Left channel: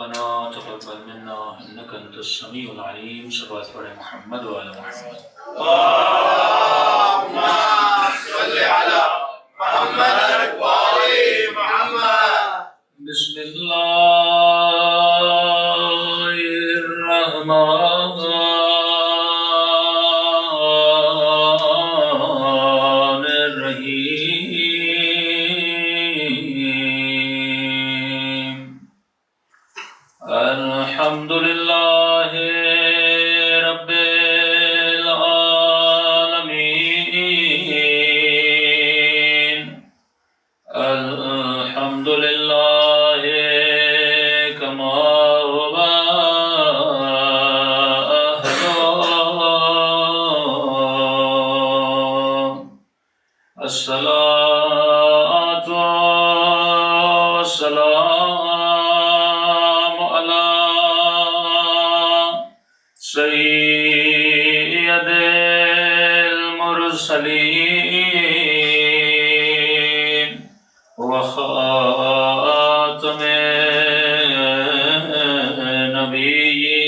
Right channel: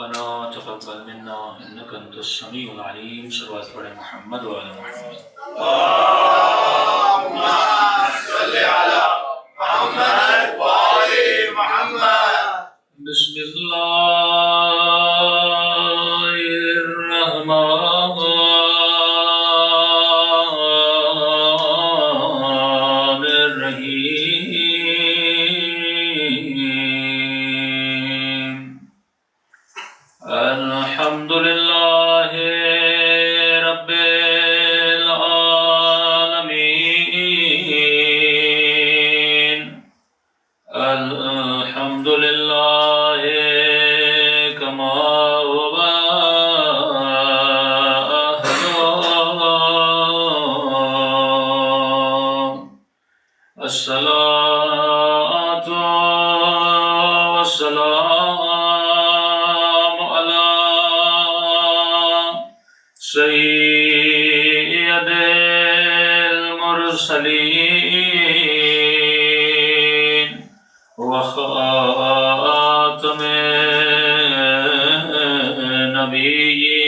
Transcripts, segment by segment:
ربنا تقبل منا انك انت السميع العليم. صلوات پڑھے محمد وعلى محمد. اللهم صل على محمد وآل محمد. بسم الله الرحمن الرحيم. الحمد لله رب العالمين. الحمد لله كما هو أهله. الصلاة والسلام على سيد المرسلين وخاتم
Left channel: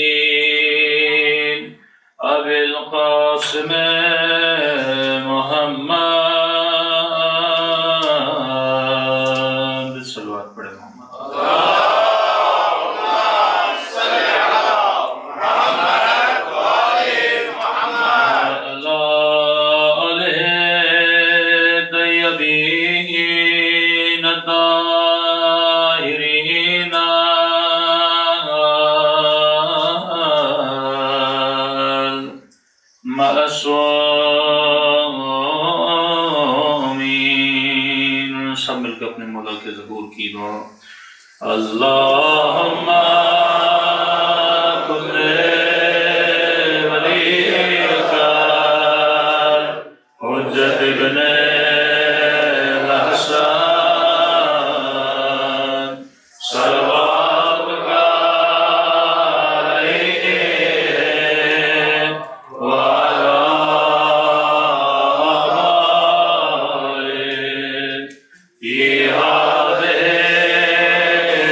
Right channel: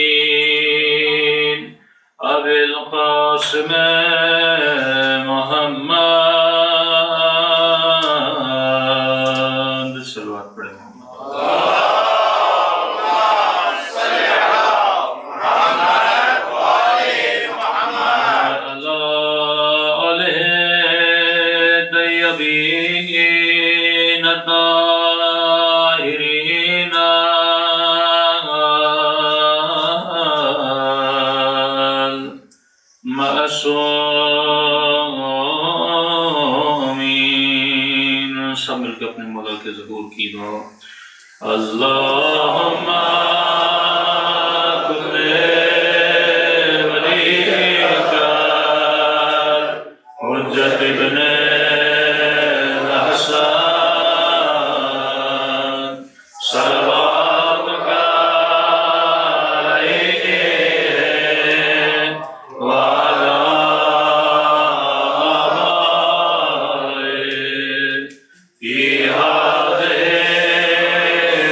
النبيين أبي القاسم محمد. صلوات پڑھے محمد. اللهم صل على محمد وآل محمد. على آله الطيبين الطاهرين المعصومين. سب مل کے اپنے مولا کے ظہور کی دعا. اللہم کن ولیک حجت ابن الحسن صلواتک علیہ وعلی آلہ فی هذه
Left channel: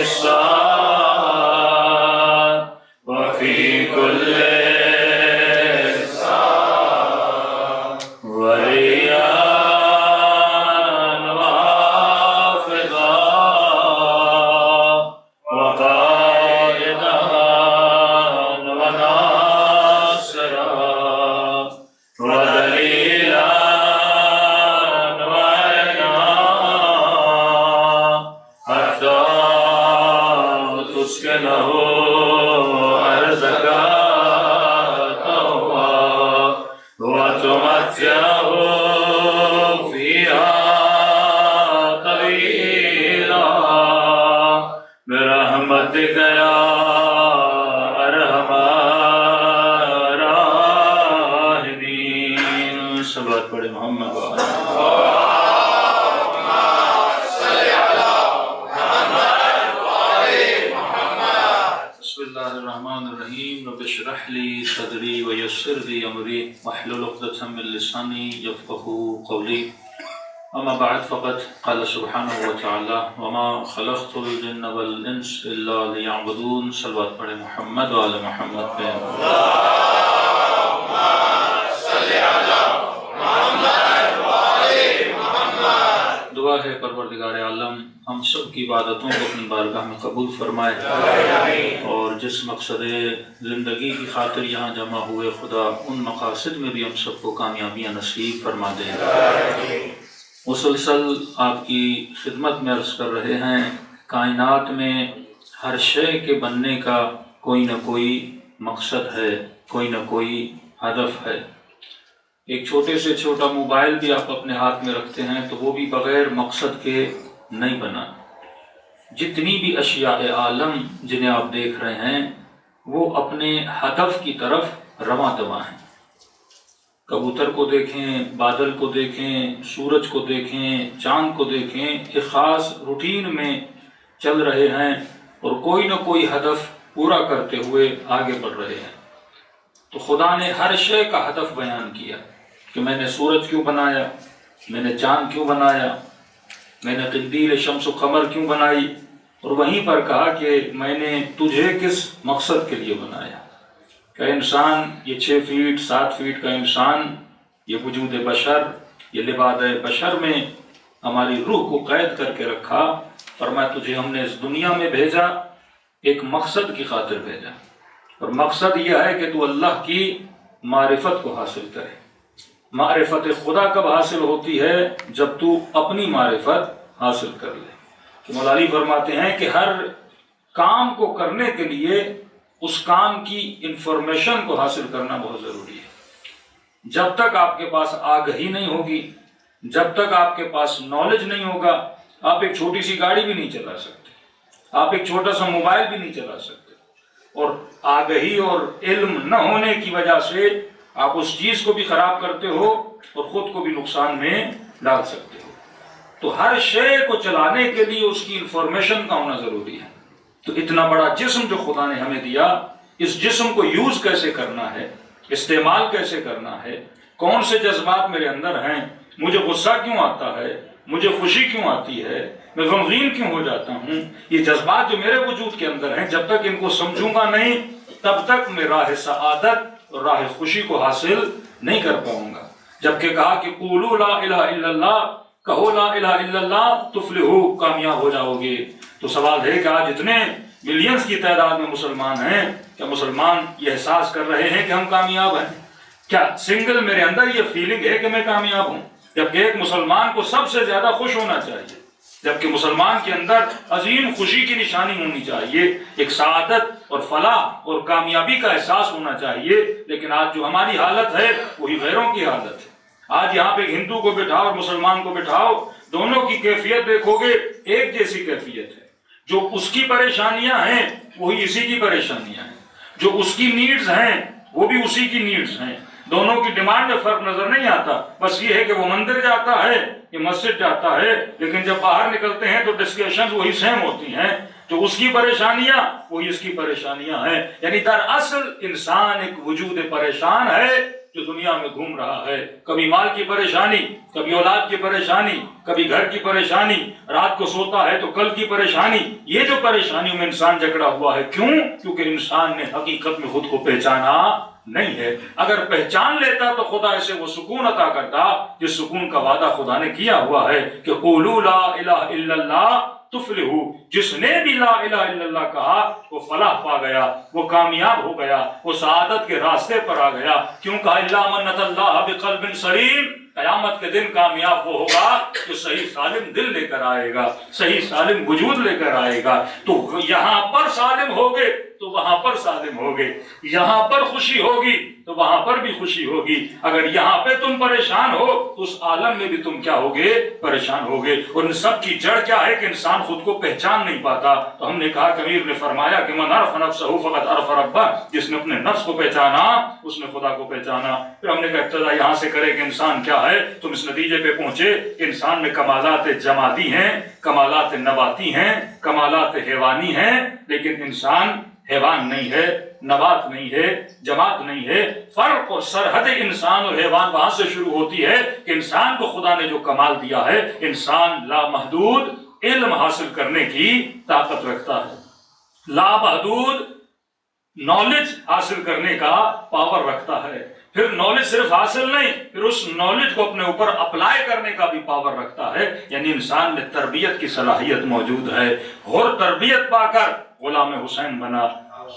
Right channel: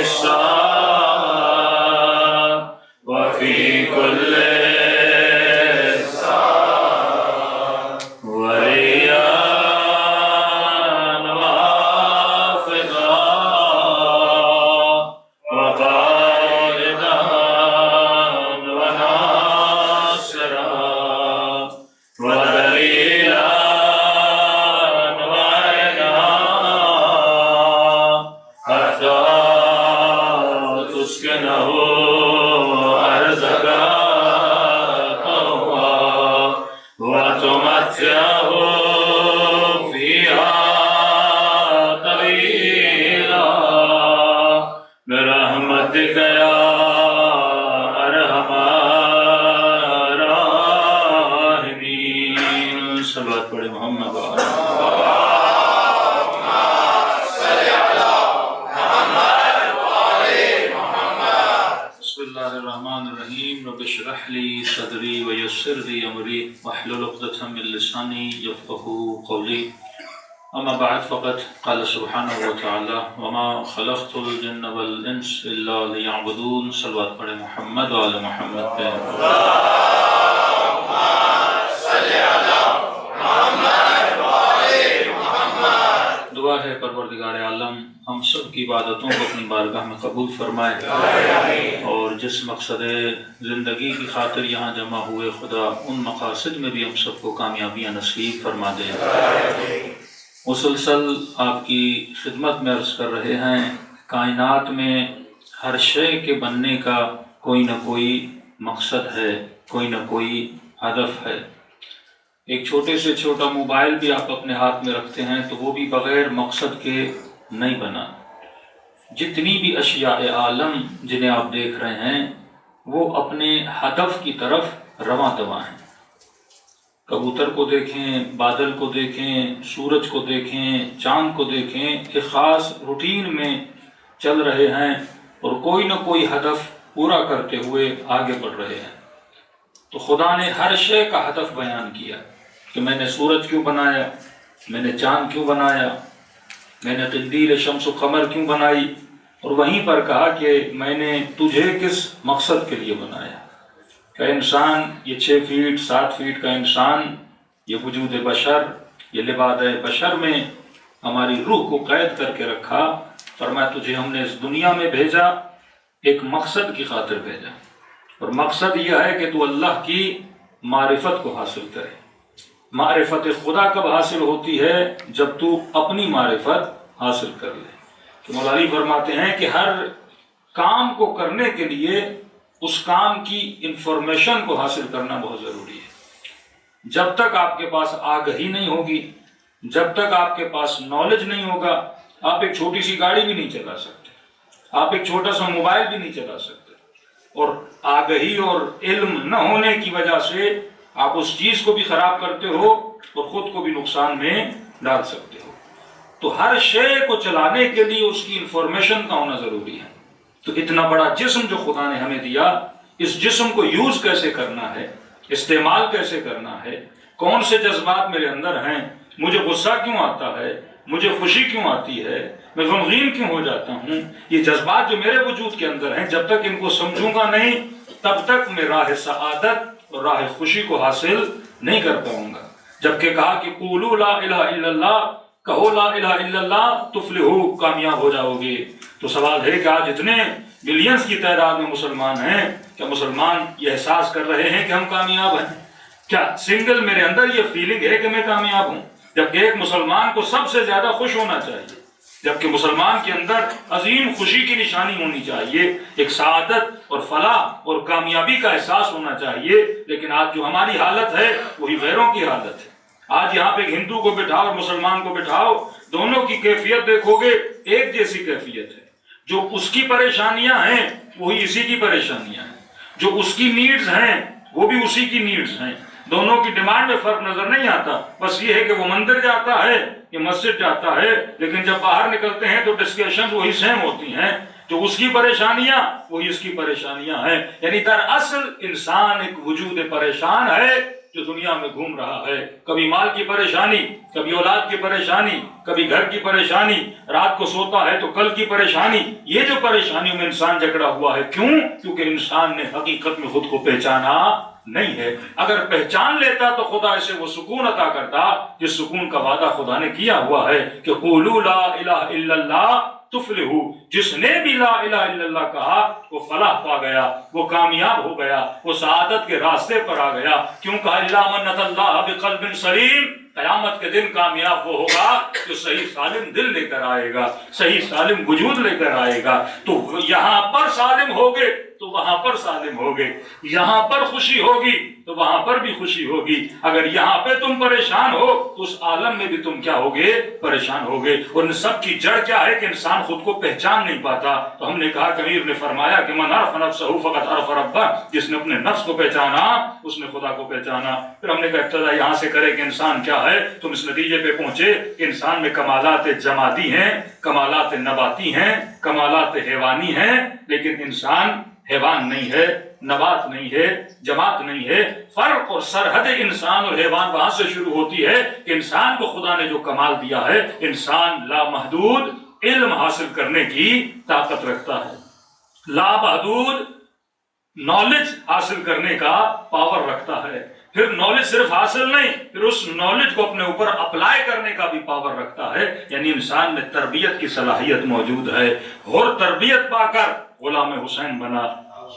الساعة وفي كل ساعة وليا وحافظا وقائدا وناصرا ودليلا وعينا حتى تسكنه أرضك طوعا وتمتعه فيها طويلا برحمتك يا أرحم الراحمين. صلوات پڑھے محمد وعلى محمد. اللهم صل على محمد وآل محمد. بسم الله الرحمن الرحيم. رب اشرح لي صدري ويسر لي أمري واحلل عقدة من لساني يفقهوا قولي. أما بعد فقد قال سبحانه وتعالى وما خلقت الجن والإنس إلا ليعبدون. صلوات پڑھے محمد وعلى محمد. اللهم صل على محمد وآل محمد. دعا ہے پروردگار عالم ہم سب کی عبادتوں کو اپنی بارگاہ میں قبول فرمائے اور جس مقصد زندگی کی خاطر یہاں جمع ہوئے خدا ان مقاصد میں بھی ہم سب کو کامیابیاں نصیب فرما دے. مسلسل آپ کی خدمت میں عرض کر رہے ہیں کائنات میں ہر شے کے بننے کا کوئی نہ کوئی مقصد ہے، کوئی نہ کوئی ہدف ہے. ایک چھوٹے سے چھوٹا موبائل بھی آپ اپنے ہاتھ میں رکھتے ہیں تو وہ بھی بغیر مقصد کے نہیں بنا. جتنی بھی اشیاء عالم جنہیں آپ دیکھ رہے ہیں وہ اپنے ہدف کی طرف رواں دواں ہیں. کبوتر کو دیکھیں، بادل کو دیکھیں، سورج کو دیکھیں، چاند کو دیکھیں، ایک خاص روٹین میں چل رہے ہیں اور کوئی نہ کوئی ہدف پورا کرتے ہوئے آگے بڑھ رہے ہیں. تو خدا نے ہر شے کا ہدف بیان کیا کہ میں نے سورج کیوں بنایا، میں نے چاند کیوں بنایا، میں نے تبدیل شمس و قمر کیوں بنائی، اور وہیں پر کہا کہ میں نے تجھے کس مقصد کے لیے بنایا. کہ انسان یہ 6 فیٹ 7 فیٹ کا انسان، یہ وجود بشر، یہ لباد بشر میں ہماری روح کو قید کر کے رکھا. فرمایا تجھے ہم نے اس دنیا میں بھیجا، ایک مقصد کی خاطر بھیجا، اور مقصد یہ ہے کہ تو اللہ کی معرفت کو حاصل کرے. معرفت خدا کب حاصل ہوتی ہے؟ جب تو اپنی معرفت حاصل کر لے. تو مولا علی فرماتے ہیں کہ ہر کام کو کرنے کے لیے اس کام کی انفارمیشن کو حاصل کرنا بہت ضروری ہے. جب تک آپ کے پاس آگہی نہیں ہوگی، جب تک آپ کے پاس نالج نہیں ہوگا، آپ ایک چھوٹی سی گاڑی بھی نہیں چلا سکتے، آپ ایک چھوٹا سا موبائل بھی نہیں چلا سکتے. اور آگہی اور علم نہ ہونے کی وجہ سے آپ اس چیز کو بھی خراب کرتے ہو اور خود کو بھی نقصان میں ڈال سکتے ہو. تو ہر شے کو چلانے کے لیے اس کی انفارمیشن کا ہونا ضروری ہے. تو اتنا بڑا جسم جو خدا نے ہمیں دیا، اس جسم کو یوز کیسے کرنا ہے، استعمال کیسے کرنا ہے، کون سے جذبات میرے اندر ہیں، مجھے غصہ کیوں آتا ہے، مجھے خوشی کیوں آتی ہے، میں غمگین کیوں ہو جاتا ہوں، یہ جذبات جو میرے وجود کے اندر ہیں، جب تک ان کو سمجھوں گا نہیں تب تک میں راہ سعادت اور راہ خوشی کو حاصل نہیں کر پاؤں گا. جبکہ کہا کہ قولوا لا الہ الا اللہ، کہو لا الہ الا اللہ تفلحوا، کامیاب ہو جاؤ گے. تو سوال ہے کہ آج اتنے ملینز کی تعداد میں مسلمان ہیں، کیا مسلمان یہ احساس کر رہے ہیں کہ ہم کامیاب ہیں؟ کیا سنگل میرے اندر یہ فیلنگ ہے کہ میں کامیاب ہوں؟ جبکہ ایک مسلمان کو سب سے زیادہ خوش ہونا چاہیے، جبکہ مسلمان کے اندر عظیم خوشی کی نشانی ہونی چاہیے، ایک سعادت اور فلاح اور کامیابی کا احساس ہونا چاہیے. لیکن آج جو ہماری حالت ہے وہی غیروں کی حالت ہے. آج یہاں پہ ہندو کو بٹھاؤ اور مسلمان کو بٹھاؤ، دونوں کی کیفیت دیکھو گے ایک جیسی کیفیت ہے. جو اس کی پریشانیاں ہیں وہی اسی کی پریشانیاں ہیں، جو اس کی نیڈز ہیں وہ بھی اسی کی نیڈز ہیں. دونوں کی ڈیمانڈ میں فرق نظر نہیں آتا. بس یہ ہے کہ وہ مندر جاتا ہے، یہ مسجد جاتا ہے، لیکن جب باہر نکلتے ہیں تو ڈسکشن وہی سیم ہوتی ہیں. جو اس کی پریشانیاں وہی اس کی پریشانیاں ہیں. یعنی دراصل انسان ایک وجود پریشان ہے جو دنیا میں گھوم رہا ہے. کبھی مال کی پریشانی، کبھی اولاد کی پریشانی، کبھی گھر کی پریشانی، رات کو سوتا ہے تو کل کی پریشانی. یہ جو پریشانیوں میں انسان جکڑا ہوا ہے، کیوں؟ کیونکہ انسان نے حقیقت میں خود کو پہچانا نہیں ہے. اگر پہچان لیتا تو خدا اسے وہ سکون عطا کرتا جس سکون کا وعدہ خدا نے کیا ہوا ہے کہ قولوا لا الہ الا اللہ تفلحوا. جس نے بھی لا الہ الا اللہ کہا وہ فلاح پا گیا، وہ کامیاب ہو گیا، وہ سعادت کے راستے پر آ گیا. کیوں کہا الا من اتى اللہ بقلب سلیم؟ قیامت کے دن کامیاب وہ ہوگا جو صحیح سالم دل لے کر آئے گا، صحیح سالم وجود لے کر آئے گا. تو یہاں پر سالم ہوگے تو وہاں پر سالم ہوگے، یہاں پر خوشی ہوگی تو وہاں پر بھی خوشی ہوگی. اگر یہاں پہ تم پریشان ہو تو اس عالم میں بھی تم کیا ہوگے؟ پریشان ہوگے. اور ان سب کی جڑ کیا ہے کہ انسان خود کو پہچان نہیں پاتا. تو ہم نے کہا کہ امیر نے فرمایا کہ من عرف نفسہ فقد عرف ربہ، جس نے اپنے نفس کو پہچانا اس نے خدا کو پہچانا. پھر ہم نے کہا ابتدا یہاں سے کرے کہ انسان کیا ہے. تم اس نتیجے پہ پہنچے کہ انسان میں کمالات جمادی ہیں، کمالات نباتی ہیں، کمالات حیوانی ہیں، لیکن انسان حیوان نہیں ہے، نبات نہیں ہے، جماعت نہیں ہے. فرق اور سرحد انسان اور حیوان وہاں سے شروع ہوتی ہے کہ انسان کو خدا نے جو کمال دیا ہے، انسان لامحدود علم حاصل کرنے کی طاقت رکھتا ہے، لامحدود نالج حاصل کرنے کا پاور رکھتا ہے. پھر نالج صرف حاصل نہیں، پھر اس نالج کو اپنے اوپر اپلائی کرنے کا بھی پاور رکھتا ہے. یعنی انسان میں تربیت کی صلاحیت موجود ہے. اور تربیت پا کر غلام حسین بنا،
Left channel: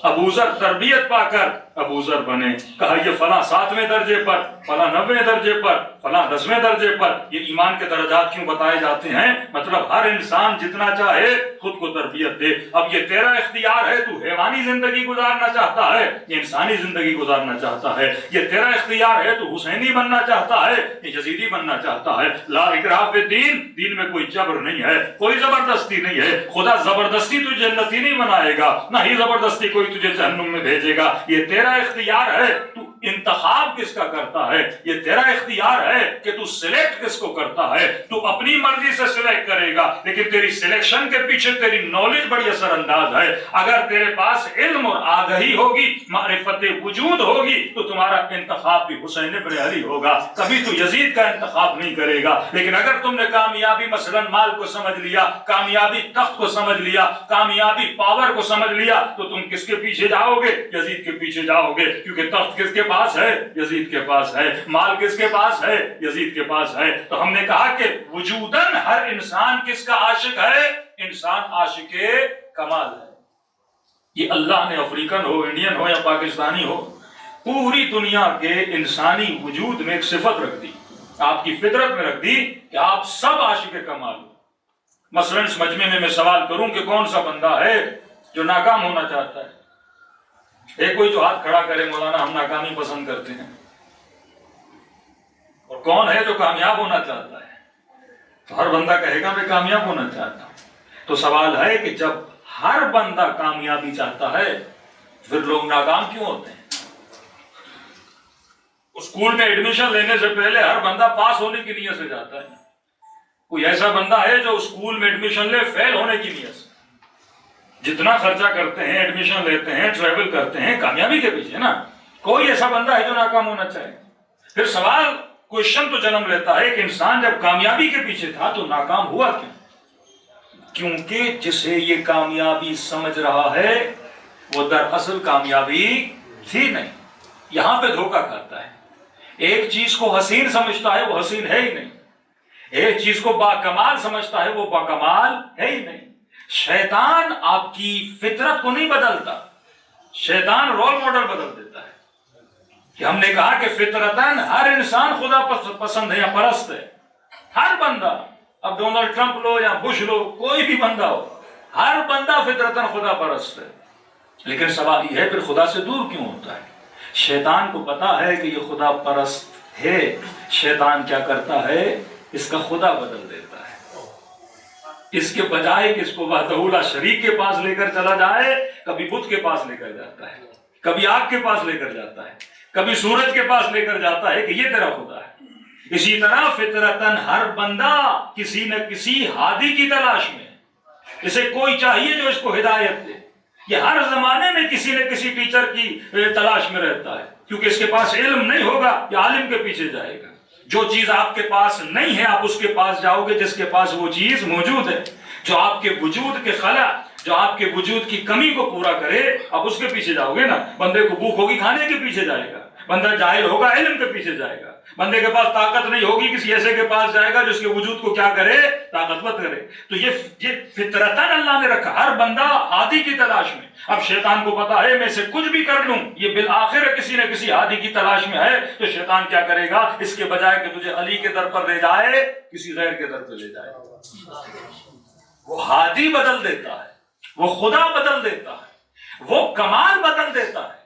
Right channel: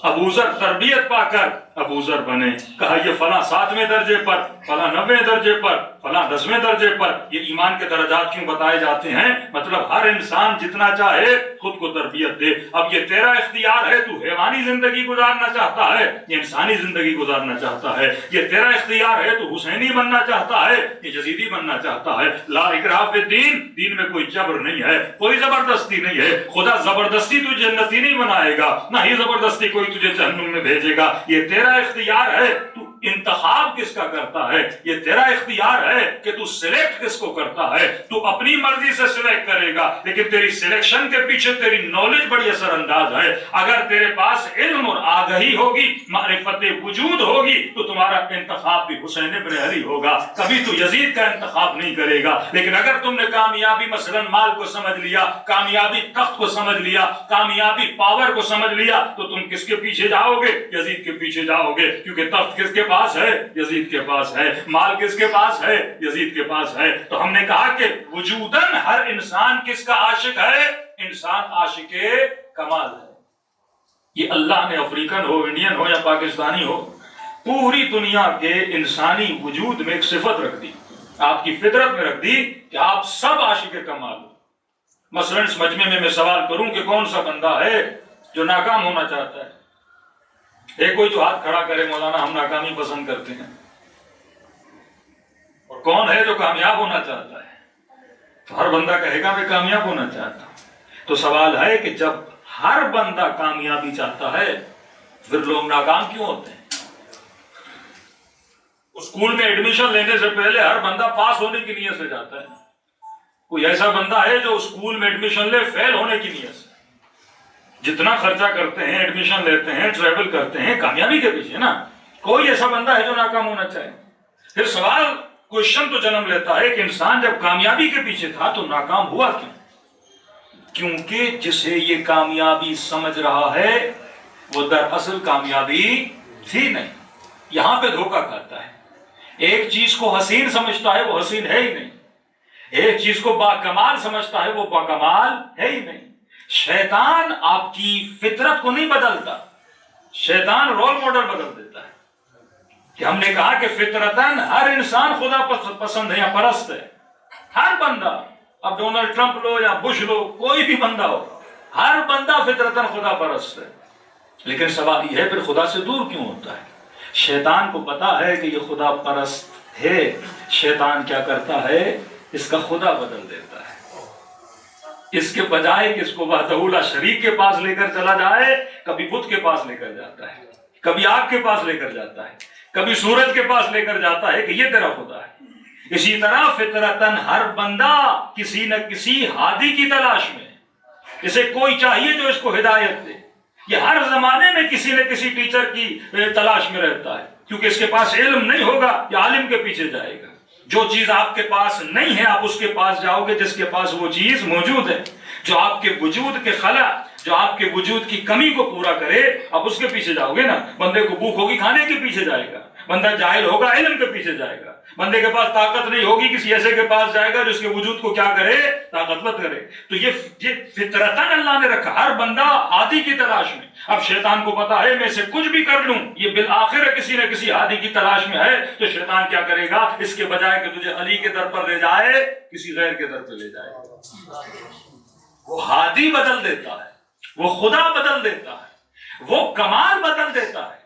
ابو ذر تربیت پا کر ابو ذر بنے. کہا یہ فلاں 7ویں درجے پر، فلاں 9ویں درجے پر، فلاں 10ویں درجے پر. یہ ایمان کے درجات کیوں بتائے جاتے ہیں؟ مطلب ہر انسان جتنا چاہے خود کو تربیت دے. اب یہ تیرا اختیار ہے، تو حیوانی زندگی گزارنا چاہتا ہے یا انسانی زندگی گزارنا چاہتا ہے. یہ تیرا اختیار ہے، تو حسینی بننا چاہتا ہے یا یزیدی بننا چاہتا ہے. لا اکراہ فی الدین، دین میں کوئی جبر نہیں ہے، کوئی زبردستی نہیں ہے. خدا زبردستی تجھے جنتی نہیں بنائے گا، نہ ہی زبردستی کوئی تجھے جہنم میں بھیجے گا. یہ تیرا اختیار ہے، تو انتخاب کس کا کرتا ہے، یہ تیرا اختیار ہے کہ تو سلیکٹ کس کو کرتا ہے. تو اپنی مرضی سے سلیکٹ کرے گا، لیکن تیری سلیکشن کے پیچھے تیری نالج بڑی اثر انداز ہے. اگر تیرے پاس علم اور آگہی ہوگی، معرفت وجود ہوگی، تو تمہارا انتخاب بھی حسین ابن علی ہوگا، کبھی تو یزید کا انتخاب نہیں کرے گا. لیکن اگر تم نے کامیابی مثلا مال کو سمجھ لیا، کامیابی تخت کو سمجھ لیا، کامیابی پاور کو سمجھ لیا، تو تم کس کے پیچھے جاؤ گے؟ یزید کے پیچھے جاؤ گے. کیونکہ تخت کس کے پاس ہے؟ یزید کے پاس ہے. مال کس کے پاس ہے؟ یزید کے پاس ہے. تو ہم نے کہا کہ وجوداً ہر انسان کس کا عاشق ہے؟ انسان عاشق کمال ہے. یہ اللہ نے افریقن ہو، انڈین ہو یا پاکستانی ہو، پوری دنیا کے انسانی وجود میں ایک صفت رکھ دی، آپ کی فطرت میں رکھ دی کہ آپ سب عاشق کمال ہو. مثلا اس مجمع میں سوال کروں کہ کون سا بندہ ہے جو ناکام ہونا چاہتا ہے؟ ایک کوئی جو ہاتھ کھڑا کرے، مولانا ہم ناکامی پسند کرتے ہیں. اور کون ہے جو کامیاب ہونا چاہتا ہے؟ تو ہر بندہ کہے گا میں کامیاب ہونا چاہتا ہوں. تو سوال ہے کہ جب ہر بندہ کامیابی چاہتا ہے، پھر لوگ ناکام کیوں ہوتے ہیں؟ اسکول میں ایڈمیشن لینے سے پہلے ہر بندہ پاس ہونے کی نیت سے جاتا ہے. کوئی ایسا بندہ ہے جو اسکول میں ایڈمیشن لے فیل ہونے کی نیت سے؟ جتنا خرچہ کرتے ہیں، ایڈمیشن لیتے ہیں، ٹریول کرتے ہیں، کامیابی کے پیچھے نا. کوئی ایسا بندہ ہے جو ناکام ہونا چاہے؟ پھر سوال کوشچن تو جنم لیتا ہے کہ انسان جب کامیابی کے پیچھے تھا تو ناکام ہوا کیوں؟ کیونکہ جسے یہ کامیابی سمجھ رہا ہے وہ دراصل کامیابی تھی نہیں. یہاں پہ دھوکہ کھاتا ہے. ایک چیز کو حسین سمجھتا ہے، وہ حسین ہے ہی نہیں. ایک چیز کو باکمال سمجھتا ہے، وہ باکمال ہے ہی نہیں. شیطان آپ کی فطرت کو نہیں بدلتا، شیطان رول ماڈل بدل دیتا ہے. کہ ہم نے کہا کہ فطرتاً ہر انسان خدا پسند ہے یا پرست ہے. ہر بندہ، اب ڈونلڈ ٹرمپ لو یا بش لو، کوئی بھی بندہ ہو، ہر بندہ فطرتاً خدا پرست ہے. لیکن سوال یہ ہے پھر خدا سے دور کیوں ہوتا ہے؟ شیطان کو پتا ہے کہ یہ خدا پرست ہے. شیطان کیا کرتا ہے؟ اس کا خدا بدل دیتا ہے. اس کے بجائے کہ اس کو وحدہ لا شریک کے پاس لے کر چلا جائے، کبھی بت کے پاس لے کر جاتا ہے، کبھی آگ کے پاس لے کر جاتا ہے، کبھی سورج کے پاس لے کر جاتا ہے کہ یہ تیرا خدا ہے. اسی طرح فطرتاً ہر بندہ کسی نہ کسی ہادی کی تلاش میں، اسے کوئی چاہیے جو اس کو ہدایت دے. یہ ہر زمانے میں کسی نہ کسی ٹیچر کی تلاش میں رہتا ہے، کیونکہ اس کے پاس علم نہیں ہوگا یہ عالم کے پیچھے جائے گا. جو چیز آپ کے پاس نہیں ہے آپ اس کے پاس جاؤ گے جس کے پاس وہ چیز موجود ہے. جو آپ کے وجود کے خلا، جو آپ کے وجود کی کمی کو پورا کرے، آپ اس کے پیچھے جاؤ گے نا. بندے کو بھوک ہوگی کھانے کے پیچھے جائے گا، بندہ جاہل ہوگا علم کے پیچھے جائے گا. بندے کے پاس طاقت نہیں ہوگی، کسی ایسے کے پاس جائے گا جس کے وجود کو کیا کرے؟ طاقتور کرے. تو یہ فطرتاً اللہ نے رکھا، ہر بندہ ہادی کی تلاش میں. اب شیطان کو پتا ہے میں سے کچھ بھی کر لوں یہ بالآخر کسی نہ کسی ہادی کی تلاش میں ہے. تو شیطان کیا کرے گا؟ اس کے بجائے کہ تجھے علی کے در پر لے جائے، کسی غیر کے در پر لے جائے. وہ ہادی بدل دیتا ہے، وہ خدا بدل دیتا ہے، وہ کمال بدل دیتا ہے.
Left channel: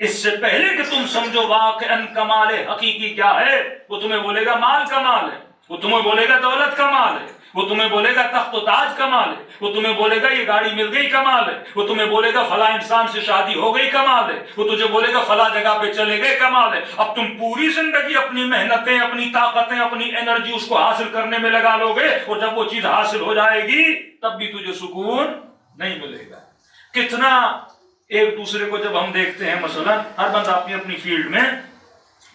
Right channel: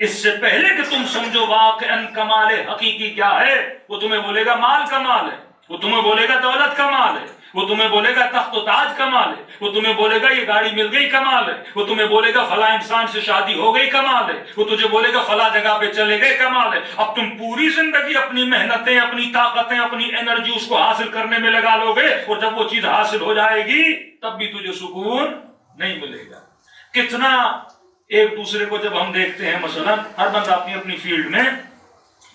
اس سے پہلے کہ تم سمجھو واقعاً کمال حقیقی کیا ہے، وہ تمہیں بولے گا مال کمال ہے، وہ تمہیں بولے گا دولت کمال ہے، وہ تمہیں بولے گا تخت و تاج کمال ہے، وہ تمہیں بولے گا یہ گاڑی مل گئی کمال ہے، وہ تمہیں بولے گا فلاں انسان سے شادی ہو گئی کمال ہے، وہ تجھے بولے گا فلاں جگہ پہ چلے گئے کمال ہے. اب تم پوری زندگی اپنی محنتیں، اپنی طاقتیں، اپنی انرجی اس کو حاصل کرنے میں لگا لو گے، اور جب وہ چیز حاصل ہو جائے گی تب بھی تجھے سکون نہیں ملے گا. کتنا ایک دوسرے کو جب ہم دیکھتے ہیں، مثلا ہر بندہ اپنی اپنی فیلڈ میں،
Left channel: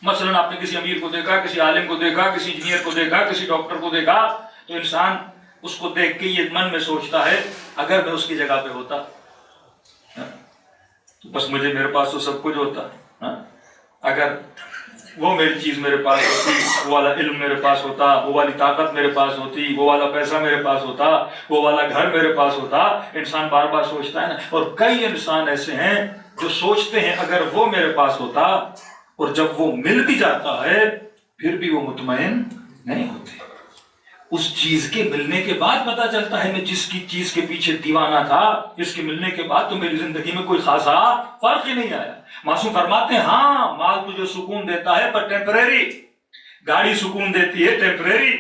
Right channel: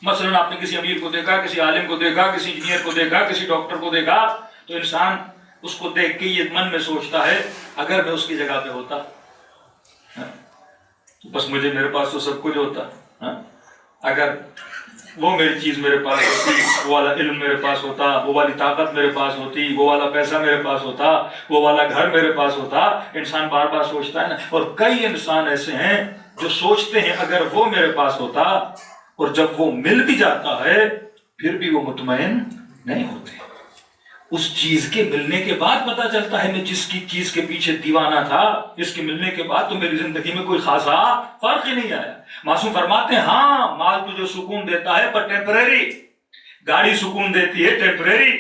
مثلا آپ نے کسی امیر کو دیکھا، کسی عالم کو دیکھا، کسی انجینئر کو دیکھا، کسی ڈاکٹر کو دیکھا، تو انسان اس کو دیکھ کے یہ من میں سوچتا ہے اگر میں اس کی جگہ پہ ہوتا تو بس میرے پاس تو سب کچھ ہوتا. اگر وہ میری چیز میرے پاس ہوتی، وہ والا علم میرے پاس ہوتا، وہ والی طاقت میرے پاس ہوتی، وہ والا پیسہ میرے پاس ہوتا، وہ والا گھر میرے پاس ہوتا. انسان بار بار سوچتا ہے نا. اور کئی انسان ایسے ہیں جو سوچتے ہیں اگر وہ میرے پاس ہوتا، اور جب وہ مل بھی جاتا ہے پھر بھی وہ مطمئن نہیں ہوتے. اس چیز کے ملنے کے بعد پتا چلتا ہے میں جس کی چیز کے پیچھے دیوانہ تھا، اس کے ملنے کے بعد تو میری زندگی میں کوئی خاصا فرق ہی نہیں آیا. معصوم فرماتے ہیں ہاں مال تجھے سکون دیتا ہے پر ٹیمپریری، گاڑی سکون دیتی ہے ٹیمپریری،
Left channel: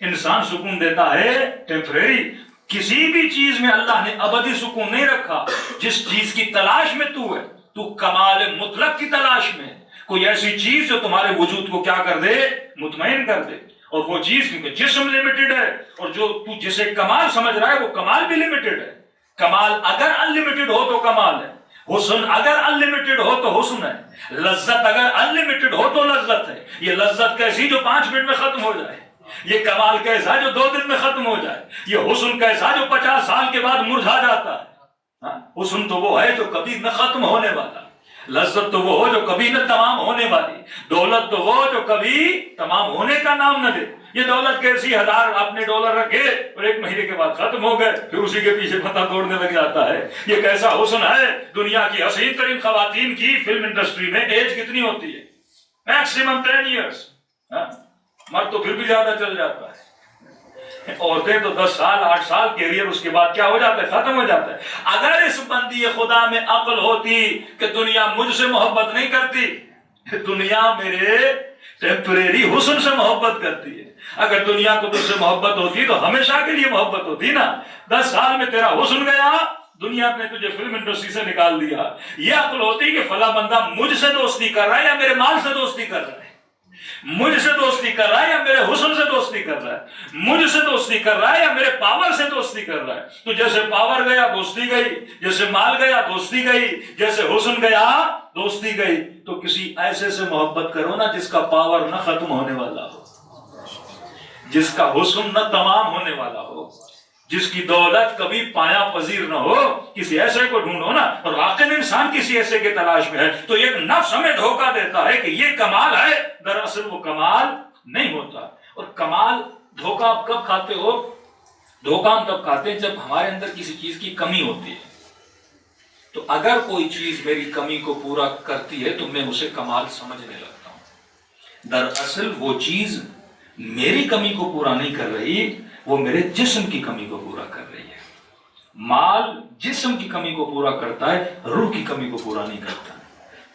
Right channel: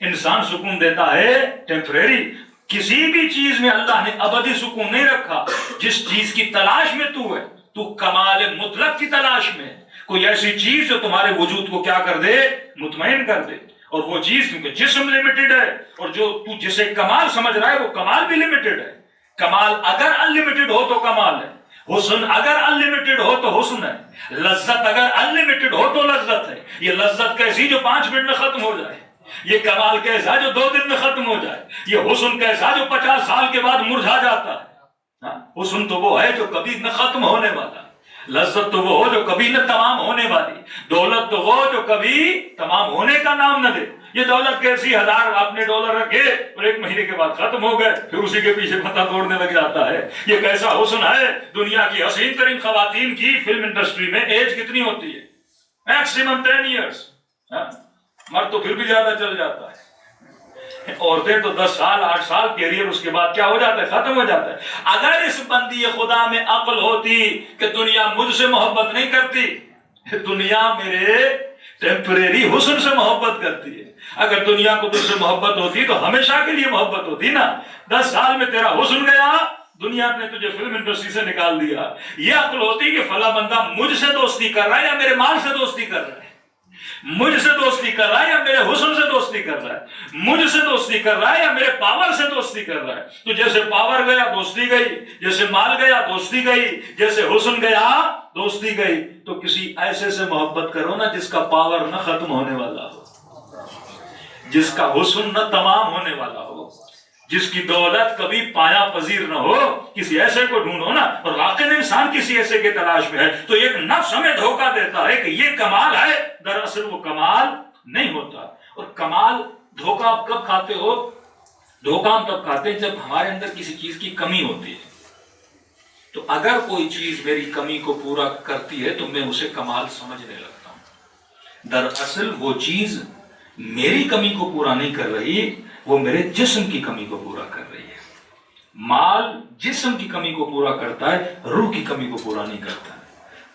انسان سکون دیتا ہے ٹیمپریری. کسی بھی چیز میں اللہ نے ابدی سکون نہیں رکھا. جس چیز کی تلاش میں تو ہے، تو کمال مطلق کی تلاش میں، کوئی ایسی چیز جو تمہارے وجود کو کیا کر دے؟ مطمئن کر دے. اور وہ چیز کیونکہ جسم لمیٹڈ ہے، اور جو تو جسے کمال سمجھ رہا ہے وہ کمال بھی لمیٹڈ ہے. کمال اگر انلمیٹڈ ہو تو کمال ہے، حسن اگر انلمیٹڈ ہو تو حسن ہے، لذت اگر انلمیٹڈ ہو تو لذت ہے. یہ لذت کیسی جو 5 منٹ میں ختم ہو جائے، یہ کمال کیسا جو 2 دن میں ختم ہو جائے، یہ حسن کیسا جو 50 سال کے بعد مرجھا جاتا ہے. حسن تو وہ ہے جو کبھی نہ ختم ہونے والا، لذت تو وہ ہو جو کبھی نہ تمام ہونے والی، دولت تو وہ جو کبھی تمام ہونے کا نام نہ لے. یہ دولت کیسی، 1000 آپ نے ڈالر رکھے اور 1 مہینے کے بعد ختم ہو گئے، پھر اسی کے پیچھے پتہ توڑنے لگ جاتا ہے. یہ کیسا حسن ہے. دنیا کی حسین ترین خواتین کی فلم انڈسٹری میں ایج کتنی ہوتی ہے؟ Maximum 10 years. مرد تو پھر بھی زیادہ چل جاتا ہے. عورتیں تو 10 سال 8 سال کیریئر اس کے بعد کیا ہو جاتا ہے؟ ختم ہو جاتا ہے. اگر اس بندی خدا میں عقل ہوتی کہ دنیا مجھ سے محبت نہیں کرتی، دنیا میرے ٹیمپریری حسن سے محبت کرتی ہے. اگر دنیا کو تجھ سے محبت ہوتی تو ہمیشہ کے لیے محبت ہوتی نا. 10 سال میں تیرا حسن گیا، دنیا نے تجھے فلم انڈسٹری سے نکال دیا. یہ عقل ہوتی کہ فلاں بندہ مجھ سے دوستی کر رہا ہے یا میرے مال سے دوستی کر رہا ہے، مجھ سے دوستی کر رہا ہے یا میرے حسن سے دوستی کر رہا ہے، مجھ سے دوستی کر رہا ہے یا میرے پاور سے دوستی کر رہا ہے. تو جیسے پاور گیا دوستی گئی، جیسے مال گیا دوستی گئی، جیسے حسن گیا دوستی گئی. تو کسی ایسے سے محبت کرو نا جس کا پاور نہ ختم ہونے والا ہو، جس کا حسن نہ تمام ہونے والا ہو، جس کی دولت کبھی پایا پذیر نہ ہو. کسی ایسے کو ڈھونڈو نا. اور واقعی میں انسان کسی ایسے کے تلاش میں ہے تو ایک نفس ہمیں دھوکہ دیتا ہے کہ یہ کمال ہے، دراصل وہ کمال نہیں ہوتا. اور کمال دھوکہ آپ کب کھاتے ہو؟ دھوکہ ہم تب کھاتے ہیں جب ہمارے اندر کسی چیز کی کمی ہوتی ہے. تو اگر کوئی چیز میری کمی کو پورا کرتی ہے تو میں اسے کمال سمجھنے لگتا ہوں. دراصل وہ چیز میری کمی کو پورا نہیں کر رہی، وہ میرے جسم کی کمی کو پورا کر رہی ہے. مال جسم کی کمی کو پورا کرتا ہے، روح کی کمی کو پورا نہیں کرتا.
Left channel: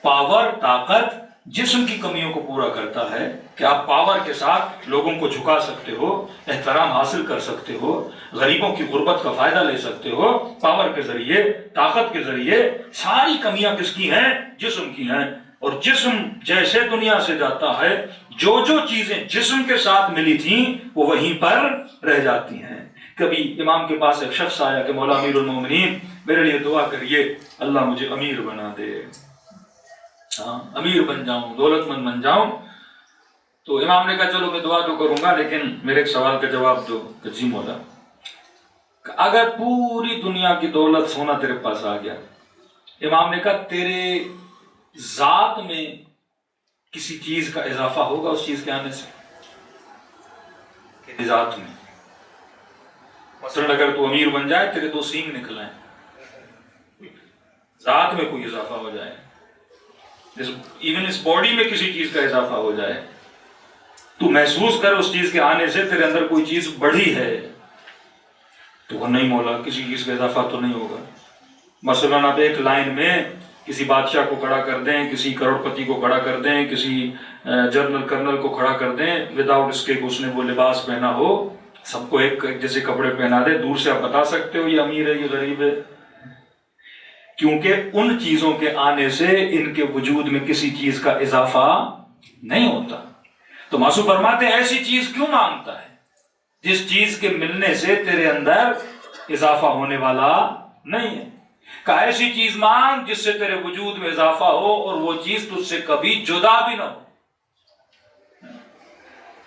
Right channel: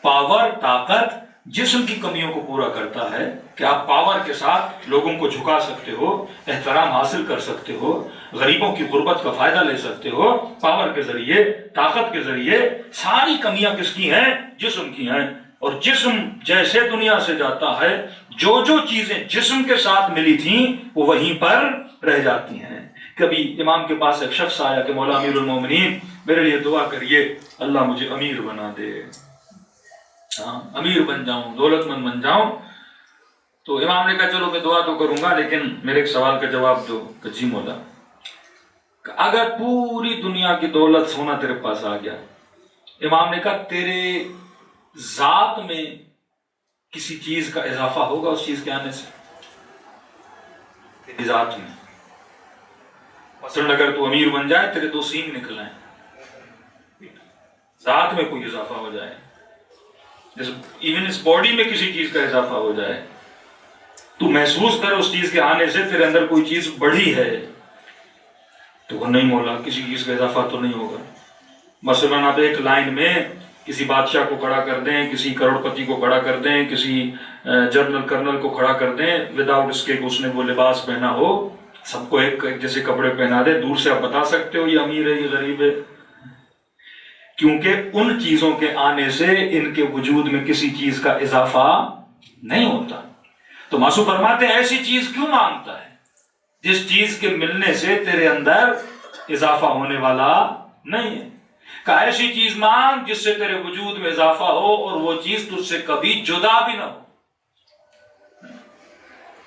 پاور، طاقت جسم کی کمیوں کو پورا کرتا ہے کہ آپ پاور کے ساتھ لوگوں کو جھکا سکتے ہو، احترام حاصل کر سکتے ہو، غریبوں کی غربت کا فائدہ لے سکتے ہو پاور کے ذریعے، طاقت کے ذریعے. ساری کمیاں کس کی ہیں؟ جسم کی ہیں. اور جسم جیسے دنیا سے جاتا ہے، جو جو چیزیں جسم کے ساتھ ملی تھیں وہ وہیں پر رہ جاتی ہیں. کبھی امام کے پاس ایک شخص آیا کہ مولا امیر المومنین میرے لیے دعا کریے، اللہ مجھے امیر بنا دے، امیر بن جاؤں، دولت مند بن جاؤں. تو امام نے کہا چلو میں دعا تو کروں گا لیکن میرے ایک سوال کا جواب دو. جی مولا. اگر پوری دنیا کی دولت سونا تیرے پاس آ گیا، امام نے کہا تیرے ذات میں کسی چیز کا اضافہ ہوگا اس چیز کے آنے سے؟ تیری ذات میں مثلا اگر تو امیر بن جائے، تیرے 2 سینگ نکل آئیں، ذات میں کوئی اضافہ ہو جائے، ایون اس باڈی میں کسی چیز کا اضافہ ہو جائے، تو محسوس کر اس چیز کے آنے سے تیرے اندر کوئی چیز بڑھی ہے، تو وہ نہیں مولا کسی چیز کا اضافہ تو نہیں ہوگا. مثلا آپ ایک لائن میں کسی بادشاہ کو کھڑا کر دیں، کسی کروڑ پتی کو کھڑا کر دیں، کسی جنرل کرنل کو کھڑا کر دیں، وداؤٹ اس کے اس نے وہ لباس پہنا ہو، سب کو ایک جیسے کپڑے پہنا دے، دور سے آپ بتا سکتے ہو یہ امیر ہے یہ غریب ہے؟ کیونکہ ان چیزوں کے آنے سے ان کے وجود میں کسی چیز کا اضافہ نہیں ہوتا. تو معصوم فرماتے ہیں ایسی چیز کیوں مانگتا ہے جس چیز کے ملنے سے تیرے اندر اضافہ ہونے والا نہیں ہے. کہ ایسی چیز مانگ جس سے تیرے وجود میں اضافہ ہو اور وہ چیز تجھ سے کبھی جدا بھی نہ ہو.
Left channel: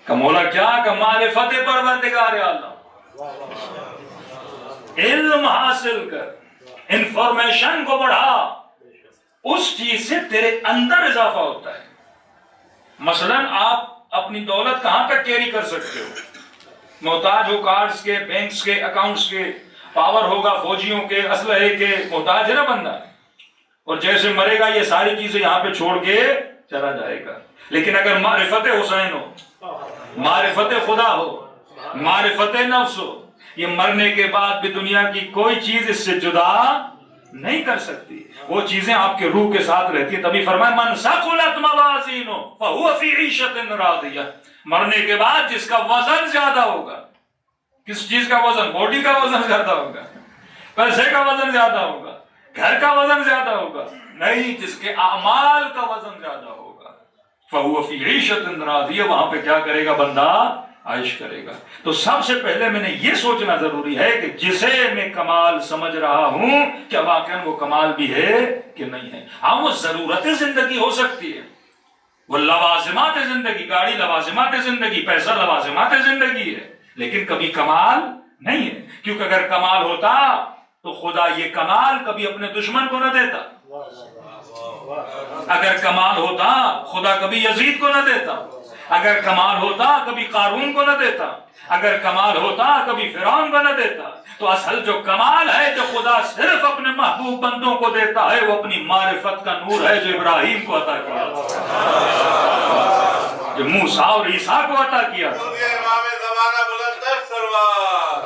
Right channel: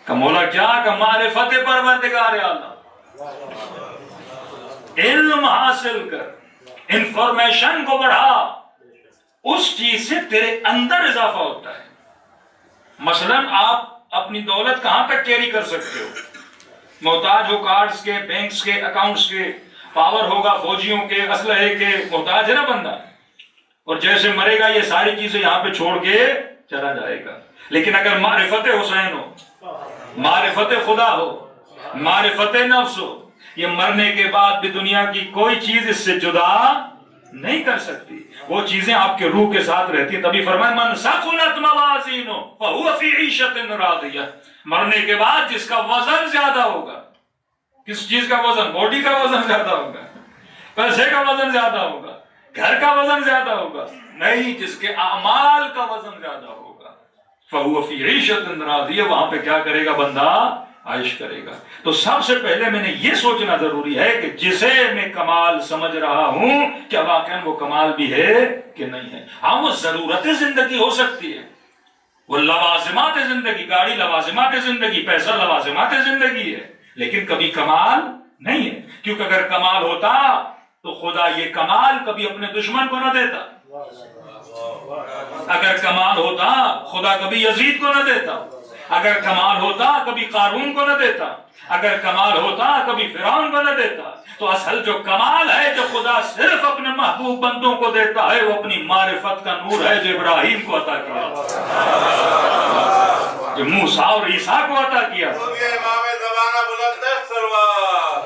کہ مولا کیا کہ معرفت پروردگار عالم، علم حاصل کر، انفارمیشن کو بڑھا، اس چیز سے تیرے اندر اضافہ ہوتا ہے. مثلا آپ اپنی دولت کہاں تک کیری کر سکتے ہو؟ محتاج ہو کارڈز کے، بینکس کے، اکاؤنٹس کے، پاور ہوگا فوجیوں کے، اسلحے کے، محتاج ہے نا بندہ. اور جیسے مرے گا یہ ساری چیزیں یہاں پہ چھوڑ کے چلا جائے گا. لیکن اگر معرفت حسین ہو، معرفت خدا ہو، معرفت نفس ہو، یہ مرنے کے بعد بھی دنیا کی کوئی چیز اس سے جدا نہیں کر سکتی. وہ چیزیں آپ کے روح کے ساتھ رہتی ہیں. تبھی فرمایا من ثقلت موازینہ فہو فی عیشۃ راضیہ. مرنے کے بعد جس کا وزن زیادہ ہوگا، کس چیز کا وزن؟ باڈی کا وزن زیادہ ہوگا، پیسے کا وزن زیادہ ہوگا، گھر کا وزن زیادہ ہوگا؟ نہیں، جس کے اعمال کا وزن زیادہ ہوگا. فَهُوَ فِي عِيشَةٍ رَاضِيَةٍ، وہاں پہ کیا کرے گا بندہ؟ عائش کرے گا۔ تو سب سے پہلے میں نے یہ سوچنا ضروری ہے کہ جسے میں کمال سمجھ رہا ہوں کیا واقعاً وہ کمال بھی ہے کہ نہیں ہے۔ ہاں وہ ضرورت زندگی ہو سکتی ہے، وہ لوازمات زندگی، گاڑی لوازمات زندگی، پیسہ لوازمات زندگی ہے، لیکن کبھی کمال نہیں ہے، کیونکہ اگر کمال ہوتا تو خدا یہ کمال کبھی اپنے دشمن کو نہ دیتا، اگر کمال ہوتا خدا کبھی یزید کو نہ دیتا، اگر کمال ہوتا کبھی قارون کو نہ دیتا، اگر کمال ہوتا کبھی فرعون کو نہ دیتا۔ تو اصل جو کمال ہے جو خدا صرف اپنے محبوب بندوں کو دیتا ہے وہ اپنی معرفت کا نور ہے جو ابراہیم کو عطا کیا، جو موسیٰ اور عیسیٰ کو عطا کیا۔ امام زمانہ بلند ہے سلوات۔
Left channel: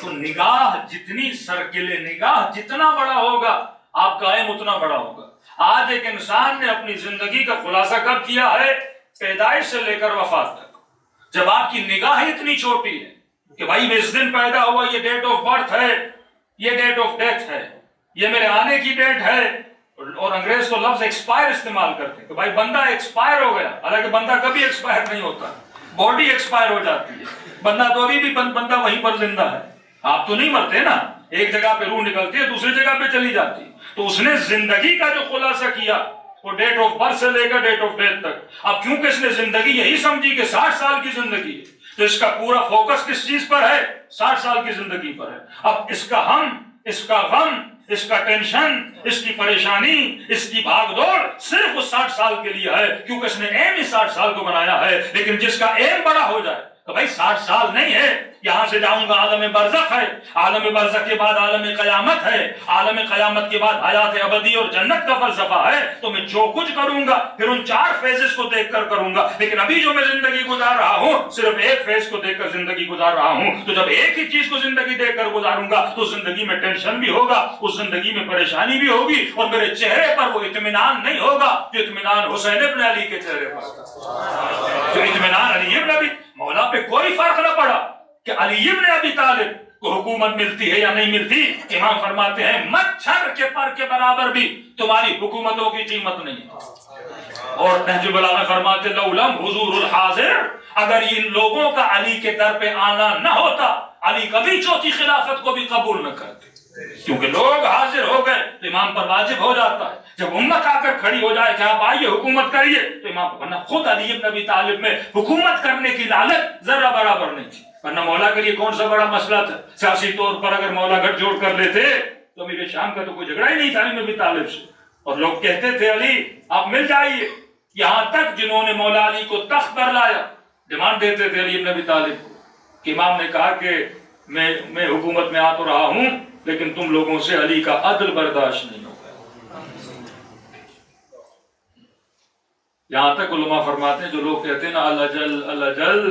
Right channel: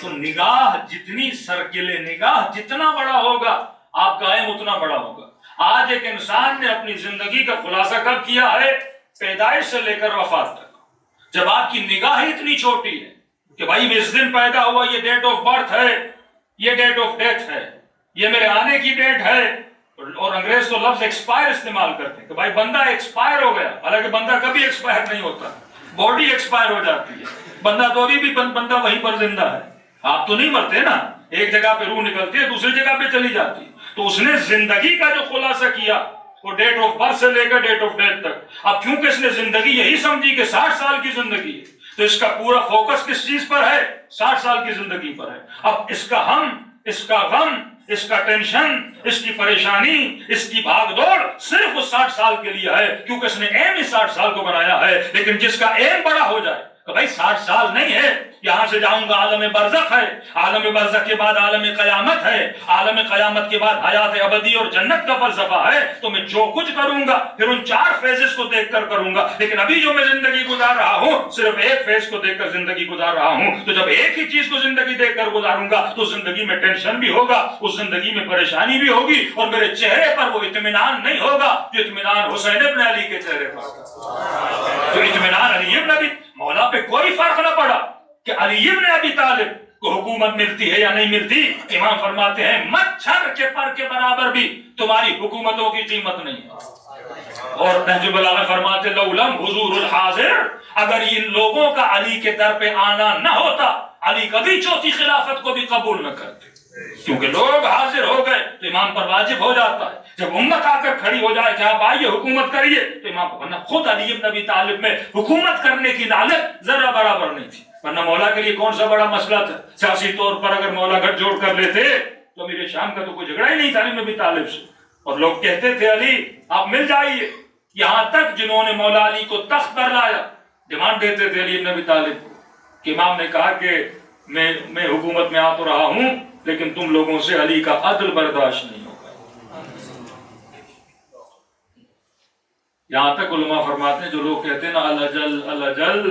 تو نگاہ جتنی سرکل نگاہ جتنا بڑا ہوگا آپ کا علم اتنا بڑا ہوگا۔ آج ایک انسان نے اپنی زندگی کا خلاصہ کب کیا ہے؟ پیدائش سے لے کر وفات تک۔ جب آپ کی نگاہ اتنی چھوٹی ہے کہ بھائی میں اس دن پیدا ہوا، یہ ڈیٹ آف برتھ ہے، یہ ڈیٹ آف ڈیتھ ہے، یہ میرے آنے کی ڈیٹ ہے، اور انگریز تو لفظ ایکسپائر استعمال کرتے ہیں کہ بھائی بندہ ایکسپائر ہو گیا، حالانکہ بندہ کبھی ایکسپائر نہیں ہوتا، باڈی ایکسپائر ہو جاتی ہے، بندہ تو ابھی بھی بندہ وہیں پر زندہ ہے، آپ تو نہیں مرتے نا، ایک جگہ پہ روح نکلتی ہے دوسری جگہ پہ چلی جاتی ہے۔ تو اس نے زندگی کا جو خلاصہ کیا وہ ڈیٹ آف برتھ سے لے کر ڈیٹ آف ڈیتھ تک۔ اب کیونکہ اس نے زندگی یہی سمجھی کہ 60 سال کی زندگی ہے تو اس کا پورا فوکس کس چیز پر ہے؟ 60 سال کی زندگی پر ہے۔ اب اس کا ہم، اس کا غم، اس کا ٹینشن، اس کی پریشانی، اس کی بھاگ دوڑ صرف اس 60 سال کے لیے ہے، کیونکہ اس نے ایم ہی 60 سال کو بنایا ہے۔ لیکن جس کا ایم بڑا ہو جائے تو بھائی 60 سال نہیں ہے، یہاں سے جاؤں گا عالم برزخ ہے، عالم برزخ کے بعد عالم قیامت ہے، عالم قیامت کے بعد حیات ابدی اور جنت کا فلسفہ ہے، تو میں جو کچھ کروں گا پھر ان 4 فیزز کو دیکھ کر کروں گا۔ لیکن ابھی جو میں زندگی گزار رہا ہوں صرف ایک فیز کو دیکھ کر زندگی گزار رہا ہوں، تو جب ایک ہی چیز کو زندگی دیکھ کر گزاروں گا تو زندگی میں ٹینشن بھی ہوگا، اس زندگی میں پریشانی بھی ہوگی، اور میرے چہرے پر وہ اطمینان نہیں ہوگا جو اطمینان حسین ابن علی کے چہرے پر، جو اطمینان علی ابن ابی مولا پہ کوئی فرق نہ پڑا کہ علی ابن ابی طالب کو حکومت ملتی ہے یا نہیں ملتی۔ امام فرماتے ہیں مچھر کے پر کے برابر بھی تمہاری حکومتوں کی قیمت نہیں ہے۔ اور نہج البلاغہ فرماتے لو لم حضور الحاضر، اگر ان لوگوں کا علی کے در پہ آنا نہ ہوتا علی کبھی چوتھی خلافت کو بھی قبول نہ کرتے، کیونکہ لوگ حاضر ہو گئے تو امام پر واجب ہو جاتا ہے۔ جب امت آ کر کھڑی ہو جائے کہ آپ آئیے حکومت کریے تو امام کو، ورنہ خود علی ابن ابی طالب میں حکومت کرنے کی لالچ ذرہ برابر نہیں تھی، ورنہ مولا کے لیے کون سا بڑا مسئلہ تھا۔ سیاسی طور پر اگر مولا گٹھ جوڑ کر لیتے تو امیر شام کا تو کوئی جھگڑا ہی نہیں تھا علی ابن ابی طالب سے، اور لوگ کہتے تھے علی آپ مل جائیے، یہاں تک جنہوں نے مولا علی کو تخت پر لایا ڈیمانڈ دیتے تھے علی ابن ابی طالب کو، کہ امام نے کہا کہ میں حکومت میں آ تو رہا ہوں لیکن تم لوگوں سے علی کا عدل برداشت نہیں ہوگا۔ یہاں تک علماء فرماتے ہیں جو لوگ کہتے ہیں نا اللہ جل،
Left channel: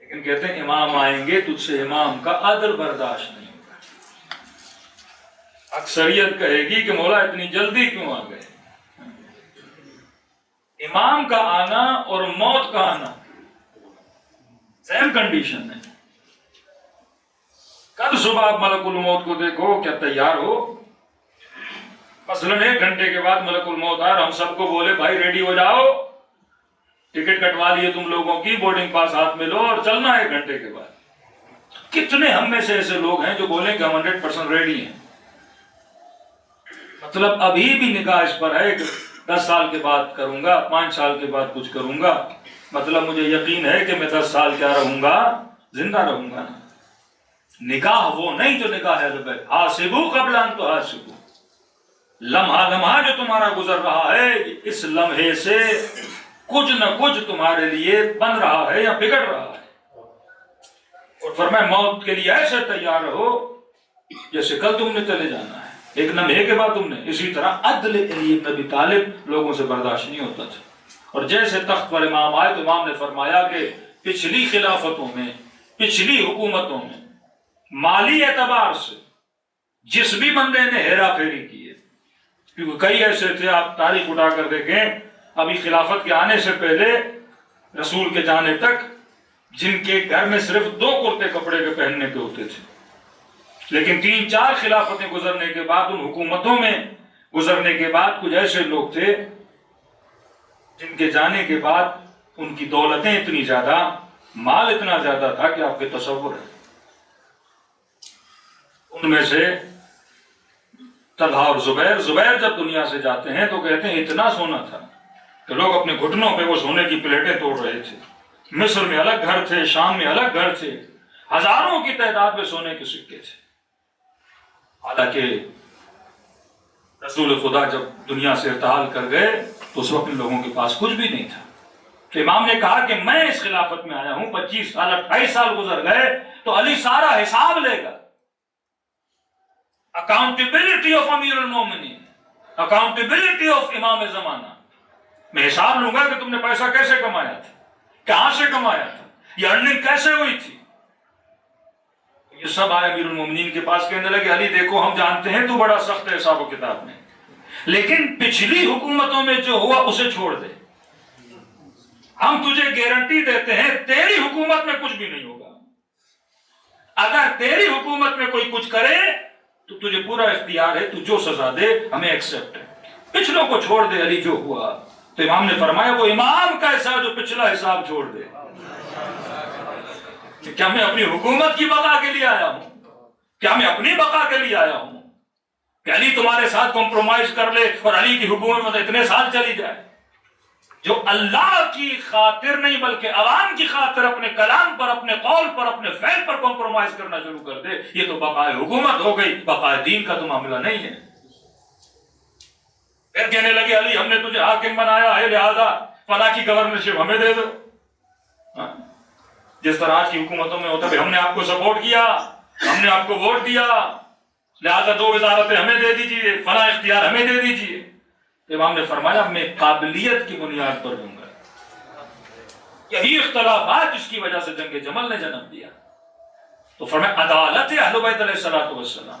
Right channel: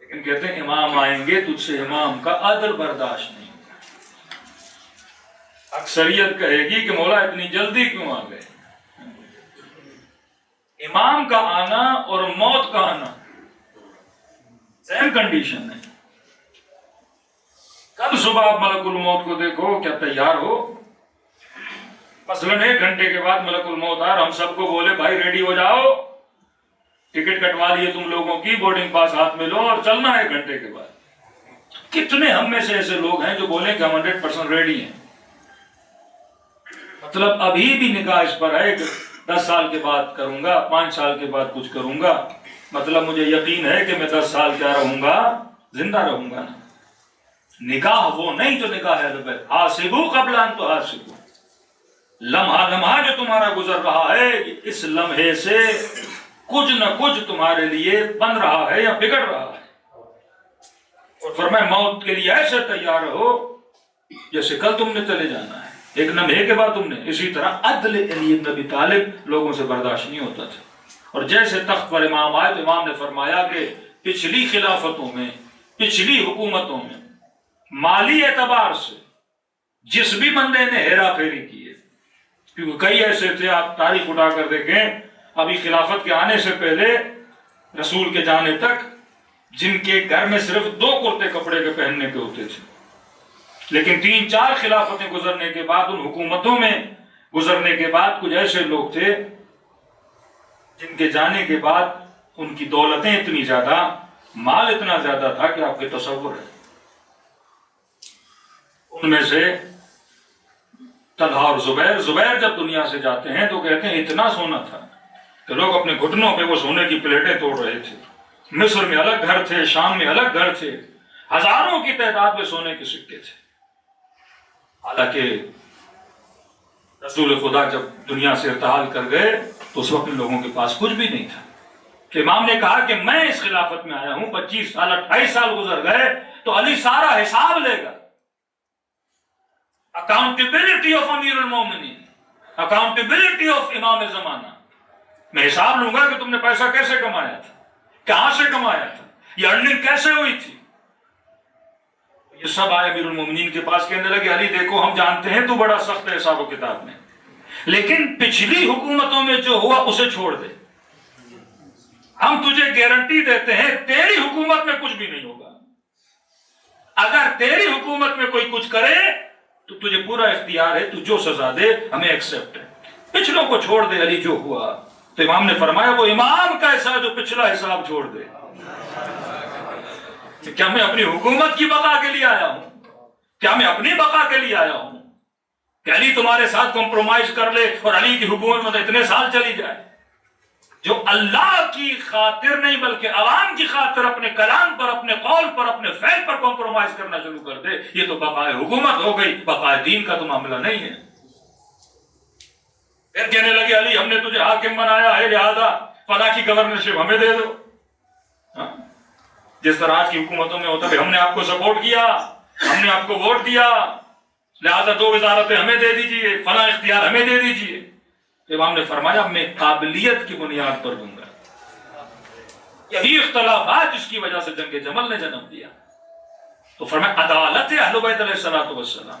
لیکن کہتے ہیں امام آئیں گے تجھ سے امام کا عدل برداشت نہیں ہوگا۔ اکثریت کہے گی کہ مولا اتنی جلدی کیوں آ گئے؟ امام کا آنا اور موت کا آنا سیم کنڈیشن ہے۔ کل صبح آپ ملک الموت کو دیکھو، کیا تیار ہو؟ مثلاً 1 گھنٹے کے بعد ملک الموت آ رہا، ہم سب کو بولے بھائی ریڈی ہو جاؤ، ٹکٹ کٹوا لیے تم لوگوں کی، بورڈنگ پاس ہاتھ میں لو اور چلنا ہے 1 گھنٹے کے بعد۔ کتنے ہم میں سے ایسے لوگ ہیں جو بولیں کہ ہم 100% ریڈی ہیں؟ مطلب ابھی بھی نگاہ اس پر ہے کہ 10 سال کے بعد کروں گا، 5 سال کے بعد کچھ کروں گا، مطلب مجھے یقین ہے کہ میں 10 سال کیا رہوں گا، زندہ رہوں گا۔ نگاہ وہ نہیں جو نگاہ ہے حاسبو قبل ان تحاسبو، لمحہ لمحہ جو تمہارا گزر رہا ہے اس لمحے سے کچھ نہ کچھ تمہارے لیے بن رہا ہے یا بگڑ رہا ہے۔ اور فرمایا موت کے لیے ایسے تیار رہو جیسے کل تم نے چلے جانا ہے، ایک لمحے کے بعد تم نے۔ اسی طرح عدل علی ابن ابی طالب لوگوں سے برداشت نہیں ہوتا تھا، اور جیسے تخت پر امام آئے تو امام نے فرمایا کہ پچھلی خلافتوں میں، پچھلی حکومتوں میں مالی اعتبار سے جس بھی بندے نے ہیرا پھیری کی ہے، کیونکہ کئی ایسے تھے، آپ تاریخ اٹھا کر دیکھیں ابھی خلافت کے آنے سے پہلے رسول کے جانے تک، جن کے گھر میں صرف 2 کرتے کپڑے کے پہننے کے ہوتے تھے، لیکن 3-4 خلافتیں گزرنے کے بعد، ان حکومتوں میں گزرنے کے بعد، کچھ ایسے لوگ تھے جن کے جانے کے بعد ان کی دولتیں اتنی زیادہ، مال اتنا زیادہ تھا کہ آپ کے تصور ہے۔ ان میں سے طلحہ اور زبیر جب دنیا سے جاتے ہیں تو کہتے ہیں اتنا سونا تھا کہ لوگ اپنے گھٹنوں پہ وہ سونے کی پلیٹیں توڑ رہے تھے۔ مصر میں الگ گھر تھے، شام میں الگ گھر تھے، ہزاروں کی تعداد میں سونے کے سکے تھے۔ حالانکہ رسول خدا جب دنیا سے ارتحال کر گئے تو اس وقت لوگوں کے پاس کچھ بھی نہیں تھا۔ کہ امام نے کہا کہ میں اس خلافت میں آیا ہوں، 25 سال 28 سال گزر گئے تو علی سارا حساب لے گا۔ اکاؤنٹیبلٹی آف امیر المومنین، اکاؤنٹیبلٹی آف امام زمانہ۔ میں حساب لوں گا کہ تم نے پیسہ کیسے کمایا تھا، کہاں سے کمایا تھا، یہ ارننگ کیسے ہوئی تھی۔ یہ سب آئے امیر المومنین کے پاس، کہنے لگے علی دیکھو ہم جانتے ہیں تو بڑا سخت ہے حساب و کتاب میں، لیکن پچھلی حکومتوں میں جو ہوا اسے چھوڑ دے، ہم تجھے گارنٹی دیتے ہیں تیری حکومت میں کچھ بھی نہیں ہوگا۔ اگر تیری حکومت میں کوئی کچھ کرے تو تجھے پورا اختیار ہے، تو جو سزا دے ہمیں ایکسپٹ ہے، پچھلوں کو چھوڑ دے علی جو ہوا۔ تو امام نے فرمایا وہ امام کیسا جو پچھلا حساب چھوڑ دے؟ کیا میں اپنی حکومت کی بقا کے لیے آیا ہوں؟ کیا میں اپنی بقا کے لیے آیا ہوں کہ علی تمہارے ساتھ کمپرومائز کر لے اور علی کی حکومت میں اتنے سال چلی جائے؟ جو اللہ کی خاطر نہیں بلکہ عوام کی خاطر اپنے کلام پر، اپنے قول پر، اپنے فعل پر کمپرومائز کرنا شروع کر دے، یہ تو بقائے حکومت ہو گئی، بقائے دین کا تو معاملہ نہیں ہے۔ پھر کہنے لگے علی ہم نے تجھے حاکم بنایا ہے لہذا فلاں کی گورنرشپ ہمیں دے دو۔ جس طرح آج کی حکومتوں میں ہوتا ہے ہم نے آپ کو سپورٹ کیا، ہم نے آپ کو ووٹ دیا، لہذا 2 وزارتیں ہمیں دے دیجیے، فلاں اختیار ہمیں دے دیجیے۔ امام نے فرمایا میں قابلیت کی بنیاد پر دوں گا۔ یہی اختلافات جس کی وجہ سے جنگ جمل نے جنم دیا۔ تو فرمایا عدالت اہل بیت علیہ الصلوۃ والسلام،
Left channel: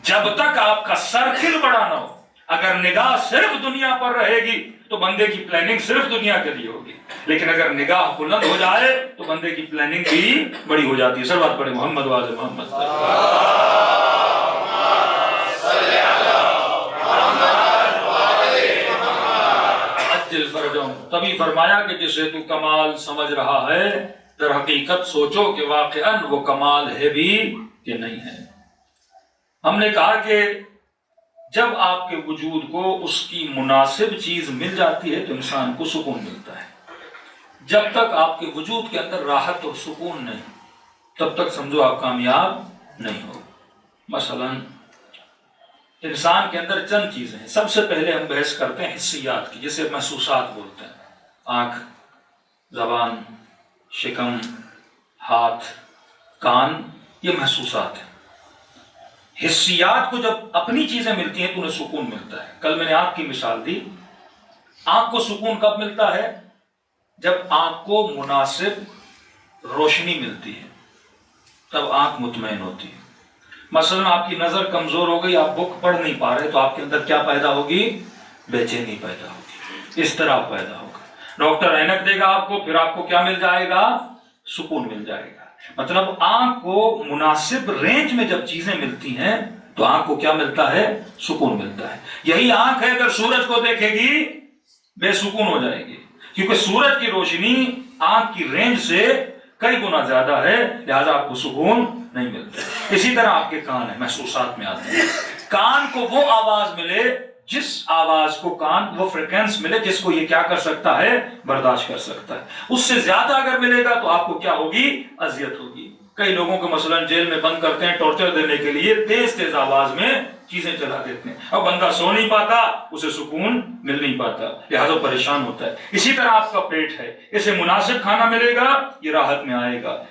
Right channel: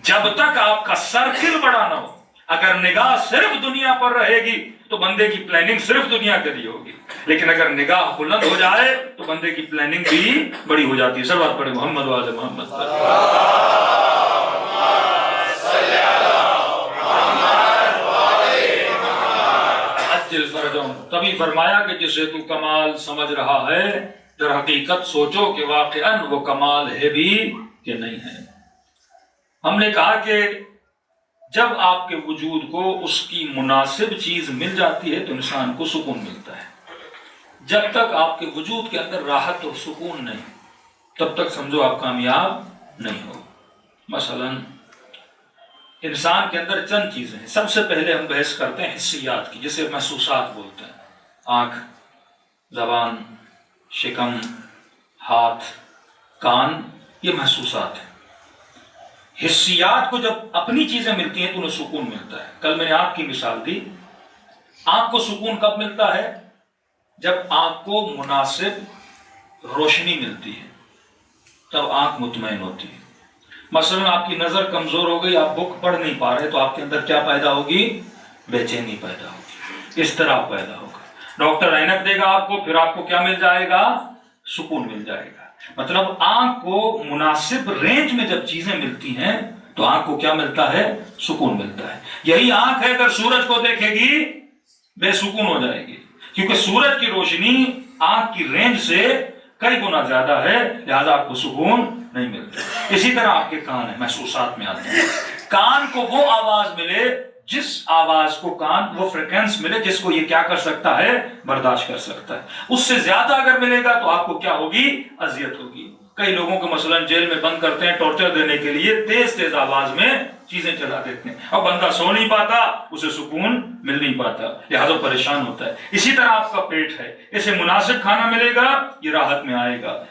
جب تک آپ کا سرکل بڑا نہ ہو، اگر نگاہ صرف دنیا پر رہے گی تو بندے کی پلاننگ صرف دنیا کے لیے ہوگی، لیکن اگر نگاہ بلند ہو جائے تو بندے کی پلاننگ بھی بڑی ہو جاتی ہے۔ سلوات پڑھیں محمد و آل محمد۔ تبھی فرمایا کہ جسے تو کمال سمجھ رہا ہے در حقیقت سوچو کہ واقعاً وہ کمال ہے بھی کہ نہیں ہے۔ ہم نے کہا کہ جب آپ کے وجود کو اس کی مناسب چیز مل جاتی ہے تو انسان کو سکون ملتا ہے۔ جب تک آپ کے وجود کے اندر راحت اور سکون نہیں تب تک سمجھو آپ کامیاب نہیں ہو۔ مثلاً انسان کے اندر چند چیزیں ہیں۔ سب سے پہلے ہم بحث کرتے ہیں حسیات کی، جسے محسوسات بولتے ہیں۔ آنکھ، زبان، شکم، ہاتھ، کان، یہ محسوسات ہیں۔ حسیات کو جب اپنی چیزیں ملتی ہیں تو انہیں سکون ملتا ہے۔ کل میں نے آنکھ کی مثال دی۔ آنکھ کو سکون کب ملتا ہے؟ جب آنکھ کو مناسب روشنی ملتی ہے تب آنکھ مطمئن ہوتی ہے۔ مثلا آپ کی نظر کمزور ہو گئی، آپ بک پڑھ نہیں پا رہے تو آپ کے اندر کیا پیدا ہوگی؟ بے چینی پیدا ہوگی، اضطراب پیدا ہوگا۔ ڈاکٹر اینک دے گا آپ کو، پھر آپ کو کیا مل جائے گا؟ سکون مل جائے گا۔ مطلب آنکھ کو مناسب رینج میں جب چیزیں ملتی ہیں تو آنکھ کو کیا ملتا ہے؟ سکون ملتا ہے۔ یہی آنکھ ہے اگر سورج کو دیکھے گی بے سکون ہو جائے گی، کیونکہ سورج کی روشنی آنکھ کی رینج سے کئی گنا زیادہ ہے، لہذا آپ کو سکون نہیں ملتا۔ اسی طرح آپ کے کان ہیں، محسوسات میں آتے ہیں۔ کان کو وہ آواز ملے جس آواز کو کان، وہ فریکوینس ملے جس کو یہ کیا کر سکتا ہے؟ برداشت کر سکتا ہے۔ اس سے زیادہ اگر ملے گا تو آپ کو کیا ہوگی؟ اذیت ہوگی۔ کئی لوگوں کو مثلا جیل میں بند کرتے ہیں ٹارچر دینے کے لیے، تیز تیز آواز میں چیزیں چلا دیتے ہیں، اب بندہ سو نہیں پاتا، اسے سکون مل نہیں پاتا، لہذا پریشان ہوتا ہے۔ اسی طرح آپ کا پیٹ ہے، اسے مناسب کھانا ملے گا یہ راحت میں آئے گا،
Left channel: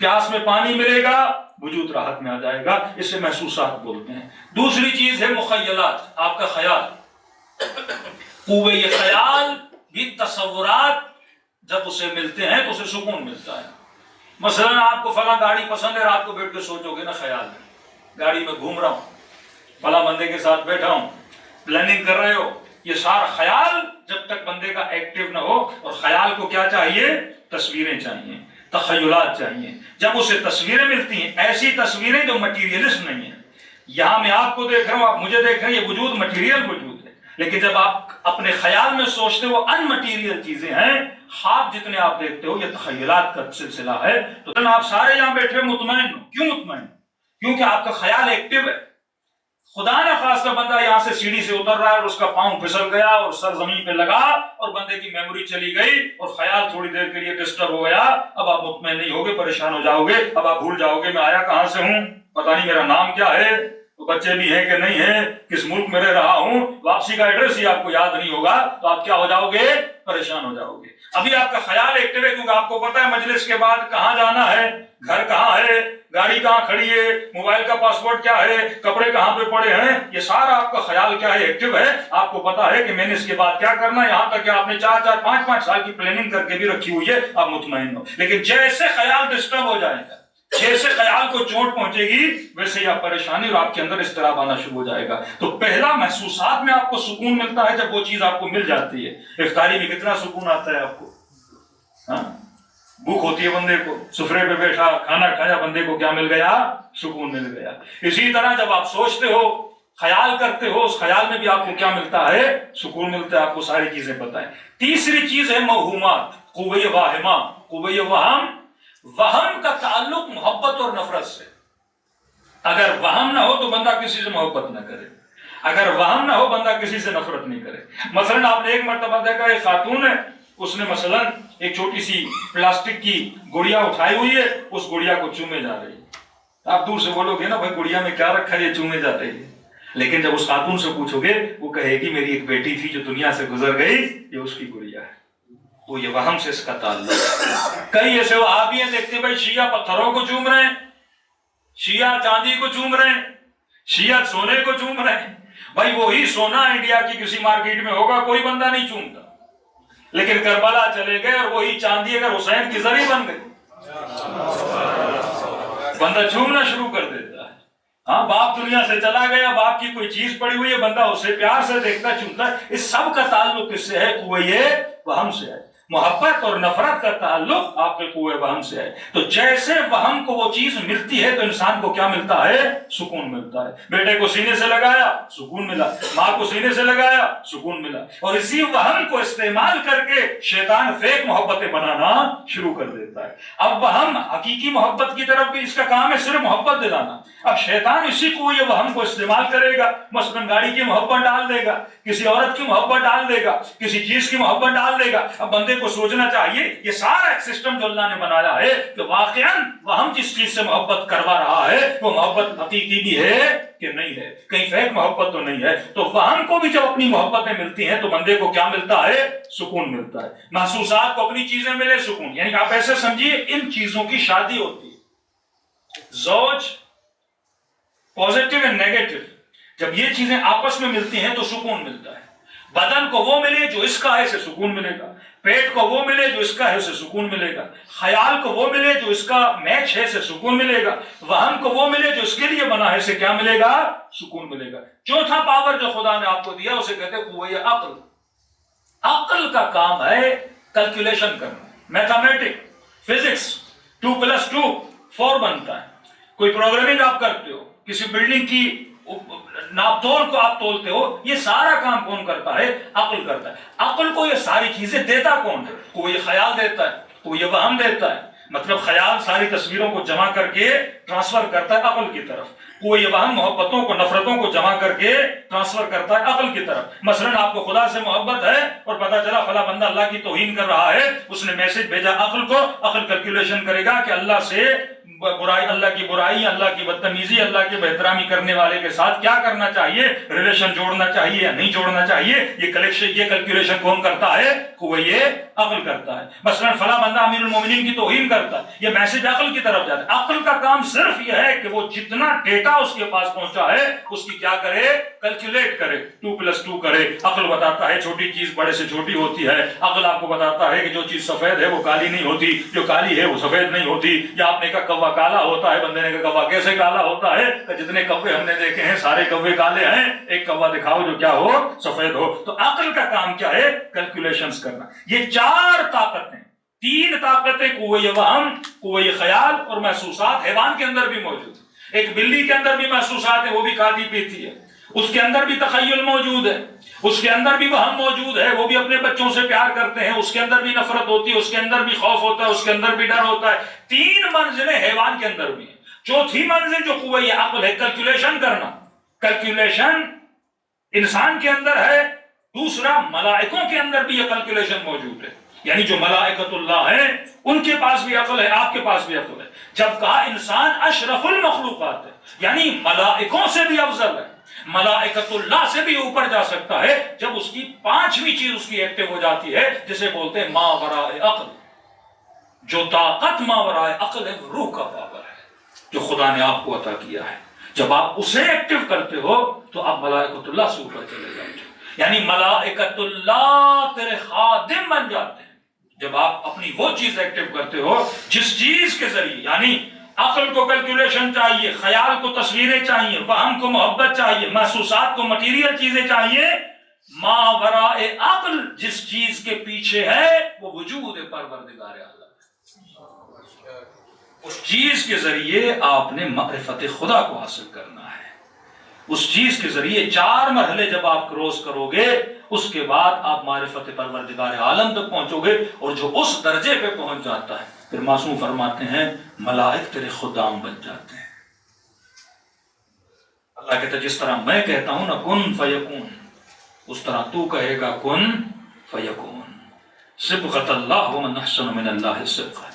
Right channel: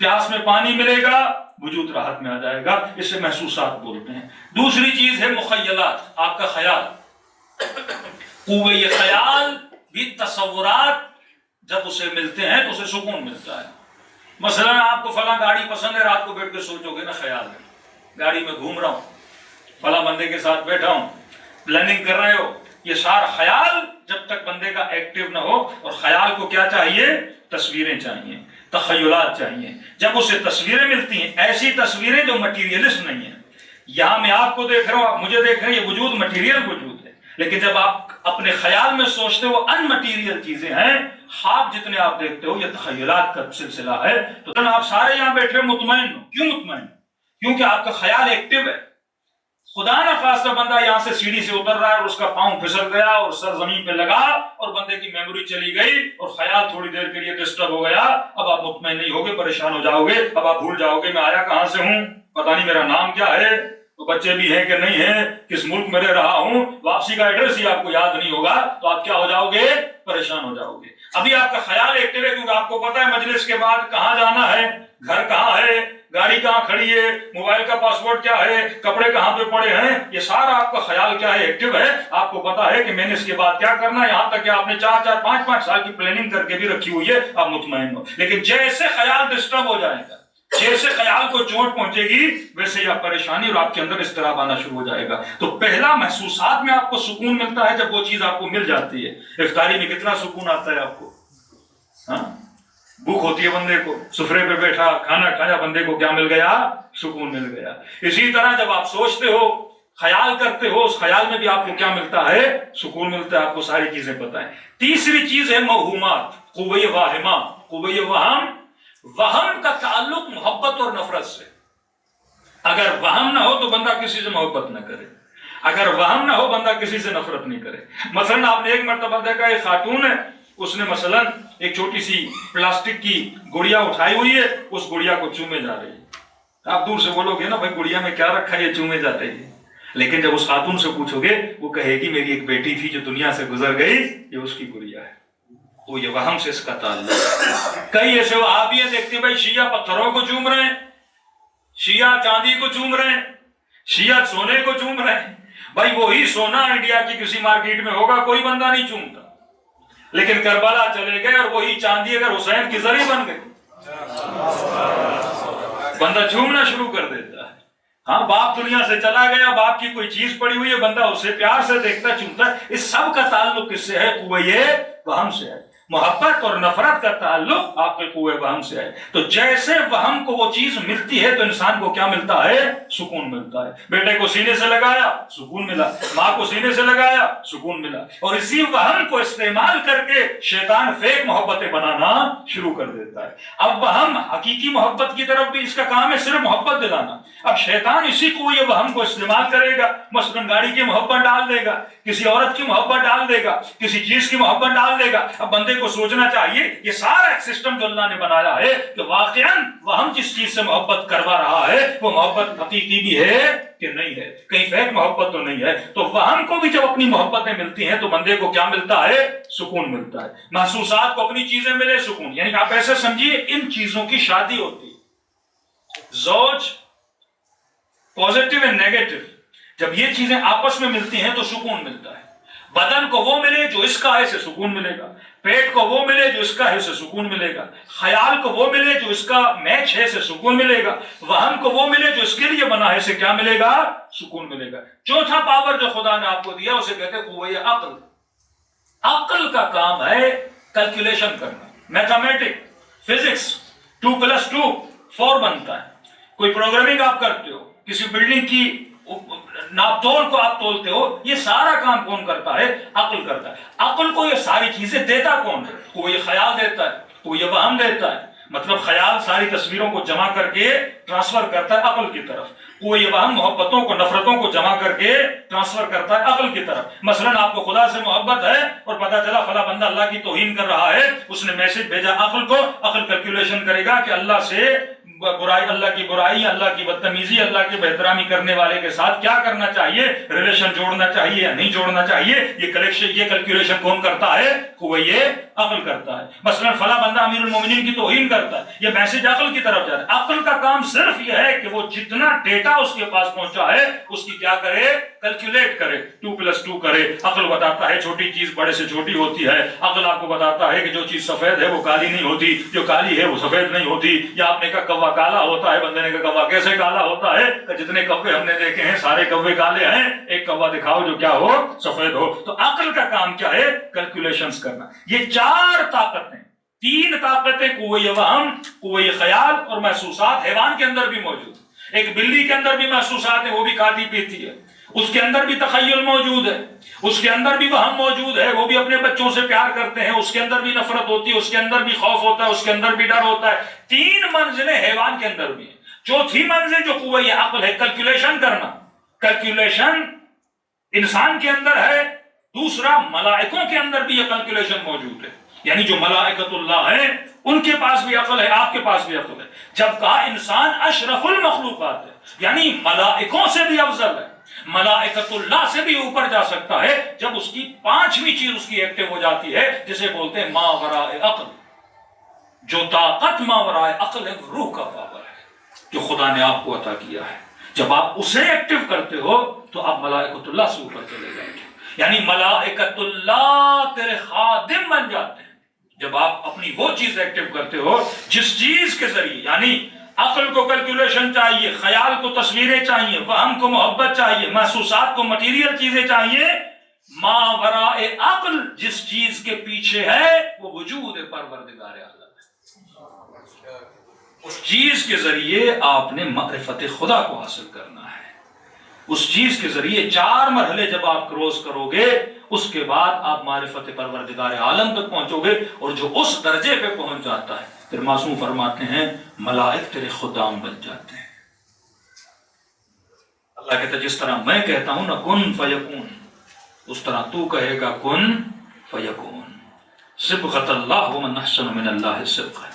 پیاس میں پانی ملے گا وجود راحت میں آ جائے گا، اسے محسوسات بولتے ہیں۔ دوسری چیز ہے مخیلات، آپ کا خیال، قوے خیال بھی تصورات جب اسے ملتے ہیں تو اسے سکون ملتا ہے۔ مثلا آپ کو فلاں گاڑی پسند ہے، رات کو بیٹھ کے سوچو گے نا، خیال ہے گاڑی میں گھوم رہا ہوں، فلاں بندے کے ساتھ بیٹھا ہوں، پلاننگ کر رہے ہو، یہ سارا خیال جب تک بندے کا ایکٹیو نہ ہو، اور خیال کو کیا چاہیے؟ تصویریں چاہیے۔ تخیلات چاہیے. جب اسے تصویریں ملتی ہیں، ایسی تصویریں جو مٹیریلسٹ نہیں ہیں. یہاں میں آپ کو دیکھ رہا ہوں، آپ مجھے دیکھ رہے ہیں، یہ وجود مٹیریل وجود ہے. لیکن جب آپ اپنے خیال میں سوچتے ہو ان مٹیریل چیزیں ہیں، خواب جتنے آپ دیکھتے ہو یہ تخیلات کا سلسلہ ہے. تو آپ سارے یہاں بیٹھے مطمئن ہو. کیوں مطمئن؟ کیونکہ آپ کا خیال ایکٹیو ہے. خدا نہ خواستہ بندہ یہاں سے سیڑھی سے اتر رہا ہے اور اس کا پاؤں پھسل گیا اور سر زمین پہ لگا اور بندے کی میموری چلی گئی اور خیال تھوڑی دیر کے لیے ڈسٹرب ہو گیا. اب آپ مطمئن نہیں ہوگے، پریشان ہو جاؤ گے. اب آپ بھول جاؤ گے میں آیا کہاں سے ہوں، پتہ نہیں میرا نام کیا ہے، تو بچے بھی ہیں کہ نہیں ہیں، کس ملک میں رہ رہا ہوں، واپسی کا ایڈریس ہی آپ کو یاد نہیں ہوگا. تو آپ کیا ہو جاؤ گے؟ پریشان ہو جاؤ گے. ابھی آپ کا خیال ایکٹیو ہے کیونکہ آپ کو پتا ہے مجلس کے بعد کہاں جانا ہے، گھر کہاں ہے، گاڑی کہاں کھڑی ہے، موبائل کا پاسورڈ کیا ہے، کپڑے کہاں پہ پڑے ہیں. یہ سارا آپ کا خیال کیا ہے؟ ایکٹیو ہے. آپ کو پتا ہے کہ میں نے اس کے بعد کیا کرنا ہے. یہاں تک کہ آپ نے 4 5 سال کی پلاننگ کر کے بھی رکھی ہوئی ہے. آپ مطمئن ہو. لیکن جیسے خیال ڈسٹرب ہو جائے گا، جیسے خیال کو چوٹ پہنچے گی، ویسے ہی آپ پریشانی اور آپ کے اندر اضطراب آنا شروع ہو جائے گا. تو پہلا محسوسات میں آپ کو سکون ملتا ہے جب وہ چیز آپ کو مل جاتی ہے. افطاری میں کتنا سکون آتا ہے آپ کو؟ بھوک ہوتی ہے بندے کو، سفرے پہ بیٹھا کھانا کھایا، بندے کو کیا مل گیا؟ سکون مل گیا. اسی طرح جب آپ سوچتے ہو، خیال کرتے ہو، اس خیال میں بھی آپ کو کیا ملتا ہے؟ سکون ملتا ہے. آپ کو ساری چیزیں پتہ ہیں. تیسری چیز ہے موہومات، قوہ واہمہ. قوہ وہم کا تعلق محبت اور نفرت سے. اگر وہم نہ ہو تو بندہ کسی سے محبت نہ کرے، اگر وہم نہ ہو بندہ کسی سے نفرت نہیں کرے. مثلا آپ نے ایک مرتبہ دیکھا ایک خاتون ہے، اس نے مثلا ایک چھوٹی سی پلاسٹک کی گڑیا اٹھائی ہوئی ہے، اس گڑیا کو چومے جا رہی ہے. آپ دور سے بولو گے نا بھائی گڑیا میں کیا رکھا ہے، یہ چومے جاتے ہیں. لیکن جب اس خاتون سے پوچھو گے وہ کہے گی میری ایک بیٹی تھی جو دنیا سے گزر گئی، یہ اس کی گڑیا ہے. وہ یہ وہم سے اس کا تعلق ہے. کئی ایسے وہابی ہیں دیکھتے بھائی شیعہ پتھروں کو چوم رہے ہیں، شیعہ چاندی کو چوم رہے ہیں، شیعہ سونے کو چوم رہے ہیں. بھائی وہی سونا انڈیا کی کسی مارکیٹ میں ہوگا، کوئی بندہ نہیں چومتا. لیکن کربلا چلے گئے اور وہی چاندی اگر حسین کی زری بن گئی، بندہ چومنا شروع کر دیتا ہے. ہاں باپ دنیا سے چلا گیا، باپ کی کوئی چیز پڑی ہوئی ہے، بندہ اسے پیار سے دیکھتا چومتا ہے. اس سب کا تعلق کس سے ہے؟ قوہ وہم سے ہے. محبت اور نفرت کا تعلق آپ کے قوہ وہم سے ہے. تو جیسے وہم کو وہ چیز ملتی ہے تو انسان کو کیا ملتا ہے؟ سکون ملتا ہے. بیٹے کو سینے سے لگایا سکون ملا، ماں کو سینے سے لگایا سکون ملا. اور اسی وہم کو استعمال کر کے شیطان فیک محبتیں بنانا شروع کر دیتا ہے. اب وہم حقیقی محبت کی طرف بھی اس کا کام ہے صرف محبت دلانا. اب شیطان اسی کو یہ وہم کو استعمال کرے گا، مثلا گاڑی کی محبت ڈال دے گا، کسی عورت کی محبت ڈال دے گا، کسی چیز کی محبت ڈال دے گا. اب بندے کو سوچنا چاہیے یہ سارا ایک سسٹم جو اللہ نے بنایا ہے کہ واقعاً وہم جس چیز سے محبت کروا رہا ہے وہ محبت حقیقی بھی ہے کہ نہیں ہے، کہیں فیک محبت تو نہیں ہے. تو وہم کو بھی جب اپنی محبتیں ملتی ہیں تو بندے کو کیا ملتا ہے؟ سکون ملتا ہے. محسوسات کو اپنی چیزیں ملے سکون. یعنی آپ ایسے سمجھیے ان چیزوں کی شادی ہوتی ہے، زوج پازیٹیو اور نیگیٹو، جب یہ چیزیں آپس میں ملتی ہیں تو سکون ملتا ہے. بدن کو وہ ملے جو اس کا ہے اسے سکون ملے گا، پیٹ کو وہ ملے جو اس کا ہے اسے سکون ملے گا، خیال کو وہ ملے جو اس کا میچ ہے اسے سکون ملے گا، وہم کو وہ ملے جو اس کے لیے بنا ہے اسے کیا ملے گا؟ سکون ملے گا. چوتھا پاور جو خدا نے آپ کو دیا اسے کہتے ہیں قوہ عقل. عقل کا کام ہے کیلکولیشن کرنا. میتھمیٹک، فزکس 2+2 4 بنتا ہے. کوئی پروگرامنگ آپ کرتے ہو، کسی بلڈنگ کی ناپ تول کو آپ تولتے ہو، یہ سارا کام کون کرتا ہے؟ عقل کرتا ہے. عقل کو یہ ساری چیزیں دیتا کون ہے؟ کوئی خیال دیتا ہے، کوئی وہم دیتا ہے. مطلب خیال ساری تصویروں کو جمع کر کے ٹرانسفر کرتا ہے عقل کی طرف، کوئی وہم محبتوں کو نفرتوں کو جمع کر کے ٹرانسفر کرتا ہے عقل کی طرف. مثلا آپ کو خدا سے محبت ہے اور پتا چلا فلاں بندہ اللہ کی توہین کر رہا ہے، اس نے میسج بھیجا عقل کو، عقل کیلکولیشن کرے گا کہ اللہ سے برائی، اللہ کی برائی، اللہ کی بدتمیزی، اللہ کی بے-احترامی کرنے والے کے ساتھ کیا کرنا چاہیے، ریلیشن جوڑنا چاہیے یا نہیں جوڑنا چاہیے. یہ کیلکولیشن کون کرتا ہے؟ قوہ عقل کرتا ہے. مثلا فلاں بندہ امیر المومنین کی توہین کرتا ہے، یہ میسج عقل کی طرف جاتا ہے. عقل کا کام صرف یہ ہے کہ وہ جتنا ڈیٹا اس کے پاس پہنچا ہے اس کی کیا کرے؟ کیلکولیٹ کرے، 2+2 کرے. عقل بتاتا ہے چھوٹی چیز بڑے سے چھوٹی ہوتی ہے. عقل آپ کو بتاتا ہے کہ جو چیز سفید ہے وہ کالی نہیں ہوتی، جو کالی ہے وہ سفید نہیں ہوتی. یا آپ نے کہا کوا کالا ہوتا ہے، بندے نے کہا کوا کیسے کالا ہوتا ہے؟ کہ جتنے کوے ہم نے دیکھے ہیں سارے کوے کالے ہیں، ایک کوا دکھاؤ جو کیا ہو، سفید ہو. تو عقل کا کام کیا ہے؟ کیلکولیشنز کرنا. یہ 4 طاقتیں تین طاقتیں قوہ وہم، قوہ خیال اور محسوسات حیوان کے اندر بھی موجود ہیں۔ ایک بلی کے اندر بھی محسوسات ہیں، وہ بھی کھاتی پیتی ہے، اس کے اندر بھی تخیل موجود ہے، اس کے اندر بھی وہم موجود ہے، وہ بھی اپنے بچوں سے پیار کرتے ہیں، اس کے اندر بھی نفرت ہوتی ہے، اس کے اندر بھی خوف ہوتا ہے، اس کے اندر بھی ڈر ہوتا ہے۔ تین منزلیں حیوان کے اندر بھی ہیں۔ چوتھی منزل جو قوہ عقل ہے، کیلکولیشن کرنا، کیلکولیشن انسان کے اندر ہے۔ دوسرا، ملائکوں کے اندر بھی یہ کیلکولیشن موجود ہے، یعنی جو ملائکۃ اللہ ہیں ان کے پاس بھی عقل ہے، آپ کے پاس بھی عقل ہے۔ جب کہا انسان اشرف المخلوقات ہے، یعنی ملائکوں سے بھی افضل ہے، ملائکۃ اللہ سے بھی اوپر جا سکتا ہے، جب اس کی پانچویں چیز اس کی ایکٹیو ہو جاتی ہے، جسے بولتے ہیں ما وراء عقل۔ جو طاقت ما وراء عقل ہے، روح کا پاور ہے جو خدا نے آپ کو عطا کیا ہے۔ جب آپ اسے ایکٹیو کرتے ہو تو آپ ملائکۃ اللہ سے اوپر چلے جاتے ہیں، یعنی ملائکۃ اللہ تیرے خادم بن جاتے ہیں جب آپ اپنی وہ چیز ایکٹیو کرتے ہو جس چیز کے ذریعے، یعنی عقل کو کیلکولیشن چاہیے، خیال کو تصویریں چاہیے، وہم کو محبت چاہیے، محسوسات کو مٹیریل چیزیں چاہیے، ما وراء عقل جس چیز کے پیچھے ہے وہ وجود پروردگار عالم ہے۔ اس چیز کے ذریعے آپ نے معرفت خدا کو حاصل کرنا ہے۔ اس چیز کے ذریعے 4 مرحلے جب آپ کروس کرو گے، اس کے بعد آپ معرفت پروردگار عالم تک پہنچو گے، اور جو اس درجے پہ پہنچ جاتا ہے پھر معصوم فرماتے ہیں ملائک تیرے خدام بن جاتے ہیں۔ اللہ کہتا ہے جس طرح میں کہتا ہوں نا کن فیکون، اس طرح تو کہے گا کن فیکون۔ صبغۃ اللہ ومن احسن من اللہ صبغۃ،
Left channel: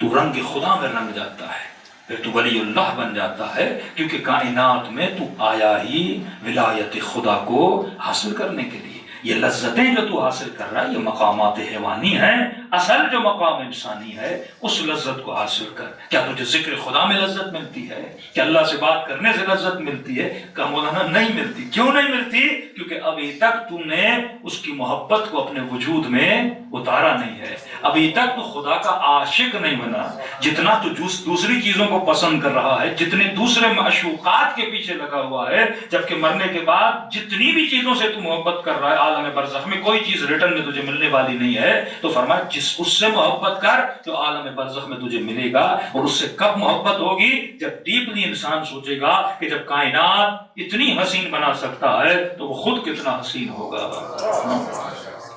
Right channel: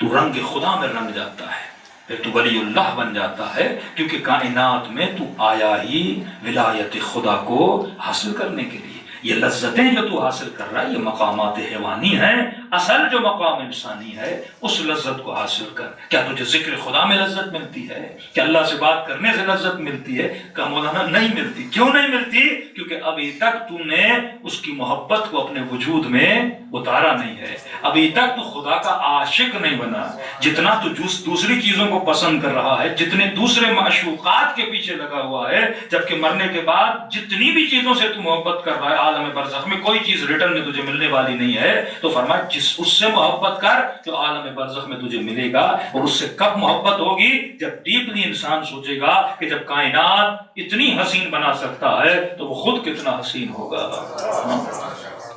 تو رنگ خدا میں رنگ جاتا ہے، پھر تو ولی اللہ بن جاتا ہے، کیونکہ کائنات میں تو آیا ہی ولایت خدا کو حاصل کرنے کے لیے۔ یہ لذتیں جو تو حاصل کر رہا ہے یہ مقامات حیوانی ہیں، اصل جو مقام انسانی ہے اس لذت کو حاصل کر۔ کیا تجھے ذکر خدا میں لذت ملتی ہے؟ کیا اللہ سے بات کرنے سے لذت ملتی ہے؟ کہ مولانا نہیں ملتی۔ کیوں نہیں ملتی؟ کیونکہ ابھی تک تو نے اس کی محبت کو اپنے وجود میں اتارا نہیں ہے، ابھی تک تو خدا کا عاشق نہیں بنا۔ جتنا تو دوسری چیزوں کو پسند کر رہا ہے، جتنے دوسرے معشوقات کے پیچھے لگا ہوا ہے، جبکہ مرنے کے بعد جتنی بھی چیزوں سے تو محبت کر رہا ہے، عالم برزخ میں کوئی چیز ریٹرن میں تجھے ملنے والی نہیں ہے، تو فرمایا اس سے محبت کر جو عالم برزخ میں تجھے ملے گا۔ اور اس سے کب محبت ہوگی؟ جب ڈیپلی انسان سوچے گا کہ جب کائنات اتنی حسین بنا سکتا ہے تو وہ خود کتنا حسین ہوگا۔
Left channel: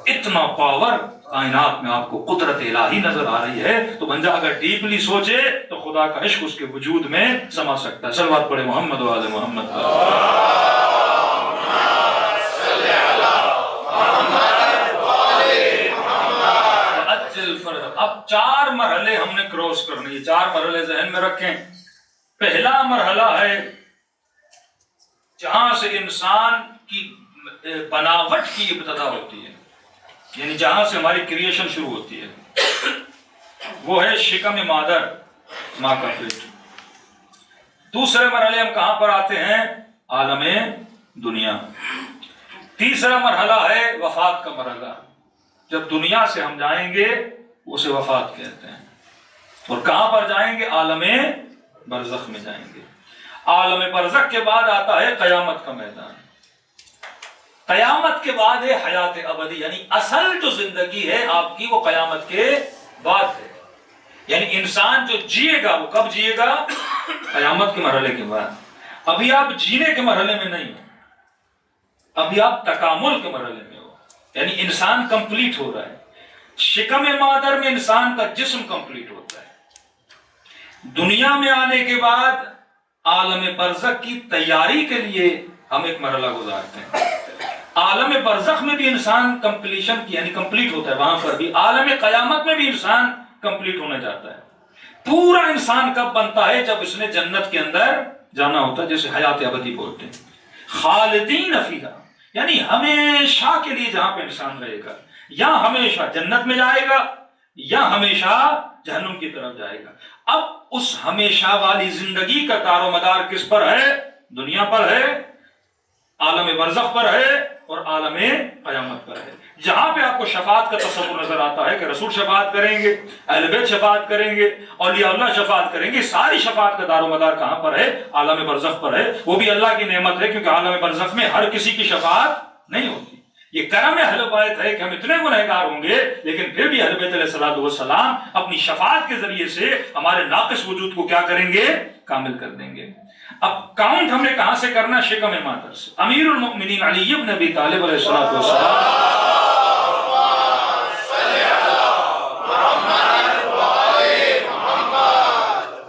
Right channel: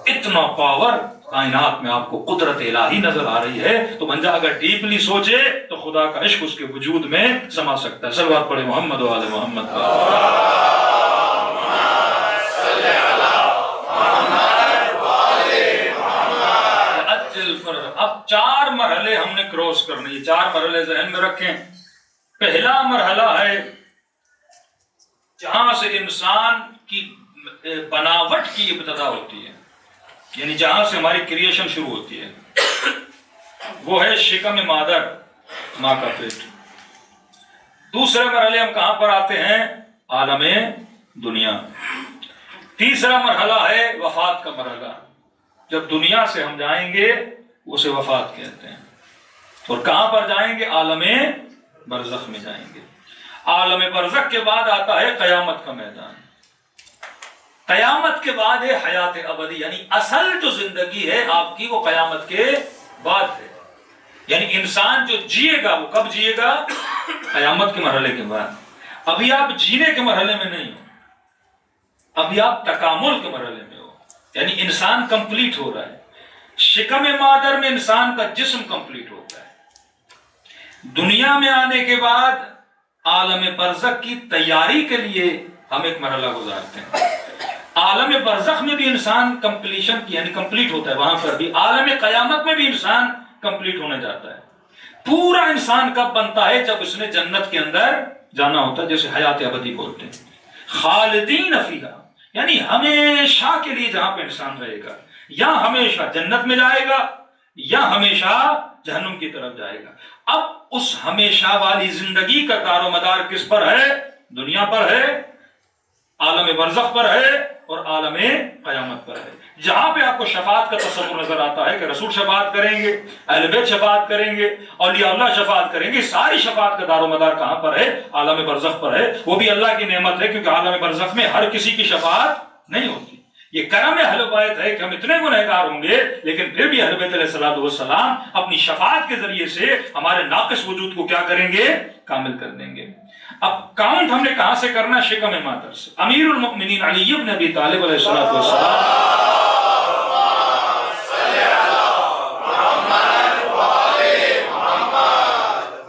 اتنا پاور کائنات میں آپ کو قدرت الہی نظر آ رہی ہے، تو بندہ اگر ڈیپلی سوچے تو خدا کا عشق اس کے وجود میں سما سکتا ہے۔ صلوات پڑھے محمد و آل محمد۔ اب 4 مرحلے ہم نے کراس کرنے، یہ 4 مرحلے ذہن میں رکھیں۔ پہلا مرحلہ ہے جہاں سے انسان کی بناوٹ کی ابتدا ہوتی ہے، یعنی جہاں سے ہماری کریشن شروع ہوتی ہے، وہ ہے شکم مادر، ماں کا پیٹ۔ دوسرے مرحلے ہم کہاں پر آتے ہیں؟ عالم دنیا۔ تیسرا مرحلہ ہے وفات کا مرحلہ، جب دنیا سے ہم جائیں گے اسے وفات کہتے ہیں، اور کہاں پر جائیں گے؟ عالم برزخ میں جائیں گے۔ عالم برزخ کے بعد آتا ہے قیامت کا میدان، قیامت کے بعد ہے حیات ابدی، یعنی اصل جو زندگی ہے آپ کی وہ قیامت کے بعد ہے، یعنی انسان جو جیے گا وہ کب جیے گا؟ قیامت کے مرحلے کے بعد۔ ابھی آپ جینے کے مرحلے میں نہیں ہو، ابھی آپ تکامل کے مرحلے میں ہو، یعنی انسان کمپلیٹ ہو رہا ہے۔ شکم مادر میں انسان کا جسم کمپلیٹ ہوتا ہے، دنیا میں آنے کے بعد عالم برزخ کی تیاری کے لیے ہم ایک مرحلہ گزارتے ہیں۔ عالم برزخ میں بھی انسان کمپلیشن کی یعنی کمپلیٹ ہوتا ہے، وہاں پر بھی عالم قیامت میں بھی انسان کمپلیٹ ہونے جاتا ہے۔ پورا انسان کب بنتا ہے؟ جب اس نے جنت کے اندر جانا ہوتا ہے، جیسے حیات ابدی بولتے ہیں، خالدین فیہا، یعنی ہمیشہ کے لیے جہاں پہ انسان رہے گا، یا ہمیشہ جنت میں جائے گا یا ہمیشہ جہنم کی طرف جائے گا۔ اب اس ہمیشہ والی زندگی کا دار و مدار کس پر ہے؟ دنیا پر ہے، عالم برزخ پر ہے اور عالم قیامت پر ہے۔ جہاں پہ آپ کو شفاعت کا تصور نظر آتا ہے کہ رسول شفاعت کریں گے، اہل بیت شفاعت کریں گے، اولیاء اللہ شفاعت کریں گے، ساری شفاعت کا دار و مدار کہاں پر ہے؟ عالم برزخ پر ہے۔ وہ بھی اللہ کی نعمت ہے، کیونکہ عالم برزخ میں ہر کسی کی شفاعت نہیں ہوتی، یہ کرم اہل بیت ہے کہ ہم اتنے گنہگار ہوں گے لیکن پھر بھی اہل بیت علیہ الصلوۃ والسلام اپنی شفاعت کے ذریعے سے ہمارے ناقص وجود کو کیا کریں گے؟ کامل کر دیں گے۔ اب کاؤنٹ ہم نے کہاں سے کرنا؟ شکم مادر سے۔ امیر المؤمنین علی بن ابی طالب علیہ الصلوۃ والسلام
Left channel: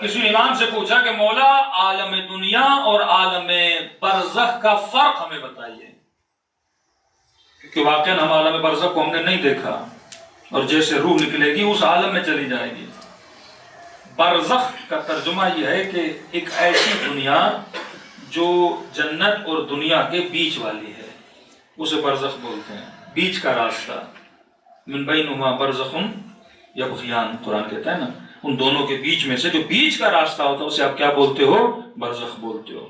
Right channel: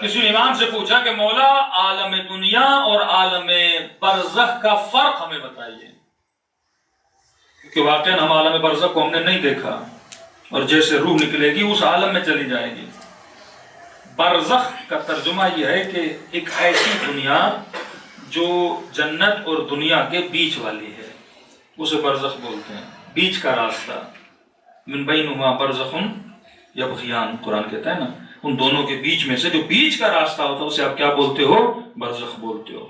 کسی امام سے پوچھا کہ مولا عالم دنیا اور عالم برزخ کا فرق ہمیں بتائیے، کیونکہ واقعاً ہم عالم برزخ کو ہم نے نہیں دیکھا اور جیسے روح نکلے گی اس عالم میں چلی جائے گی۔ برزخ کا ترجمہ یہ ہے کہ ایک ایسی دنیا جو جنت اور دنیا کے بیچ والی ہے، اسے برزخ بولتے ہیں، بیچ کا راستہ۔ من بینہما برزخ یبغیان، قرآن کہتا ہے نا، ان دونوں کے بیچ میں سے جو بیچ کا راستہ ہوتا ہے اسے آپ کیا بولتے ہو؟ برزخ بولتے ہو۔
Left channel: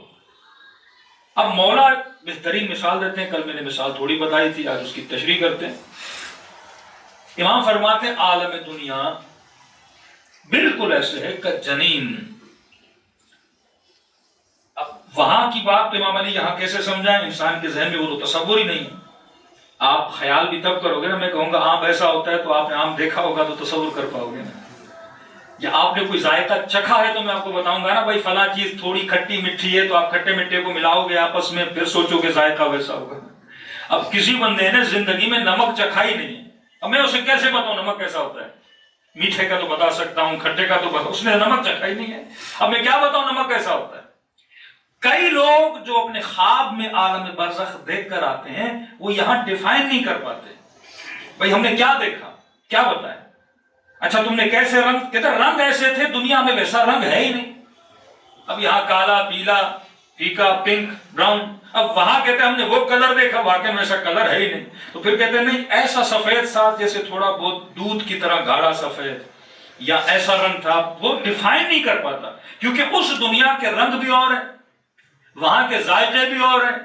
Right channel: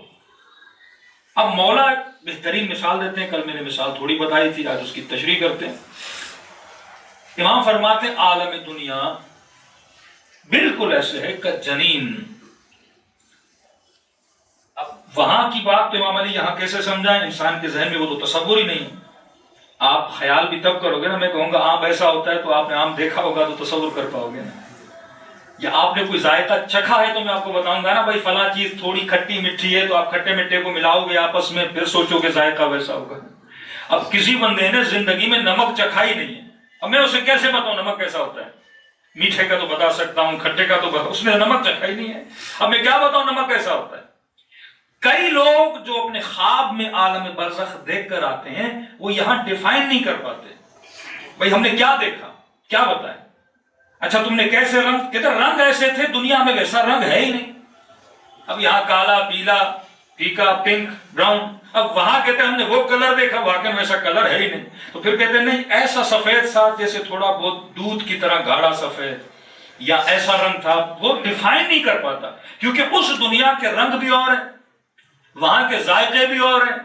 اب مولا بہترین مثال دیتے ہیں، کل میں نے مثال تھوڑی بتائی تھی، آج اس کی تشریح کرتے ہیں۔ امام فرماتے ہیں عالم دنیا بالکل ایسے ہے کہ جنین۔ اب وہاں کی بات تو امام علی یہاں کیسے سمجھائیں؟ انسان کے ذہن میں وہ تو تصور ہی نہیں۔ آپ خیال بھی تب کرو گے نا، میں کہوں گا آم ایسا ہوتا ہے تو آپ نے آم دیکھا ہوگا تو تصور کر پاؤ گے نا، یا آپ نے کوئی ذائقہ چکھا ہے تو میں آپ کو بتاؤں گا نا بھائی فلاں چیز تھوڑی کھٹی میٹھی ہے، تو آپ کھٹے میٹھے کو ملاؤ گے آپس میں، پھر سوچو کہ ذائقہ ویسا ہوگا۔ اب کسی بندے نے زندگی میں نمک چکھا ہی نہیں ہے، اب میں اسے کیسے بتاؤں نمک کیسا ہوتا ہے؟ میٹھے کا تو بتا سکتا ہوں، کھٹے کا تو بتا، اس نے نمک چکھا ہی نہیں ہے، اب میں کیا بتاؤں نمک کیسا ہوتا ہے؟ کئی لوگ جو اپنے خواب میں عالم برزخ دیکھ کر آتے ہیں وہ یہاں ڈیفائن نہیں کر پاتے، بھائی ہم نے کیا دیکھا، کیا بتائیں؟ اچھا تم نے کیسے رنگ؟ کہتے رنگ ایسے تھے، دنیا میں ویسا رنگ ہے ہی نہیں۔ اب یہاں کالا، پیلا، پھیکا، پنک، براؤن، اب وہاں کہتے ہیں ہم نے وہ کلر دیکھا، واقعی ویسا کلر ہے ہی نہیں۔ تو پھر کہتے ہیں نہیں ایسا سفید ساتھ جیسے تھوڑا بہت دودھ کی طرح گاڑھا سفید، یا ایسا رنگ تھا، وہ ڈیفائن نہیں کر پاتا، کیونکہ اس دنیا کے رنگ بھی اور ہیں، وہاں کے ذائقے بھی اور ہیں،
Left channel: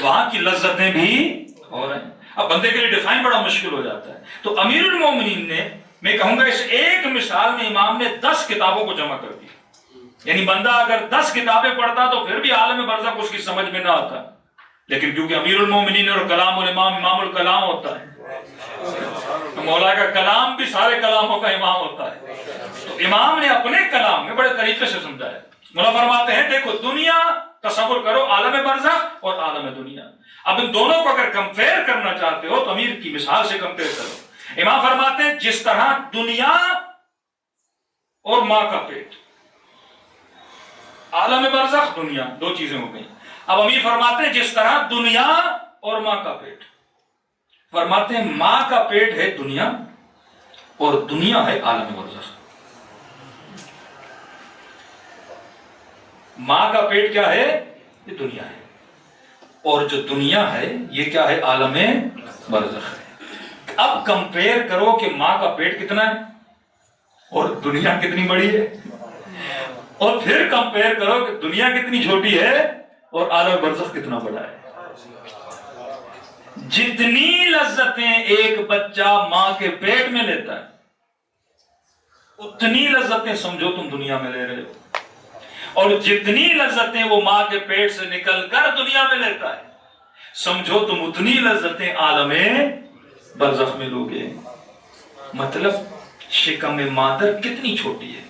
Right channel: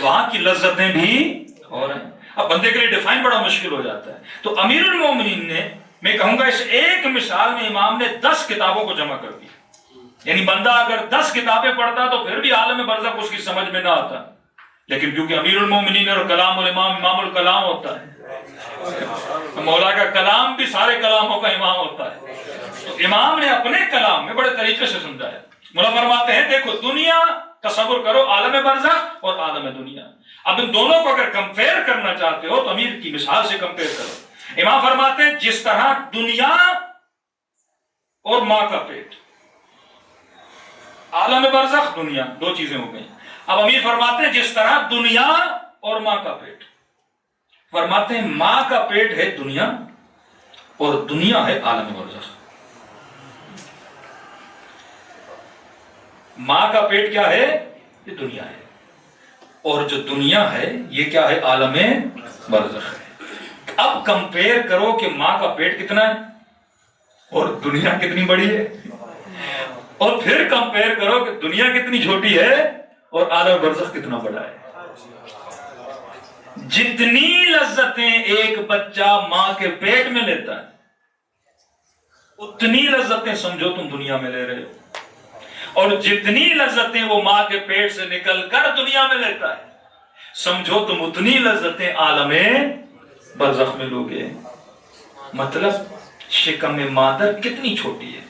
وہاں کی لذتیں بھی اور ہیں۔ اب بندے کے لیے ڈیفائن بڑا مشکل ہو جاتا ہے۔ تو امیر المومنین نے، میں کہوں گا اس ایک مثال میں امام نے 10 کتابوں کو جمع کر دیا، یعنی بندہ اگر 10 کتابیں پڑھتا تو پھر بھی عالم برزخ اس کی سمجھ میں نہ آتا، لیکن کیونکہ امیر المومنین اور کلام الامام امام الکلام ہوتا ہے، تو مولا کا کلام بھی سارے کلاموں کا امام ہوتا ہے، تو امام نے اپنے کلام میں بڑے طریقے سے سمجھایا۔ مولا فرماتے ہیں دیکھو دنیا تصور کرو، عالم برزخ اور عالم دنیا، اب ان دونوں کو اگر کمپیئر کرنا چاہتے ہو تو امیر کی مثال سے کمپیئر کرو۔ امام فرماتے ہیں جس طرح دنیا اور ماں کا پیٹ، عالم برزخ دنیا دو چیزیں ہو گئی، اب امیر فرماتے ہیں جس طرح دنیا اور ماں کا پیٹ، فرماتے ہیں ماں کا پیٹ ہے دنیا اور دنیا ہے عالم برزخ۔ ماں کا پیٹ کیا ہے؟ یہ دنیا ہے، اور جو دنیا ہے یہ کیا ہے؟ عالم برزخ ہے۔ اب کمپیئر کرو کہ ماں کا پیٹ کتنا ہے اور دنیا کتنی بڑی ہے، اور پھر کمپیئر کرو کہ دنیا کتنی چھوٹی ہے اور عالم برزخ کتنا بڑا ہے۔ جتنی لذتیں ایک بچہ ماں کے پیٹ میں لیتا ہے اتنی لذتیں سمجھو تم دنیا میں لے رہے ہو، اور جتنی لذتیں وہ ماں کے پیٹ سے نکل کر دنیا میں لیتا ہے سمجھو تم اتنی لذتیں عالم برزخ میں لوگے۔ مطلب شکم مادر کتنی چھوٹی ہے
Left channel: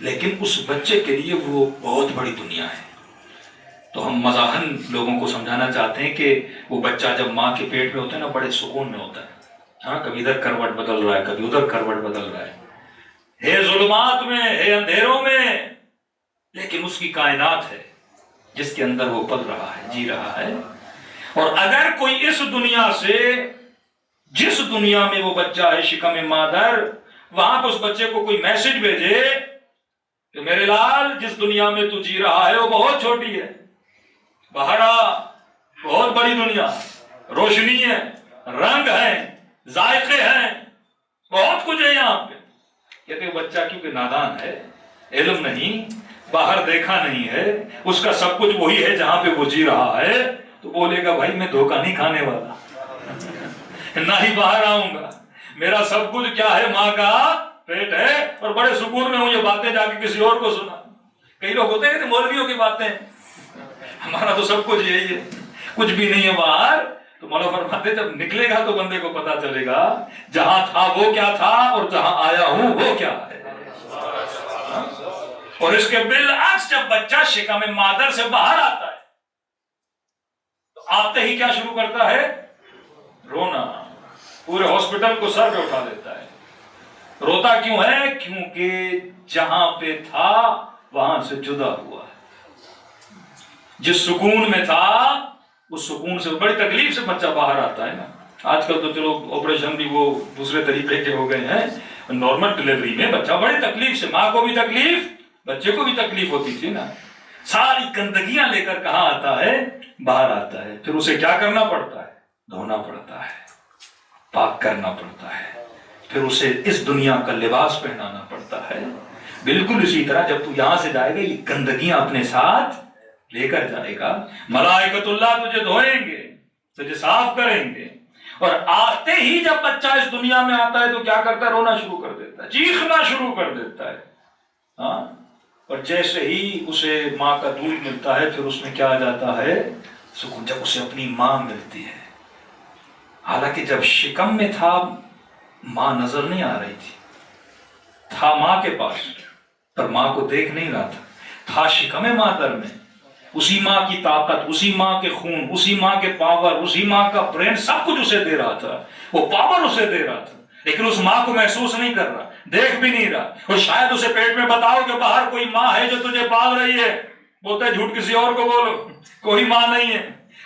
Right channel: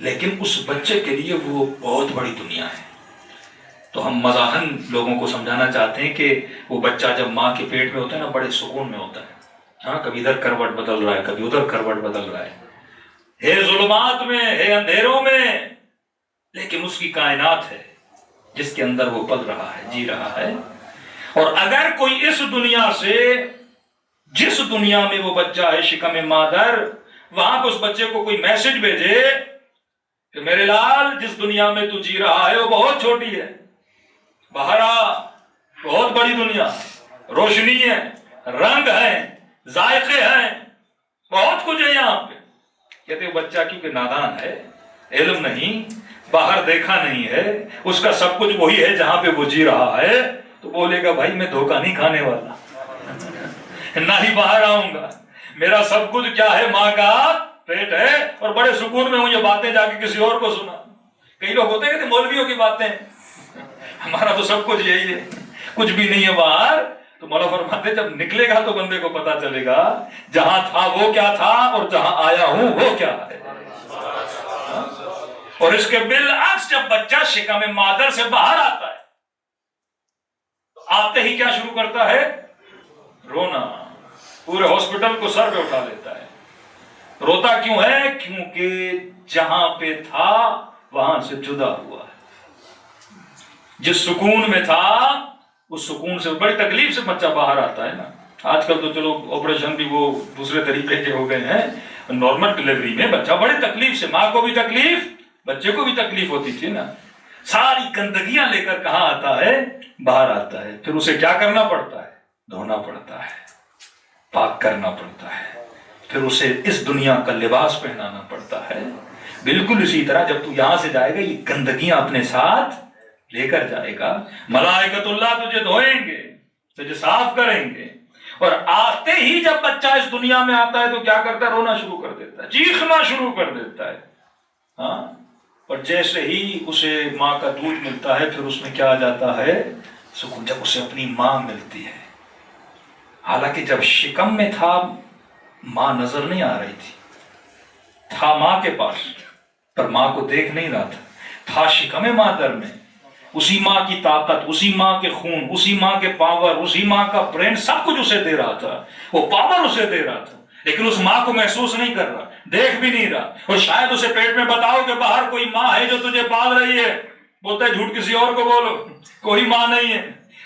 لیکن اس بچے کے لیے وہ بہت بڑی دنیا ہے۔ تو ہم مزاحن لوگوں کو سمجھانا چاہتے ہیں کہ وہ بچہ جب ماں کے پیٹ میں ہوتا ہے نا بڑے سکون میں ہوتا ہے، ہاں کبھی ادھر کروٹ بدل رہا ہے کبھی ادھر کروٹ بدل رہا ہے ظلمات میں ہے اندھیروں میں، لیکن اس کی کائنات ہے جس کے اندر وہ پل رہا ہے، جی رہا ہے۔ اور اگر کوئی اس دنیا سے، جس دنیا میں وہ بچہ ہے شکم مادر، وہاں پہ اس بچے کو کوئی میسج بھیجے کہ میرے لال جس دنیا میں تو جی رہا ہے وہ بہت چھوٹی ہے، باہر آ، بہت بڑی دنیا، روشنی ہے، رنگ ہے، ذائقے ہیں، بہت کچھ ہے یہاں پہ۔ کہتے بچہ کیونکہ نادان ہے، علم نہیں، باہر دیکھا نہیں ہے، اس کا سب کچھ وہی ہے جہاں پہ وہ جی رہا ہے، تو بولے گا بھائی میں دھوکہ نہیں کھانے والا، نہ ہی باہر آؤں گا، میرا سب کچھ کیا ہے؟ ماں کا پیٹ ہے، اور بڑے سکون میں ہوں یہ باتیں جا کے کسی اور کو سنا۔ کئی لوگ ہوتے ہیں کہ مولویوں کی باتیں، ہمارا تو سب کچھ یہی ہے، کچھ بھی نہیں ہے باہر، تو مولا فرماتے ہیں جب نکلے گا تو بندے کو پتا چلے گا جہاں تھا وہ کیا تھا اور جہاں آیا ہوں وہ کیا ہے. اور اس کے بالعکس جب بچہ شکم مادر سے باہر آتا ہے تو آتے ہی کیا شروع کرتا ہے؟ رونا. پورے ہاسپٹل کو سر پہ اٹھا لیتا ہے. روتا کیوں ہے؟ کیونکہ جہاں پہ تھا وہاں سے جدا ہوا ہے. جس سکون میں تھا اس سکون سے بڑی تکلیف سے بچہ باہر آتا ہے نا. آج کل تو چلو آپریشن بھی وہ دوسرے طریقے کے ہو گئے ہیں. نارمل ڈلیوری میں بچہ بڑی تکلیف سے، ماں کو بھی تکلیف بچے کو بھی تکلیف ہوتی تھی نا. ساری گندگیاں لے کر کہاں آتا ہے؟ باہر آتا ہے. پھر اسے کیا کرنا پڑتا ہے؟ دھونا پڑتا ہے، پاک کرنا پڑتا ہے، پھر اسے اس دنیا کا لباس پہنانا پڑتا ہے. بالکل اسی طرح جب تو یہاں سے جائے گا یہ گندگیاں اپنے ساتھ لے کر جائے گا. ملائکۃ اللہ تجھے دھوئیں گے، تجھے صاف کریں گے. اور آتے ہی جب بچہ اس دنیا میں آتا ہے تو کیا کرتا ہے؟ رونا شروع کر دیتا ہے، چیخنا شروع کر دیتا ہے. ہاں. اور جیسے ہی اسے ماں کا دودھ ملتا ہے پھر اس میں کیا آ جاتا ہے؟ سکون. جب اسے اپنی ماں ملتی ہے، حالانکہ جب شکم میں تھا ماں نظر نہیں آ رہی تھا ماں کے پاس پر ماں کو دیکھ نہیں رہا تھا شکم مادر میں. اسی ماں کی طاقت، اسی ماں کے خون، اسی ماں کے پاور، اسی ماں کا برین سب کچھ اسے دے رہا تھا. وہ پاور اسے دے رہا تھا لیکن اس ماں کو محسوس نہیں کر رہا، دیکھ بھی نہیں رہا. اور شاید اسے پیٹ میں بتاؤ کہ باہر کوئی ماں ہے جو تجھے پال رہی ہے، بولتا ہے جھوٹ کسی اور کو بولو. کوئی ماں نہیں ہے،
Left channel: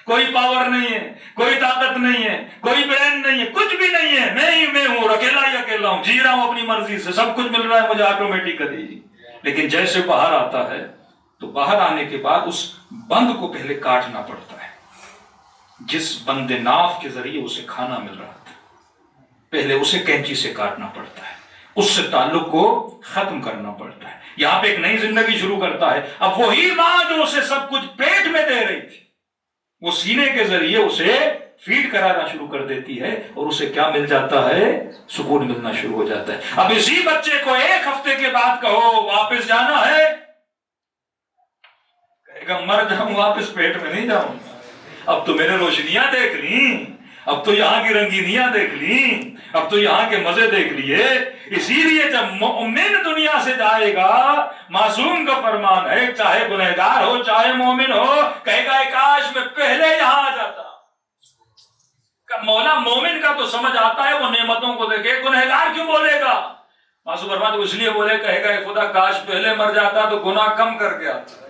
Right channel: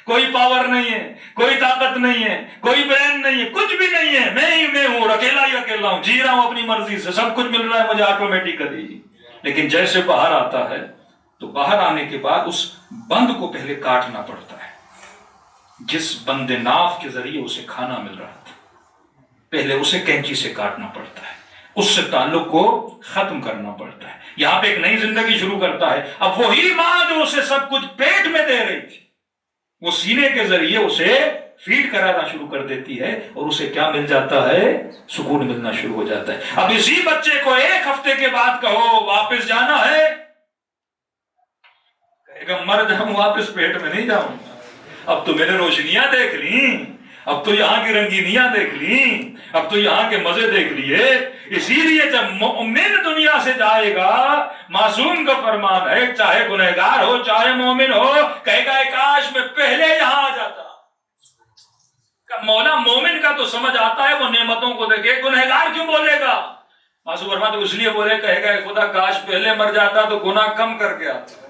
کوئی پاور نہیں ہے، کوئی طاقت نہیں ہے، کوئی برین نہیں ہے، کچھ بھی نہیں ہے. میں ہی میں ہوں، اکیلا ہی اکیلا ہوں، جی رہا ہوں اپنی مرضی سے، سب کچھ مل رہا ہے مجھے آٹومیٹکلی. لیکن جیسے باہر آتا ہے تو باہر آنے کے بعد اس بند کو پہلے کاٹنا پڑتا ہے. جس بند ناف کے ذریعے اسے کھانا مل رہا تھا پہلے اسے کینچی سے کاٹنا پڑتا ہے، اس سے تعلق کو ختم کرنا پڑتا ہے. یہاں پہ ایک نئی زندگی شروع کرتا ہے. اب وہی ماں جو اسے سب کچھ پیٹ میں دے رہی تھی وہ سینے کے ذریعے اسے فیڈ کرانا شروع کر دیتی ہے اور اسے کیا مل جاتا ہے؟ سکون ملنا شروع ہو جاتا ہے. اب اسی بچے کو ایک ہفتے کے بعد کہو واپس جانا ہے، کہے گا مر جاؤں واپس پیٹ میں نہیں جاؤں گا. اب تو میں نے روشنیاں دیکھ لی، اب تو یہاں کی رنگینیاں دیکھ لی، اب تو یہاں کے مزے دیکھ لیے. اسی لیے جب مومن دنیا سے جائے گا، معصوم کا فرمان ہے چاہے گنہگار ہو چاہے مومن ہو، کہے گا کاش میں پہلے یہاں آ جاتا. مولا مومن کا تو سمجھ آتا ہے، وہ نعمتوں کو دیکھے. گنہگار کیوں بولے گا؟ معصوم فرمان تو اس لیے بولے، کہے گا خدا کاش پہلے مر جاتا تو گناہ کم کر کے آتا.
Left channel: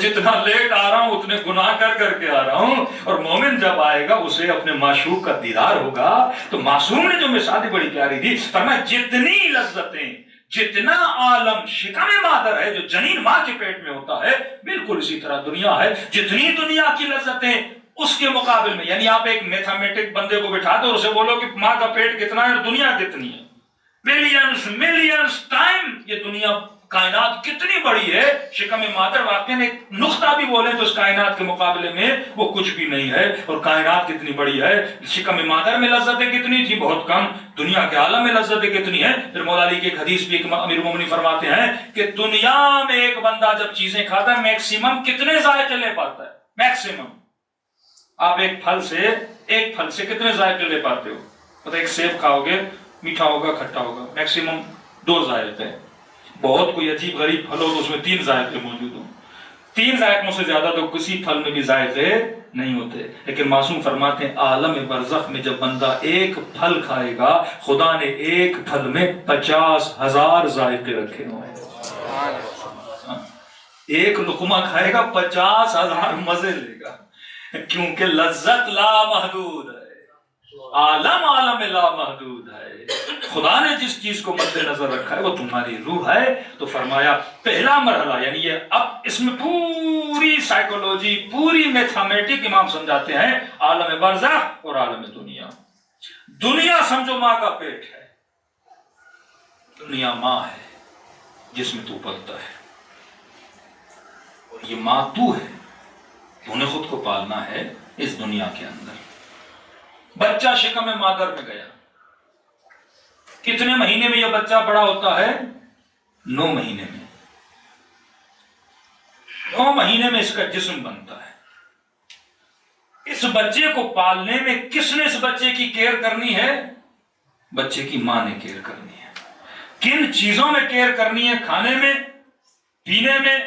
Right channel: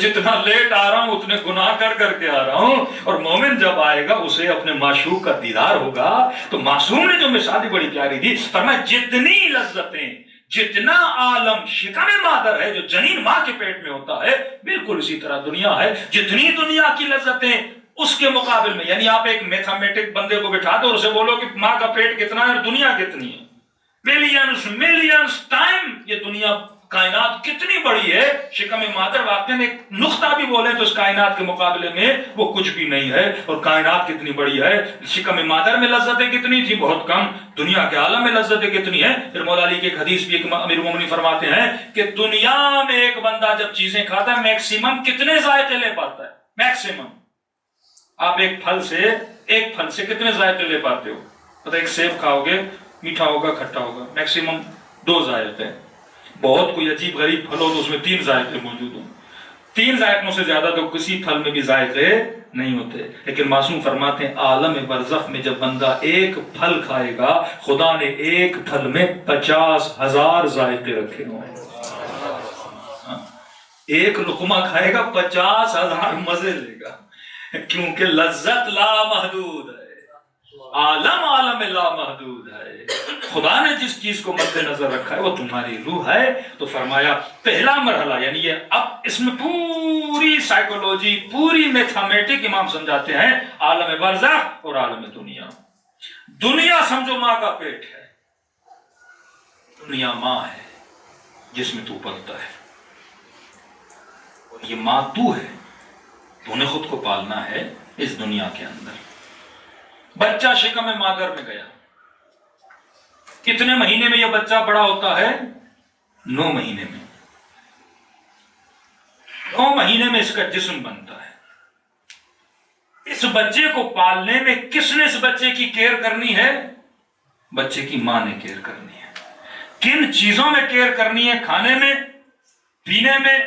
جتنا لیٹ آ رہا ہوں اتنے گناہ کر کر کے آ رہا ہوں. اور مومن جب آئے گا اسے اپنے معشوق کا دیدار ہوگا. تو معصوم نے جو مثال بڑی پیاری دی، فرمایا جتنی لذتیں، جتنا عالم شکم مادر ہے جو جنین ماں کے پیٹ میں ہوتا ہے، بالکل اسی طرح دنیا ہے. جتنی دنیا کی لذتیں اس کے مقابل میں، یعنی آپ ایک میتھمیٹک بندے کو بٹھا دو اور اسے بولو کہ ماں کا پیٹ کتنا ہے اور دنیا کتنی ہے، ملینز ٹائم یہ دنیا کائنات کتنی بڑی ہے. شکم مادر واقعاً ایک نقطہ بھی بولے تو اس کائنات کے مقابلے میں وہ کچھ بھی نہیں ہے. اور کائنات کتنی بڑی ہے، شکم مادر میں لذتیں کتنی تھی؟ بہت کم. دنیا کے عالم میں لذتیں کتنی ہیں؟ پھر مولا علی کی ایک حدیث بھی ایک امیر مومنین فرماتے ہیں کہ دنیا میں ایک بندہ جب چیزیں کھاتا ہے میکسیمم کتنے ذائقے لے پاتا ہے؟ میکسیمم آپ ایک پھل سے کتنے ذائقے لے پاتے ہو؟ پتہ ایک سیب کھاؤ گے میٹھا ہوگا کھٹا ہوگا، میکسیمم 2 ذائقے. بہت کوئی عجیب غریب پھل ہو تو اس میں 3 ذائقے موجود ہوں. 3 ذائقوں سے زیادہ تو کسی پھل میں بھی ذائقے نہیں ہوتے. لیکن معصوم فرماتے ہیں عالم برزخ میں جب بندہ ایک پھل کھائے گا، خدا نے ایک پھل میں 50,000 ذائقے رکھے ہوں. ایک لقمہ کھائے گا 50,000 مزے لے گا، کیونکہ لذت لا محدود ہے، عالم لا محدود ہے. خدا نے جس چیز کو مد نظر رکھا ہے وہ تمہاری روح ہے. تو فرمایا پہلا مرحلہ، یعنی یہ اب اس میں پوری سائیکولوجی، پوری میتھمیٹک امام سمجھاتے ہیں، عالم برزخ اور عالم دنیا. دنیا سمجھو ماں کا پیٹ ہے، دنیا ماں ہے جس میں تو پلتا ہے، اور یہ ماں تو ہے، تو نے خود کو پالنا ہے اس دنیا کے اندر. بچہ شکم مادر میں گیا، کتنے مہینے میں یہ بچہ بڑا ہوتا ہے؟ 9 مہینے میں. 9 مہینے میں اس کا جسم بنتا ہے. اس بچے کو پالنے میں کس نے اس بچے کی کیئر کرنی ہے؟ بچے کی ماں نے کیئر کرنی ہے۔ کن چیزوں میں کیئر کرنی ہے؟ کھانے میں، پینے میں،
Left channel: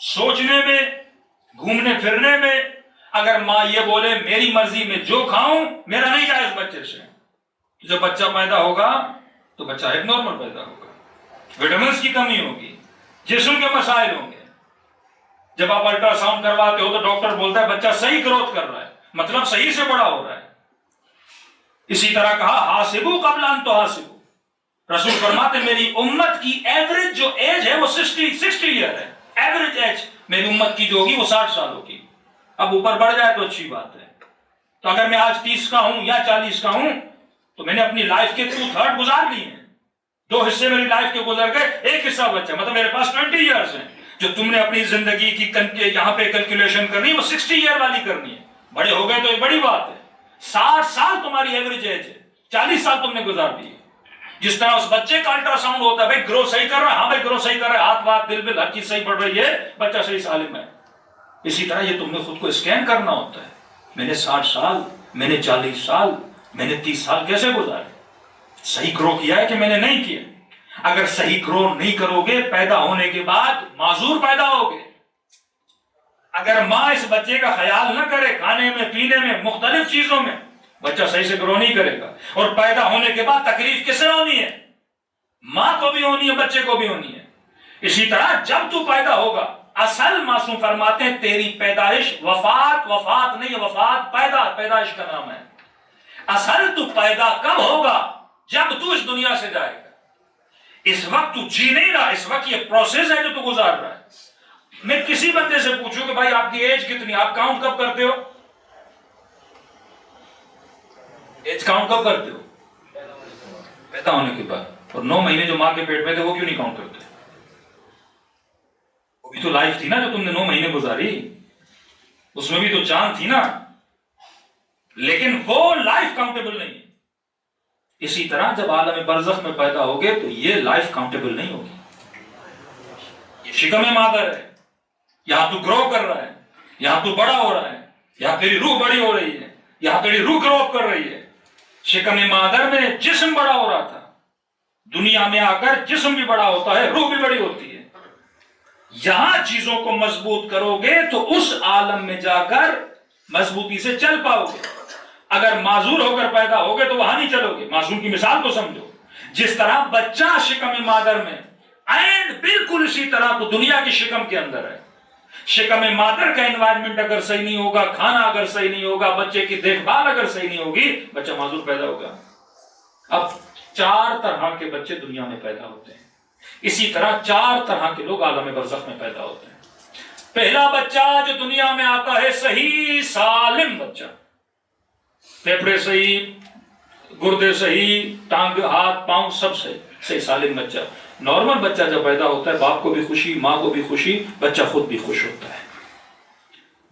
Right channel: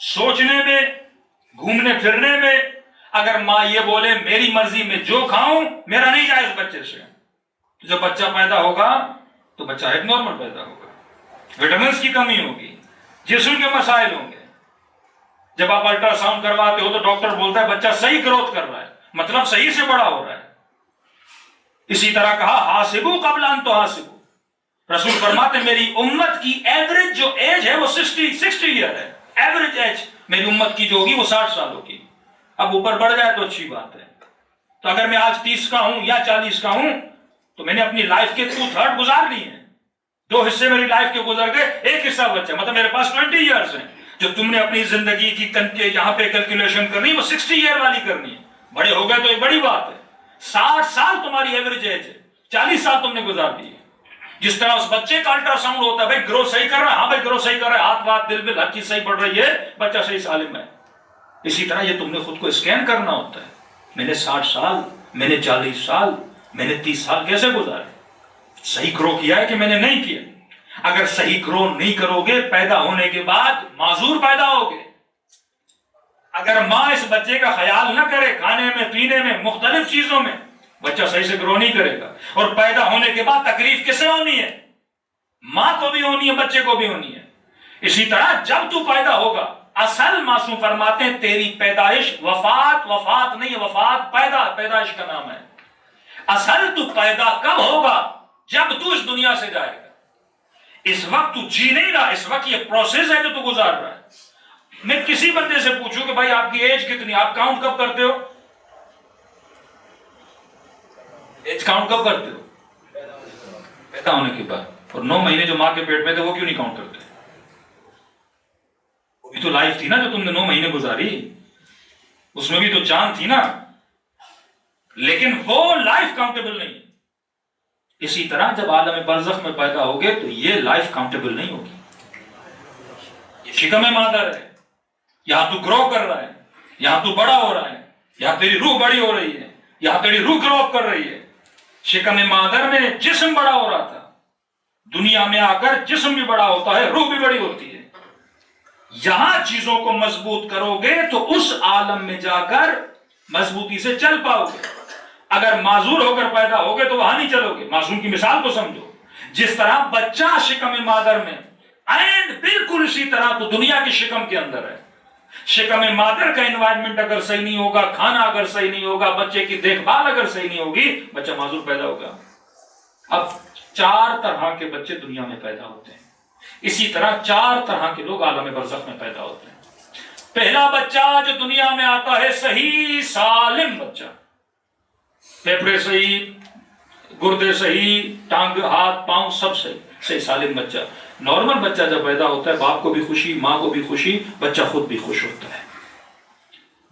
سوچنے میں، گھومنے پھرنے میں۔ اگر ماں یہ بولے میری مرضی میں جو کھاؤں میرا نہیں جائے اس بچے سے، تو جب بچہ پیدا ہوگا تو بچہ ایک نارمل پیدا ہوگا، وٹامنس کی کمی ہوگی، جسم کے مسائل ہوں گے۔ جب آپ الٹرا ساؤنڈ کرواتے ہو تو ڈاکٹر بولتا ہے بچہ صحیح گروتھ کر رہا ہے، مطلب صحیح سے بڑا ہو رہا ہے۔ اسی طرح کہا حاسبو قبل ان تحاسبو، رسول فرماتے میری امت کی ایوریج جو ایج ہے وہ 60 ایئر ہے۔ ایوریج ایج میری امت کی جو ہوگی وہ 60 سال ہوگی۔ اب اوپر بڑھ جائے تو اچھی بات ہے۔ تو اگر میں آج 30 کا ہوں یا 40 کا ہوں تو میں نے اپنی لائف کے 2/3 گزار لی ہیں، 2 حصے میری لائف کے گزر گئے، ایک حصہ بچہ، مطلب میرے پاس 20 ایئرز ہیں۔ جو تم نے اپنی زندگی کی یہاں پہ کیلکولیشن کرنی وہ 60 ایئر والی کرنی ہے۔ بڑے ہو گئے تو ایک بڑی بات ہے، 60 سال تمہاری ایوریج ایج ہے، 40 سال تم نے گزار دی ہے۔ جس طرح اس بچے کا الٹرا ساؤنڈ ہوتا ہے، بھائی گرو صحیح کر رہا ہے، ہاں بھائی گرو صحیح کر رہا ہے، ہاتھ وات دل بل ہر چیز صحیح پڑ رہی ہے، بچہ صحیح سالم ہے۔ اسی طرح یہ تم نے خود کو اسکین کرنا ہوتا ہے، میں نے 60 سال، میں نے 40 سال، میں نے 30 سال کیسے گزارے؟ صحیح گرو کیا ہے کہ میں نے نہیں کیا؟ اگر صحیح گرو نہیں کرو گے پیدا ہونے کے بعد معذور پیدا ہوگے۔ اگر ماں اس بچے کا خیال نہ کرے کھانے میں، پینے میں، مختلف چیزوں میں، بچہ صحیح سے گرو نہیں کرے گا۔ اور پیدا ہونے کے بعد تکلیف کس سے ہونی ہے؟ ماں کو بھی ہونی ہے، بچے کو بھی ہونی ہے۔ اسی طرح جب تو پیدا ہوگا، اصل معصوم فرماتے ہیں تیری پیدائش وفات نہیں ہے، وفات پیدائش کا نام ہے۔ اصل تو پیدا کب ہوگا؟ جب تو اس دنیا سے جائے گا۔ اس وقت تو جی نہیں رہا، اس وقت یہ پروسیس ہے جو تو گزار رہا ہے۔ میں کسی بندے سے پوچھوں کہ بھائی آپ کی ایج کتنی، آپ کاؤنٹ کب کرتے ہو؟ ایج کاؤنٹ کب کرتے ہو؟ پیدا ہونے کے بعد۔ اور 9 مہینے جو ماں کے پیٹ میں تھے وہ کیوں نہیں کاؤنٹ کرتے؟ وہ بھی تو لائف تھی نا جو تم نے 9 مہینے گزاری، اس میں بھی تو جان تھی نا، لیکن وہ لائف کاؤنٹیبل نہیں۔ اسی طرح جب عالم برزخ میں پیدا ہوگے تو یہ لائف کاؤنٹیبل نہیں ہوگی۔ یہ شکم مادر ہے، یہاں تو گرو کر رہا ہے، یہاں تو بڑا ہو رہا ہے، یہاں تیری روح بڑی ہو رہی ہے، یہاں تیری روح گرو اپ کر رہی ہے۔ شکم مادر میں جسم بڑا ہو رہا تھا، دنیا میں آ کر جسم بھی بڑا ہوتا ہے، روح بھی بڑی ہوتی ہے۔ یہاں چیزوں کو مضبوط کرو گے تو اس عالم میں جا کر مضبوطی سے چل پاؤ گے۔ اگر معذور ہو کر پیدا ہوگے تو وہاں نہیں چلو گے۔ معصوم کی مثال کو سمجھو، جس طرح بچہ شکم مادر میں، عین بالکل اسی طرح تو دنیا کی شکم کے اندر ہے۔ شکم مادر کا انوائرمنٹ اگر صحیح نہیں ہوگا، کھانا اگر صحیح نہیں ہوگا، بچے کی دیکھ بھال اگر صحیح نہیں ہوگی، بچہ معذور پیدا ہوگا۔ اب 4 طرح کے بچے دنیا میں پیدا ہوتے ہیں، اسی طرح 4 طرح کے لوگ عالم برزخ میں پیدا ہوتے ہیں۔ پہلا بچہ جو دنیا میں آتا ہے صحیح سالم بچہ، پھیپھڑے صحیح، گردے صحیح، ٹانگ ہاتھ پاؤں سب صحیح سالم بچہ۔ نارمل بچہ جب پیدا ہوتا ہے باپ کو بھی خوشی، ماں کو بھی خوشی، بچہ خود بھی خوش ہوتا ہے۔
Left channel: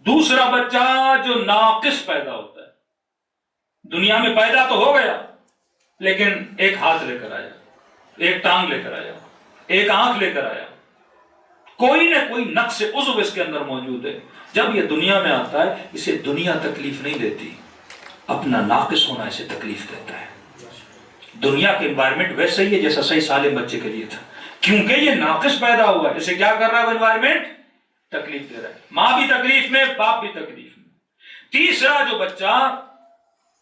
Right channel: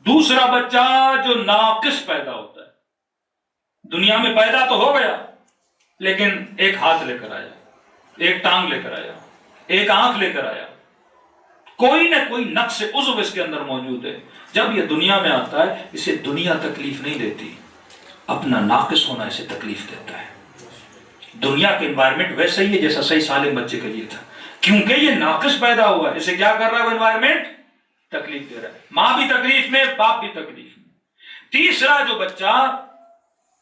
دوسرا بچہ جو ناقص پیدا ہوتا ہے، دنیا میں پیدا تو ہو گیا لیکن ایک ہاتھ لے کر آیا، ایک ٹانگ لے کر آیا، ایک آنکھ لے کر آیا، کوئی نہ کوئی نقص عضو اس کے اندر موجود ہے۔ جب یہ دنیا میں آتا ہے اسے دنیا تکلیف نہیں دیتی، اپنا ناقص ہونا اسے تکلیف دیتا ہے۔ دنیا کے انوائرمنٹ ویسا ہی ہے جیسا صحیح سالم بچے کے لیے تھا، کیونکہ یہ ناقص پیدا ہوا ہے، اسے کیا کر رہا ہے وہ انوائرمنٹ؟ تکلیف دے رہا ہے۔ ماں بھی تکلیف میں، باپ بھی تکلیف میں۔ تیسرا جو بچہ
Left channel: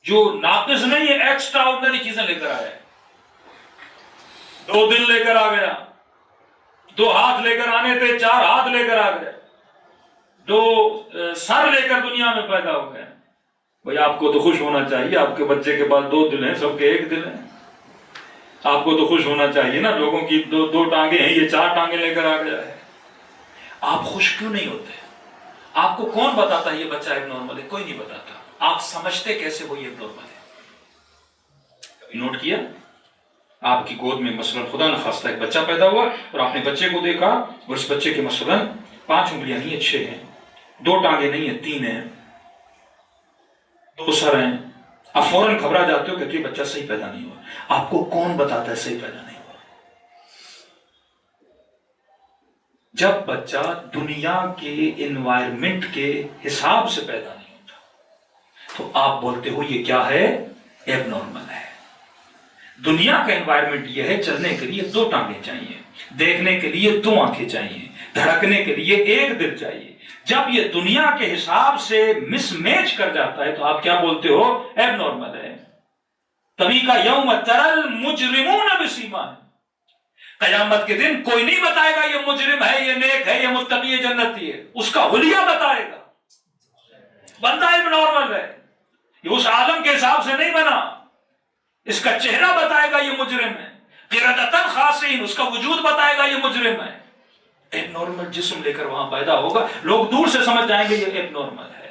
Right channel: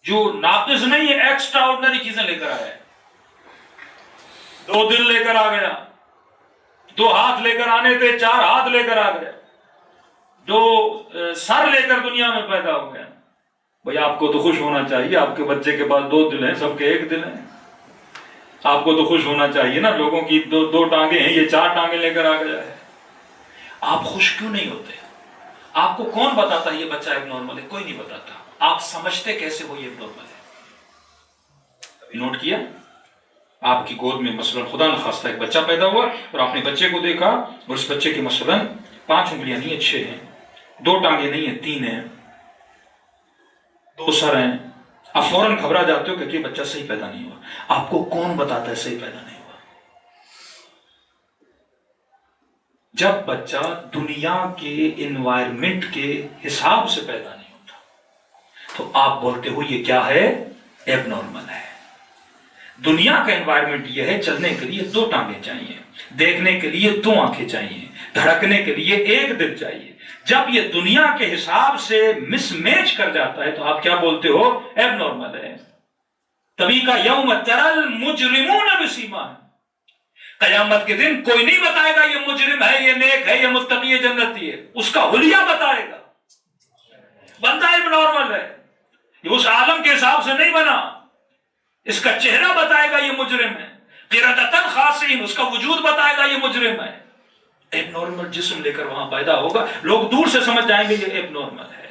جو ناقص نہیں ہے، ایکسٹرا آرڈنری چیزیں لے کر آیا ہے، 2 دل لے کر آ گیا، 2 ہاتھ لے کر آنے تھے 4 ہاتھ لے کر آ گئے، 2 سر لے کر دنیا میں پیدا ہو گئے۔ بھئی آپ کو تو خوش ہونا چاہیے، آپ کے بچے کے پاس 2 دل ہیں، سب کے 1 دل ہیں، آپ کو تو خوش ہونا چاہیے نا۔ لوگوں کی 2 ٹانگیں ہیں، یہ 4 ٹانگیں لے کر آ گیا ہے۔ آپ خوش کیوں نہیں ہوتے؟ آپ کو کون بتاتا ہے یہ بچہ ایک نارمل ہے؟ کوئی نہیں بتاتا۔ آپ سمجھتے کیسے وہ یہ نارمل ہے؟ کبھی نوٹ کیا؟ آپ کی گود میں مثلا خدا نخواستہ ایک بچہ پیدا ہوا اور آپ نے بچے کو دیکھا اور اس بچے کے مثلا 5 انگلیاں نہیں ہیں، 6 ہیں، 2 ٹانگیں نہیں ہیں، 3 ہیں، 2 سر ہیں، آپ فوراً گھبرا جاتے ہو کہ یہ بچہ صحیح پیدا نہیں ہوا۔ آپ کو کون بتاتا ہے صحیح پیدا نہیں ہوا؟ جب بچہ دنیا کے انوائرمنٹ کے حساب سے پیدا نہیں ہوتا، تو آپ بولتے ہو یہ کیا ہے؟ ایب نارمل ہے۔ دنیا کا انوائرمنٹ یہ ہے، چلنے کے لیے 2 ٹانگیں چاہیے، دیکھنے کے لیے 2 آنکھیں چاہیے، دھڑکنے کے لیے 1 دل چاہیے۔ جب یہ دنیا کے حساب سے مس میچ کر جاتا ہے تو آپ کیا بولتے ہو؟ ایب نارمل ہے۔ تبھی کا یوم ترل مجرمون بسیماہم، قیامت کے دن کوئی نہیں بتائے گا یہ مجرم ہے، یہ نیک ہے، یہ متقی ہے، جنتی ہے، اس کا حلیہ بتائے گا۔ بندہ ایب نارمل ہے، یہ اس عالم کے حساب سے نہیں بنا، اس کا چہرہ بتائے گا یہ مجرم ہے، قردۃ خاسئین، اس کا وجود بتائے گا یہ مجرم ہے۔ ایب نارمل جسم لے کر وہاں پیدا ہوگا، لوگ دور سے سمجھ جائیں گے یہ ایب نارمل ہے۔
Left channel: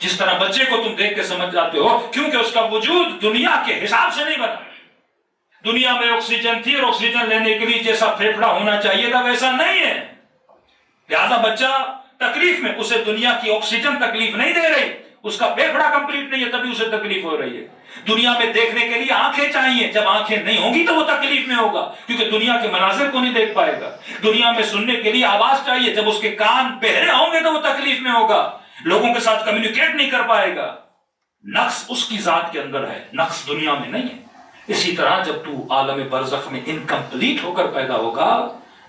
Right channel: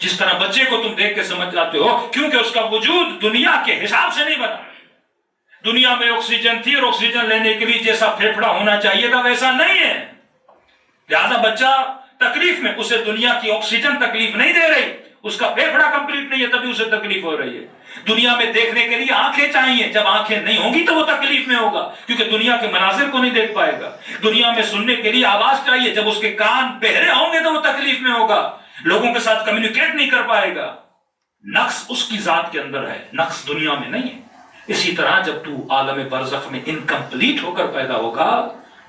جس طرح بچے کو تم دیکھ کے سمجھ جاتے ہو، کیونکہ اس کا وجود دنیا کے حساب سے نہیں بنا۔ دنیا میں آکسیجن تھی اور آکسیجن لینے کے لیے جیسا پھیپھڑا ہونا چاہیے تھا ویسا نہیں ہے، لہذا بچہ تکلیف میں، اسے دنیا کی آکسیجن تکلیف نہیں دے رہی، اس کا پھیپھڑا کمپلیٹ نہیں ہے تبھی اسے تکلیف ہو رہی ہے۔ دنیا میں دیکھنے کے لیے آنکھیں چاہیے، جب آنکھیں نہیں ہوں گی تو وہ تکلیف میں ہوگا، کیونکہ دنیا کے مناظر کو نہیں دیکھ پائے گا۔ دنیا میں سننے کے لیے آواز چاہیے، جب اس کے کان بہرے ہوں گے تو وہ تکلیف میں ہوگا، لوگوں کے ساتھ کمیونیکیٹ نہیں کر پائے گا۔ نقص اس کی ذات کے اندر ہے، نقص دنیا میں نہیں ہے۔ اسی طرح جب تو عالم برزخ میں انکمپلیٹ ہو کر پیدا ہوگا،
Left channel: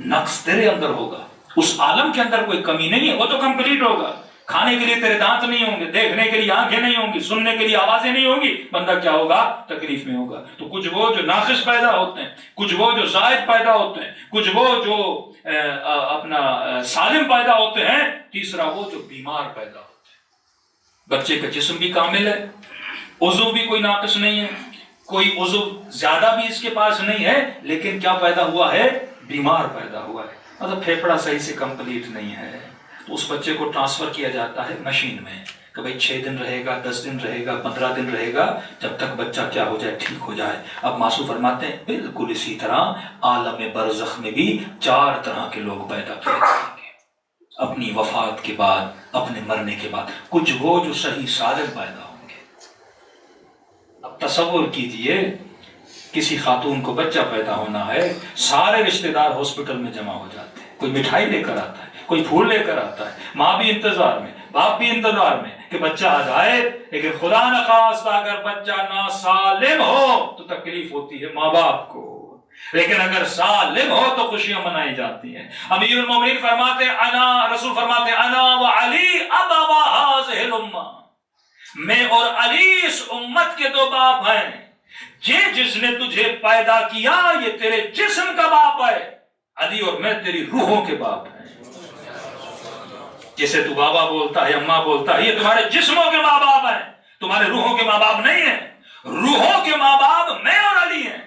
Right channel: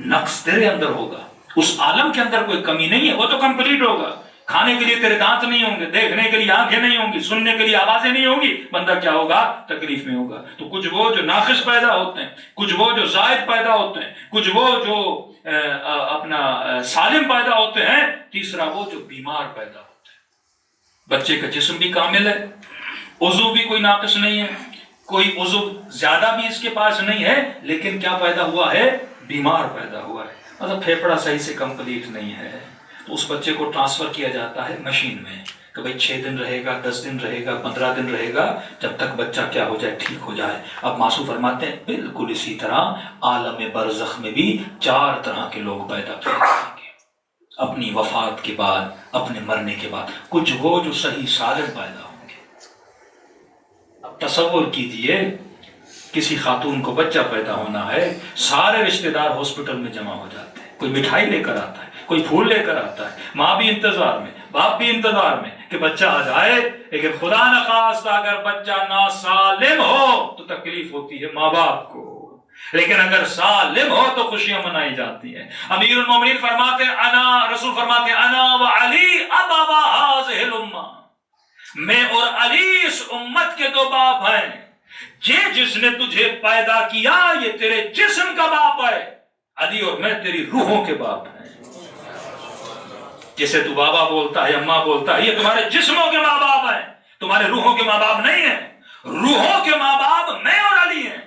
نقص تیرے اندر ہوگا، اس عالم کے اندر کوئی کمی نہیں ہے، وہ تو کمپلیٹ ہوگا۔ کھانے کے لیے تیرے دانت نہیں ہوں گے، دیکھنے کے لیے آنکھیں نہیں ہوں گی، سننے کے لیے آوازیں نہیں ہوں گی، بندہ کیا ہوگا؟ تکلیف میں ہوگا۔ تو کچھ وہ جو ناقص پیدا ہوتے ہیں، کچھ وہ جو زائد پیدا ہوتے ہیں، کچھ وہ جو اپنا سالم پیدا ہوتے ہیں، تیسرا وہ جو بیمار پیدا ہوتے ہیں۔ بچے کا جسم بھی کامل ہے، عضو بھی کوئی ناقص نہیں ہے، کوئی عضو زیادہ بھی اس کے پاس نہیں ہے، لیکن کیا پیدا ہوا ہے؟ بیمار پیدا ہوا ہے، مطلب پھیپھڑا صحیح سے کمپلیٹ نہیں ہے۔ تو اس بچے کو ٹرانسفر کیا جاتا ہے مشین میں کہ بھائی 6 دن رہے گا، 10 دن رہے گا، 15 دن رہے گا، جب تک بچہ کیا ہو جائے؟ ٹھیک ہو جائے۔ اب معصوم فرماتے ہیں بالکل اسی طرح عالم برزخ میں بھی 4 طرح کے لوگ پیدا ہوں گے اپنی وفات کے بعد، اپنے مرنے کے بعد۔ کچھ وہ جو صحیح سالم پیدا ہوں گے۔ اب تصور کیجئے کسی خاتون کو بچہ پیدا ہونا ہے، سارے رشتہ دار ہاسپٹل میں جمع ہو جاتے ہیں، کوئی مٹھائی لے کر آتا ہے، کوئی پھول لے کر آتا ہے، ماں بھی انتظار میں، باپ بھی انتظار میں کہ بچہ آ جائے، لیکن خدا نخواستہ اگر بچہ ناسالم ہو تو تکلیف ہوتی ہے ماں باپ کو، لیکن اگر سالم ہو تو خوشیاں منائی جاتی ہیں۔ امیر المومنین فرماتے ہیں، رسول فرماتے ہیں انا وعلی ابوا هذه الامہ، میں اور علی اس امت کے 2 باپ ہیں۔ یہ جس نے تجھے پیدا کیا یہ تیرے جسم کا باپ ہے، علی اور میں تیری روحوں کے باپ ہیں۔ جسے تو بابا بولتا ہے، اماں بولتا ہے، یہ تمہارے جسموں کے ماں باپ ہیں، تمہارے روحوں کے ماں باپ نہیں ہیں۔ روحوں کے ماں باپ میں اور علی ہیں۔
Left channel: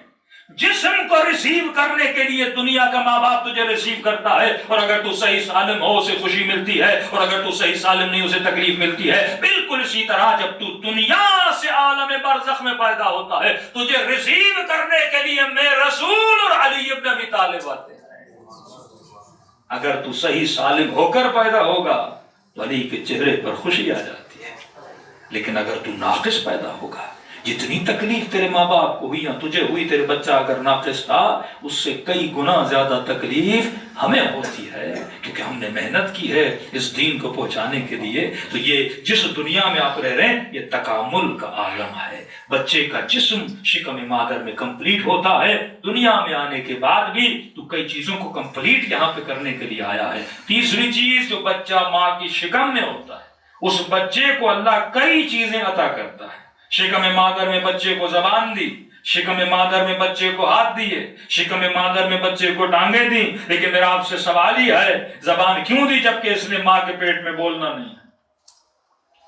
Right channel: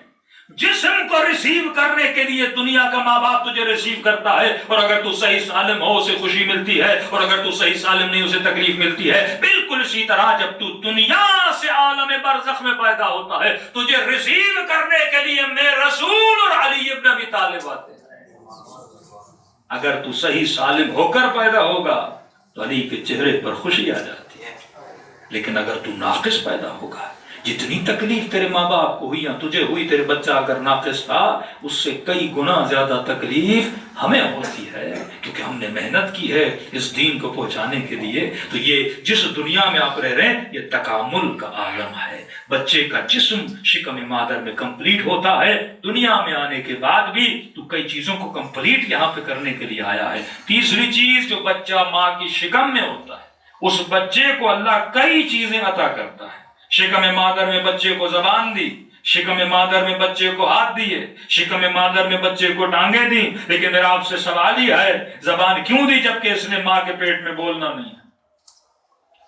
جسم کو ریسیو کرنے کے لیے دنیا کا ماں باپ تجھے ریسیو کرتا ہے، اور اگر تو صحیح سالم ہو اسے خوشی ملتی ہے، اور اگر تو صحیح سالم نہیں اسے تکلیف ملتی ہے۔ بالکل اسی طرح جب تو دنیا سے عالم برزخ میں پیدا ہوتا ہے، تجھے ریسیو کرنے کے لیے میں رسول اور علی ابن ابی طالب آتے ہیں۔ اگر تو صحیح سالم ہو کر پیدا ہوگا تو علی کے چہرے پر خوشی آ جاتی ہے، لیکن اگر تو ناقص پیدا ہوگا، جتنی تکلیف تیرے ماں باپ کو ہوئی یا تجھے ہوئی، تیرے بچہ اگر ناقص تھا اس سے کئی گنا زیادہ تکلیف ہمیں ہوتی ہے، کیونکہ ہم نے محنت کی ہے اس دین کو پہنچانے کے لیے۔ تو یہ جس دنیا میں آپ رہ رہے ہیں یہ تکامل کا عالم ہے۔ بچے کا جسم شکم مادر میں کمپلیٹ ہوتا ہے، دنیا میں آنے کے بعد بھی تو کئی چیزوں کو کمپلیٹ یہاں پہ کرنے کے لیے آیا ہے۔ تیسری چیز، جو بچہ ماں کی شکم میں ہوتا ہے اس بچے کو اللہ کئی چیزیں عطا کرتا ہے۔ شکم مادر میں بچے کو زبان دی، شکم مادر میں بچے کو ہاتھ دیے، شکم مادر میں بچے کو ٹانگیں دی، لیکن میرا آپ سے سوال ہی ہے زبان کیوں دی جبکہ اس نے ماں کے پیٹ میں بولنا نہیں ہے؟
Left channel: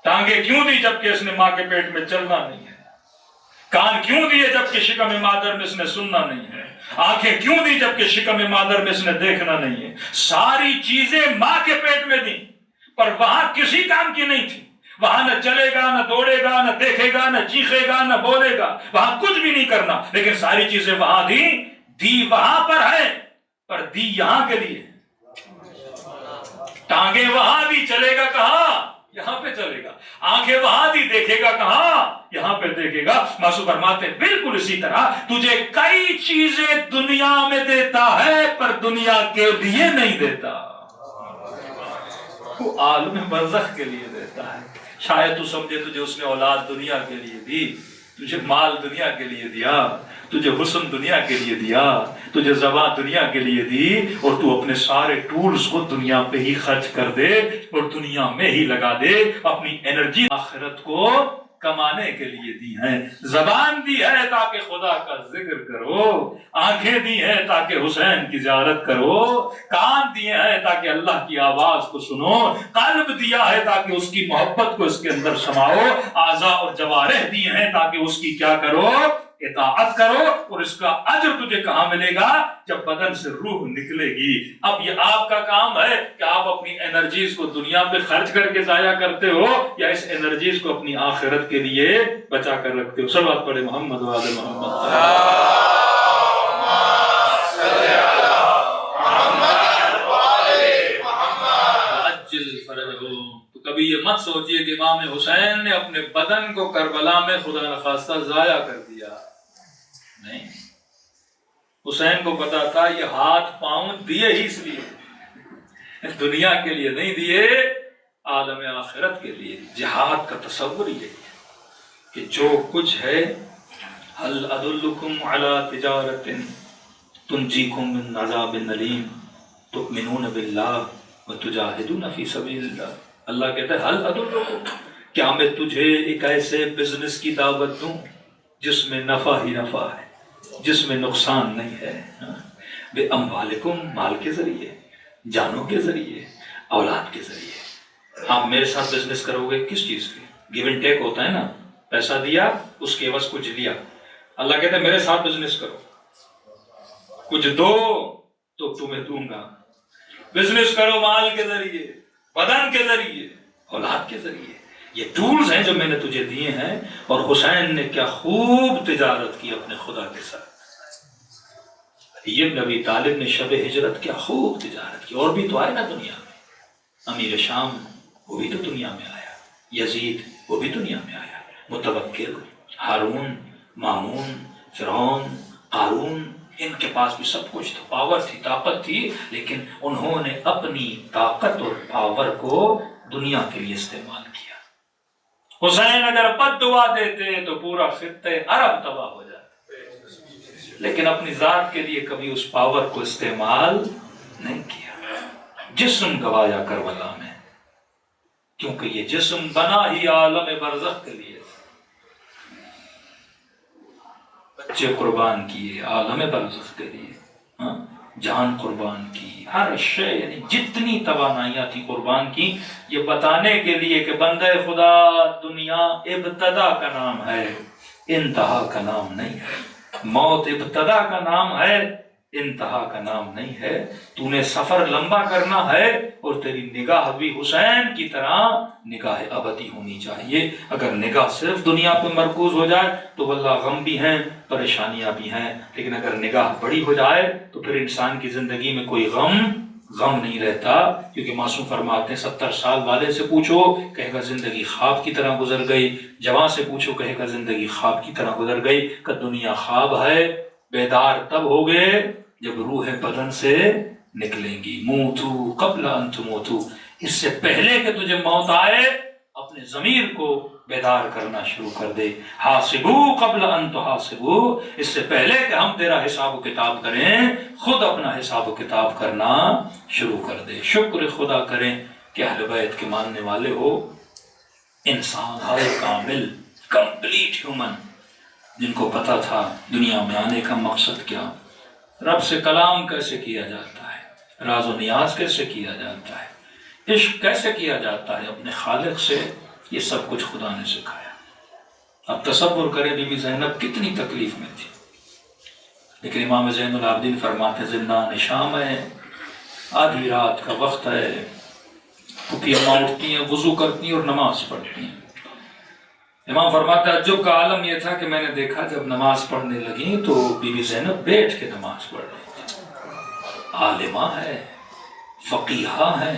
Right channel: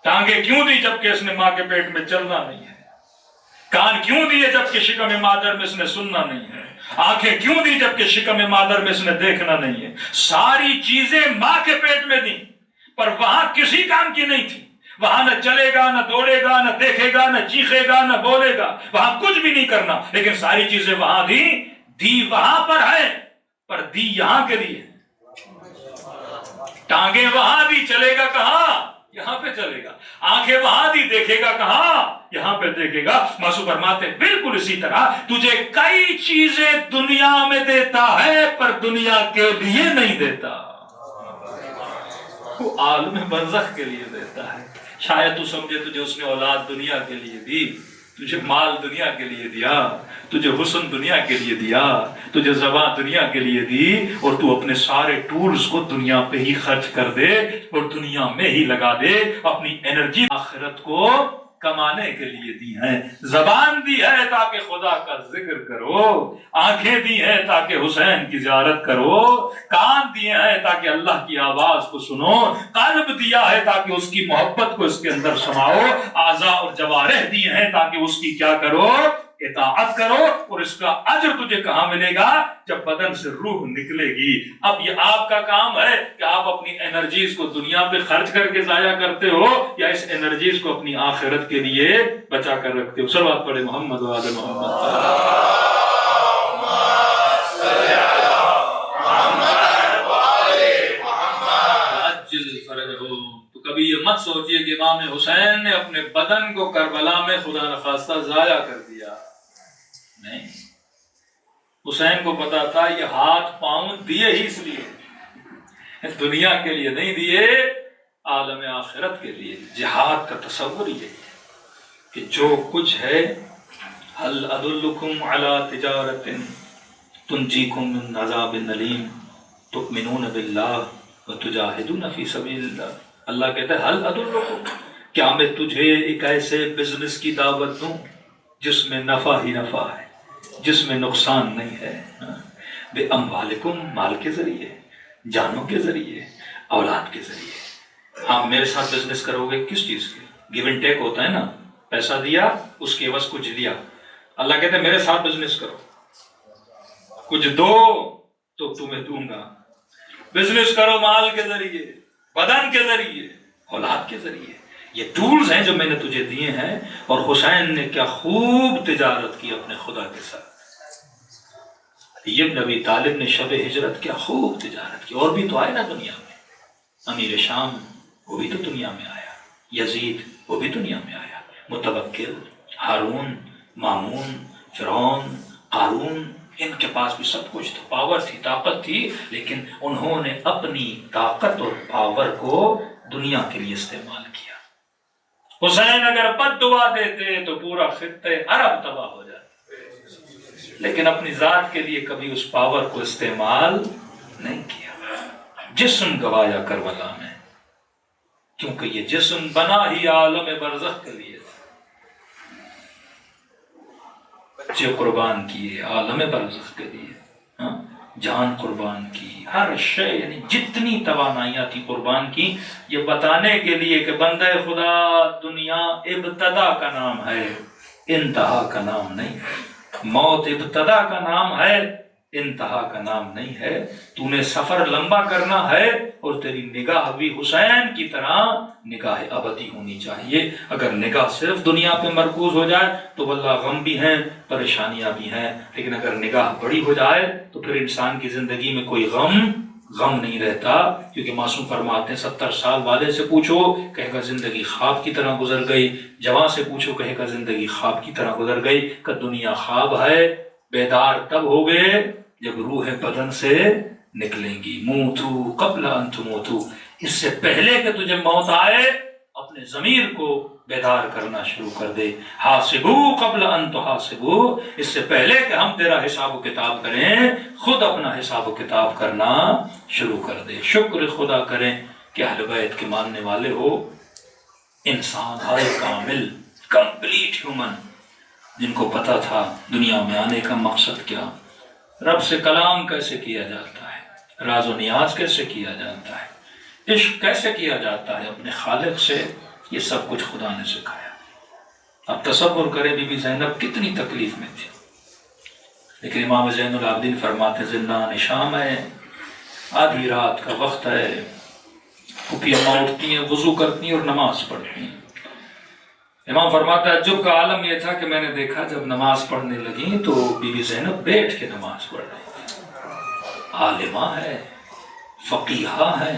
ٹانگیں کیوں دی جبکہ اس نے ماں کے پیٹ میں چلنا نہیں ہے؟ کان کیوں دیے جبکہ شکم مادر میں اس نے سننا نہیں ہے؟ آنکھیں کیوں دی جبکہ شکم مادر میں اس نے دیکھنا نہیں ہے؟ ساری چیزیں ماں کے پیٹ میں دی، پر وہاں کسی کام کی نہیں تھی۔ وہاں نہ چلے گا، نہ دوڑے گا، نہ دیکھے گا، نہ چیخے گا، نہ بولے گا، وہاں کچھ بھی نہیں کرنا، لیکن ساری چیزیں وہاں دی وہاں پر ہے، پر دی یہاں کے لیے۔ ٹانگیں وہاں دی، چلے گا کہاں؟ یہاں پہ چلے گا۔ آنکھیں وہاں دی، دیکھے گا کہاں؟ یہاں پہ دیکھے گا۔ معصوم فرماتے ہیں بالکل اسی طرح تجھے کئی چیزیں دنیا میں دیتا ہے پر دنیا کے لیے نہیں دیتا، وہ عالم برزخ کے لیے دیتا ہے۔ شاید تو سمجھے تجھے اس نے اولاد دنیا کے لیے دی، تجھے مال دنیا کے لیے دیا، تجھے حسن دنیا کے لیے دیا، تجھے زبان دنیا کے لیے دی، اور تو اپنے سارے ٹولز کو دنیا پہ ہی خرچ کر دے اور دنیا میں ہی لگا دے، اپنی انرجی آخرت کو کمانے کے لیے دی ہیں۔ زبان دی ہے تاکہ خدا کا ذکر کرو، آنکھیں دی ہیں تاکہ حسین کی زیارت کرو، کان دیے ہیں تاکہ اللہ کی آواز کو سنو، قلب دیا ہے تاکہ اس کی محبت کو اس کے اندر سماؤ، اعضاء اور جوارح دیے ہیں تاکہ اس کی کیا کرو، اطاعت کرو۔ اور اس کا اجر تجھے کہاں ملے گا؟ جب بدن سے روح نکلے گی۔ اب یہ آپ کا کام ہے کہ آپ اپنی انرجیز کو دنیا پہ خرچ کر کے ضائع کرتے ہو یا اس انرجیز کو اپنی آخرت کے لیے بچا کر رکھتے ہو۔ صلوات پڑھے محمد و آل محمد۔ تو کبھی یہ مت سوچئے کہ امام حسین نے اپنے بدن کو کربلا میں خدا نخواستہ ضائع کر دیا، نہیں، حسین کو پتا تھا یہ ہاتھ پاؤں دیے ہی اس لیے، دنیا کے لیے نہیں دیے، عالم آخرت کے لیے۔ جہاد کا تصور یہ ہے کہ جو کچھ ہے، هل ادلکم علی تجارت تنجیکم من عذاب علیم تؤمنون باللہ وتجاہدون فی سبیل اللہ۔ اللہ کہتا ہے هل ادلکم، کیا میں تجھے ایک ایسے بزنس کی دعوت دوں جس میں نفع ہی نفع ہے، جس میں نقصان نہیں ہے؟ بے اموالکم، مال کے ذریعے، جانوں کے ذریعے، اولاد کے ذریعے۔ آپ میرے ساتھ بزنس کرو گے کس چیز کے؟ گیو اینڈ ٹیک ہوتا ہے نا، پیسہ دیا اس کے عوض کچھ دیا۔ اللہ کہتا ہے میرے ساتھ بزنس کرو، کچھ دو تو تمہیں دوں گا۔ بزنس کرو مال کے ذریعے، بدن کے ذریعے، اولاد کے ذریعے۔ یہ ٹولز ہیں جو میں نے تجھے دیے ہیں۔ اور حسین نے کیا خوب تجارت کی اپنے خدا کے ساتھ۔ علی بن ابی طالب نے شب ہجرت کیا خوب تجارت کی۔ اور بھی تو آئے نا دنیا میں، امیر شام وہ بھی تو دنیا میں آیا، یزید وہ بھی دنیا میں آیا، متوکل، ہارون، مامون، فرعون، قارون، ان کے پاس بھی سب کچھ تھا، پاور تھی، طاقت تھی، لیکن انہوں نے اپنی طاقت اور پاور کو دنیا کے لیے استعمال کیا۔ حسین اگر بد دعا دیتے تو پورا خطہ عرب تباہ ہو جاتا، لیکن اپنی ذات کے لیے کبھی اس پاور کو استعمال نہیں کیا۔ جسم گوایا کربلا میں، کیونکہ یہ جسم بنا ہی عالم برزخ کے لیے تھا۔ بچے قربان کیے عالم برزخ کے لیے، جان قربان کی، ہر شے، یعنی جتنی توانائیاں تھی قربان کی، یہ بتانے کے لیے کہ بندے خدا، دنیا ابتدا کا نام ہے، انتہا کا نام نہیں ہے۔ موت ابتدا کا نام ہے، انتہا کا نام نہیں ہے۔ تو نے سفر لمبا کرنا ہے اور تیری نگاہ بھی حسین کی طرح نگاہ ابدی ہونی چاہیے۔ اگر نگاہ صرف دنیا پہ مرکوز ہو جائے تو واللہ غم بھی ہیں، پریشانیاں بھی ہیں، لیکن اگر نگاہ بڑی ہو جائے تو پھر انسان کی زندگی میں کوئی غم نہیں رہتا۔ کیونکہ معصوم فرماتے ہیں 70 سال والے سے پوچھو کہے گا زندگی خواب کی طرح گزر گئی، جوان سے پوچھو کہے گا زندگی خواب کی طرح گزر گئی، کہ دنیا خواب ہے، بیدار تب ہوگے جب روح بدن سے نکلیں گی۔ موتو قبل ان تموتو، اس سے پہلے کہ تجھے موت آئے اپنے ضمیر کو بیدار کرنا شروع کر دے۔ حاسبو قبل ان تحاسبو، اس سے پہلے کہ ہم تیرا حساب و کتاب کریں خود اپنا حساب و کتاب کرنا شروع کر دے۔ شکر خدا کریں کہ اہل بیت کے ماننے والے ہو، انسان ہر کامل، کمپلیٹ ہیومن، جن کو پتا تھا دنیا میں آنے کا مقصد کیا، رب سے کلام کیسے کیا جاتا ہے، راز و نیاز کیسے کیا جاتا ہے، عشق کیسے کیا جاتا ہے اپنے خالق سے، یہ سب کچھ خدا نے سکھایا۔ اب تصور کریں بی بی زینب کتنی تکلیف میں تھی، لیکن امام زین العابدین فرماتے زندان شام ہے، آدھی رات کا وقت ہے، پھوپھی اماں اٹھتی ہیں، وضو کرتی ہیں اور نماز پڑھتی ہیں۔ امام فرماتا ہے تعجب کا عالم یہ تھا کہ میں نے دیکھا جب نماز پڑھنے لگی تو بی بی زینب بیٹھ کے نماز پڑھ رہی تھی۔ عالمہ ہے، فقیہہ ہے،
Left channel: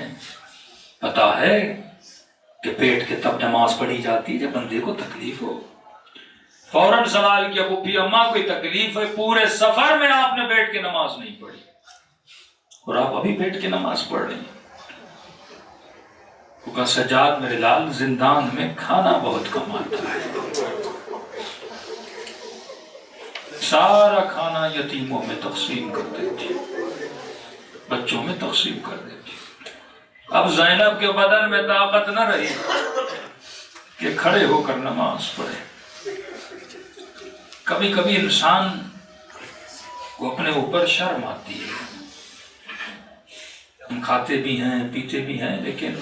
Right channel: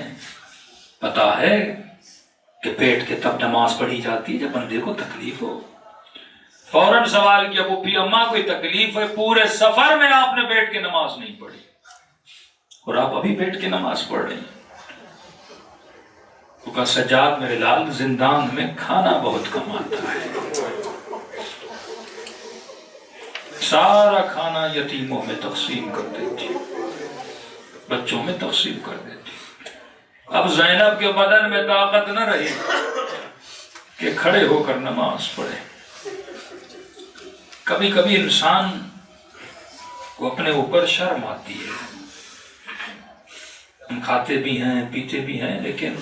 پتا ہے کہ بیٹھ کے تب نماز پڑھی جاتی جب بندے کو تکلیف ہو۔ فوراً سوال کیا پھوپھی اماں کوئی تکلیف ہے؟ پورے سفر میں آپ نے بیٹھ کے نماز نہیں پڑھی اور آپ ابھی بیٹھ کے نماز پڑھ رہی ہیں۔ تو کہا سجاد میرے لال زندان میں کھانا بہت کم آتا ہے، سارا کھانا یتیموں میں تقسیم کر دیتی، بچوں میں تقسیم کر دیتی۔ اب زینب کے بدن میں طاقت نہ رہی کہ کھڑے ہو کر نماز پڑھے۔ کبھی کبھی انسان کو اپنے اوپر شرم آتی ہے، ہم کھاتے بھی ہیں پیتے بھی ہیں لیکن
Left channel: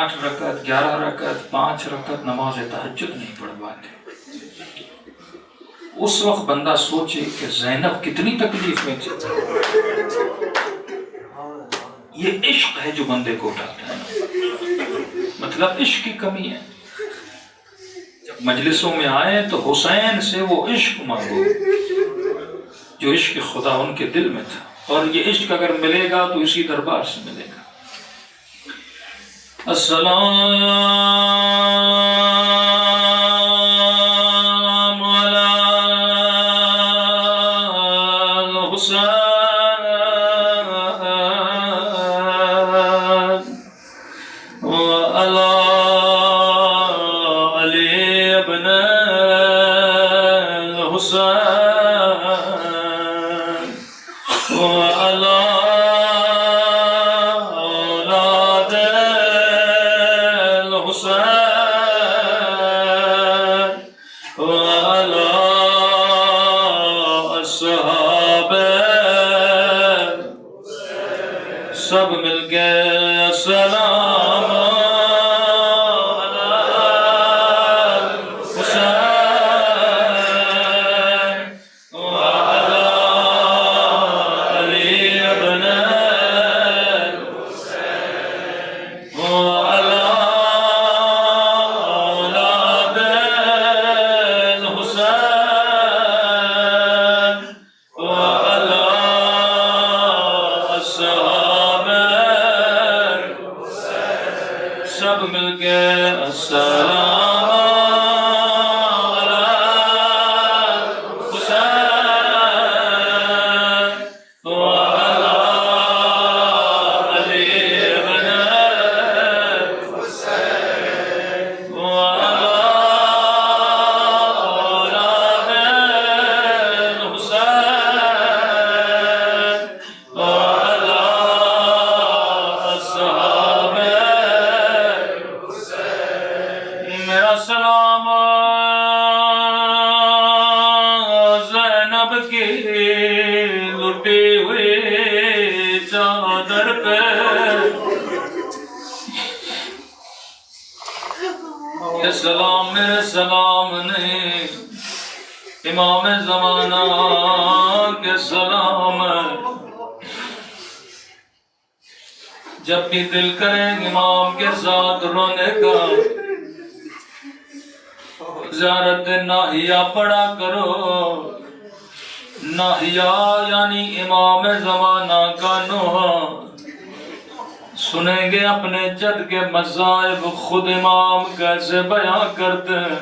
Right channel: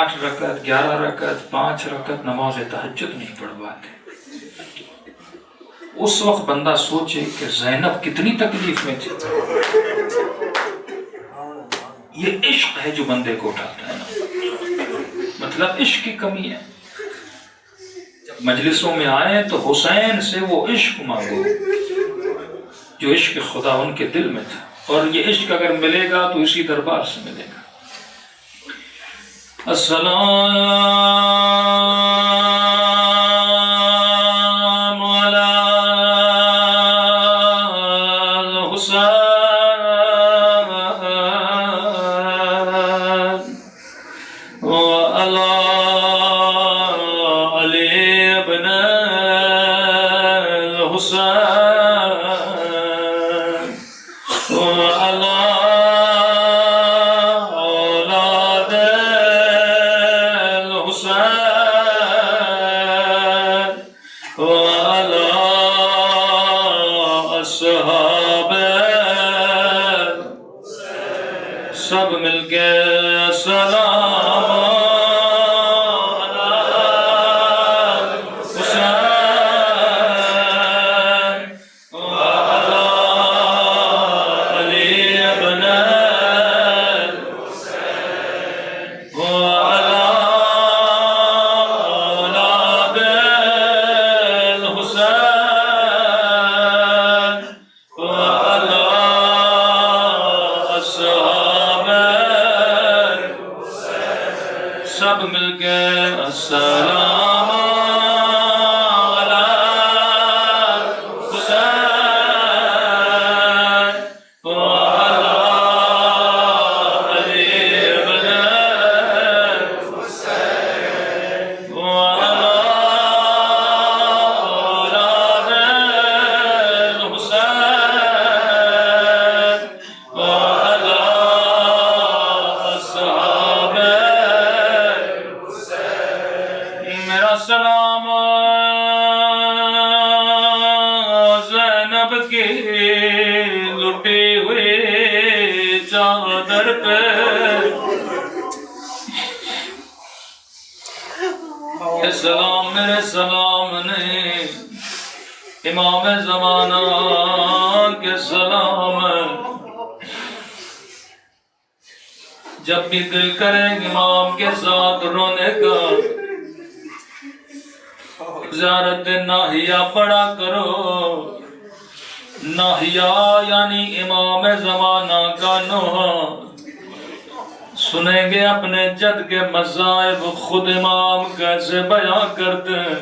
8 رکعت 11 رکعت 5 رکعت نماز تہجد نہیں پڑھ پاتے۔ اس وقت بندہ سوچے کہ زینب کتنی تکلیف میں تھی۔ یہ عشق ہے جو بندے کو اٹھاتا ہے، مطلب عشق کی کمی ہے۔ جب مجلسوں میں آئے تو حسین سے وہ عشق مانگو جو عشق خدا ان کے دل میں تھا، اور یہ عشق اگر ملے گا تو اسی دربار سے ملے گا۔ السلام علی الحسین وعلی علی ابن الحسین وعلی اولاد وعلى الصحاب سب مل کے سلام سب مل کے السلام علی حسین وعلی علی ابن حسین وعلی اولاد حسین وعلی الصحاب میرا سلام زینب کی لٹی ہوئی چادر پہ، یہ سلام میرے سلام نہیں، امام زمانہ کے سلام ہے۔ جب بھی دل کرے امام کے ساتھ رونے کا، زیارت ناہیہ پڑھا کرو۔ ناہیہ یعنی امام زمانہ کا نوحہ، سنیں گے اپنے جد کے مذاہب خود امام کیسے بیان کرتے ہیں۔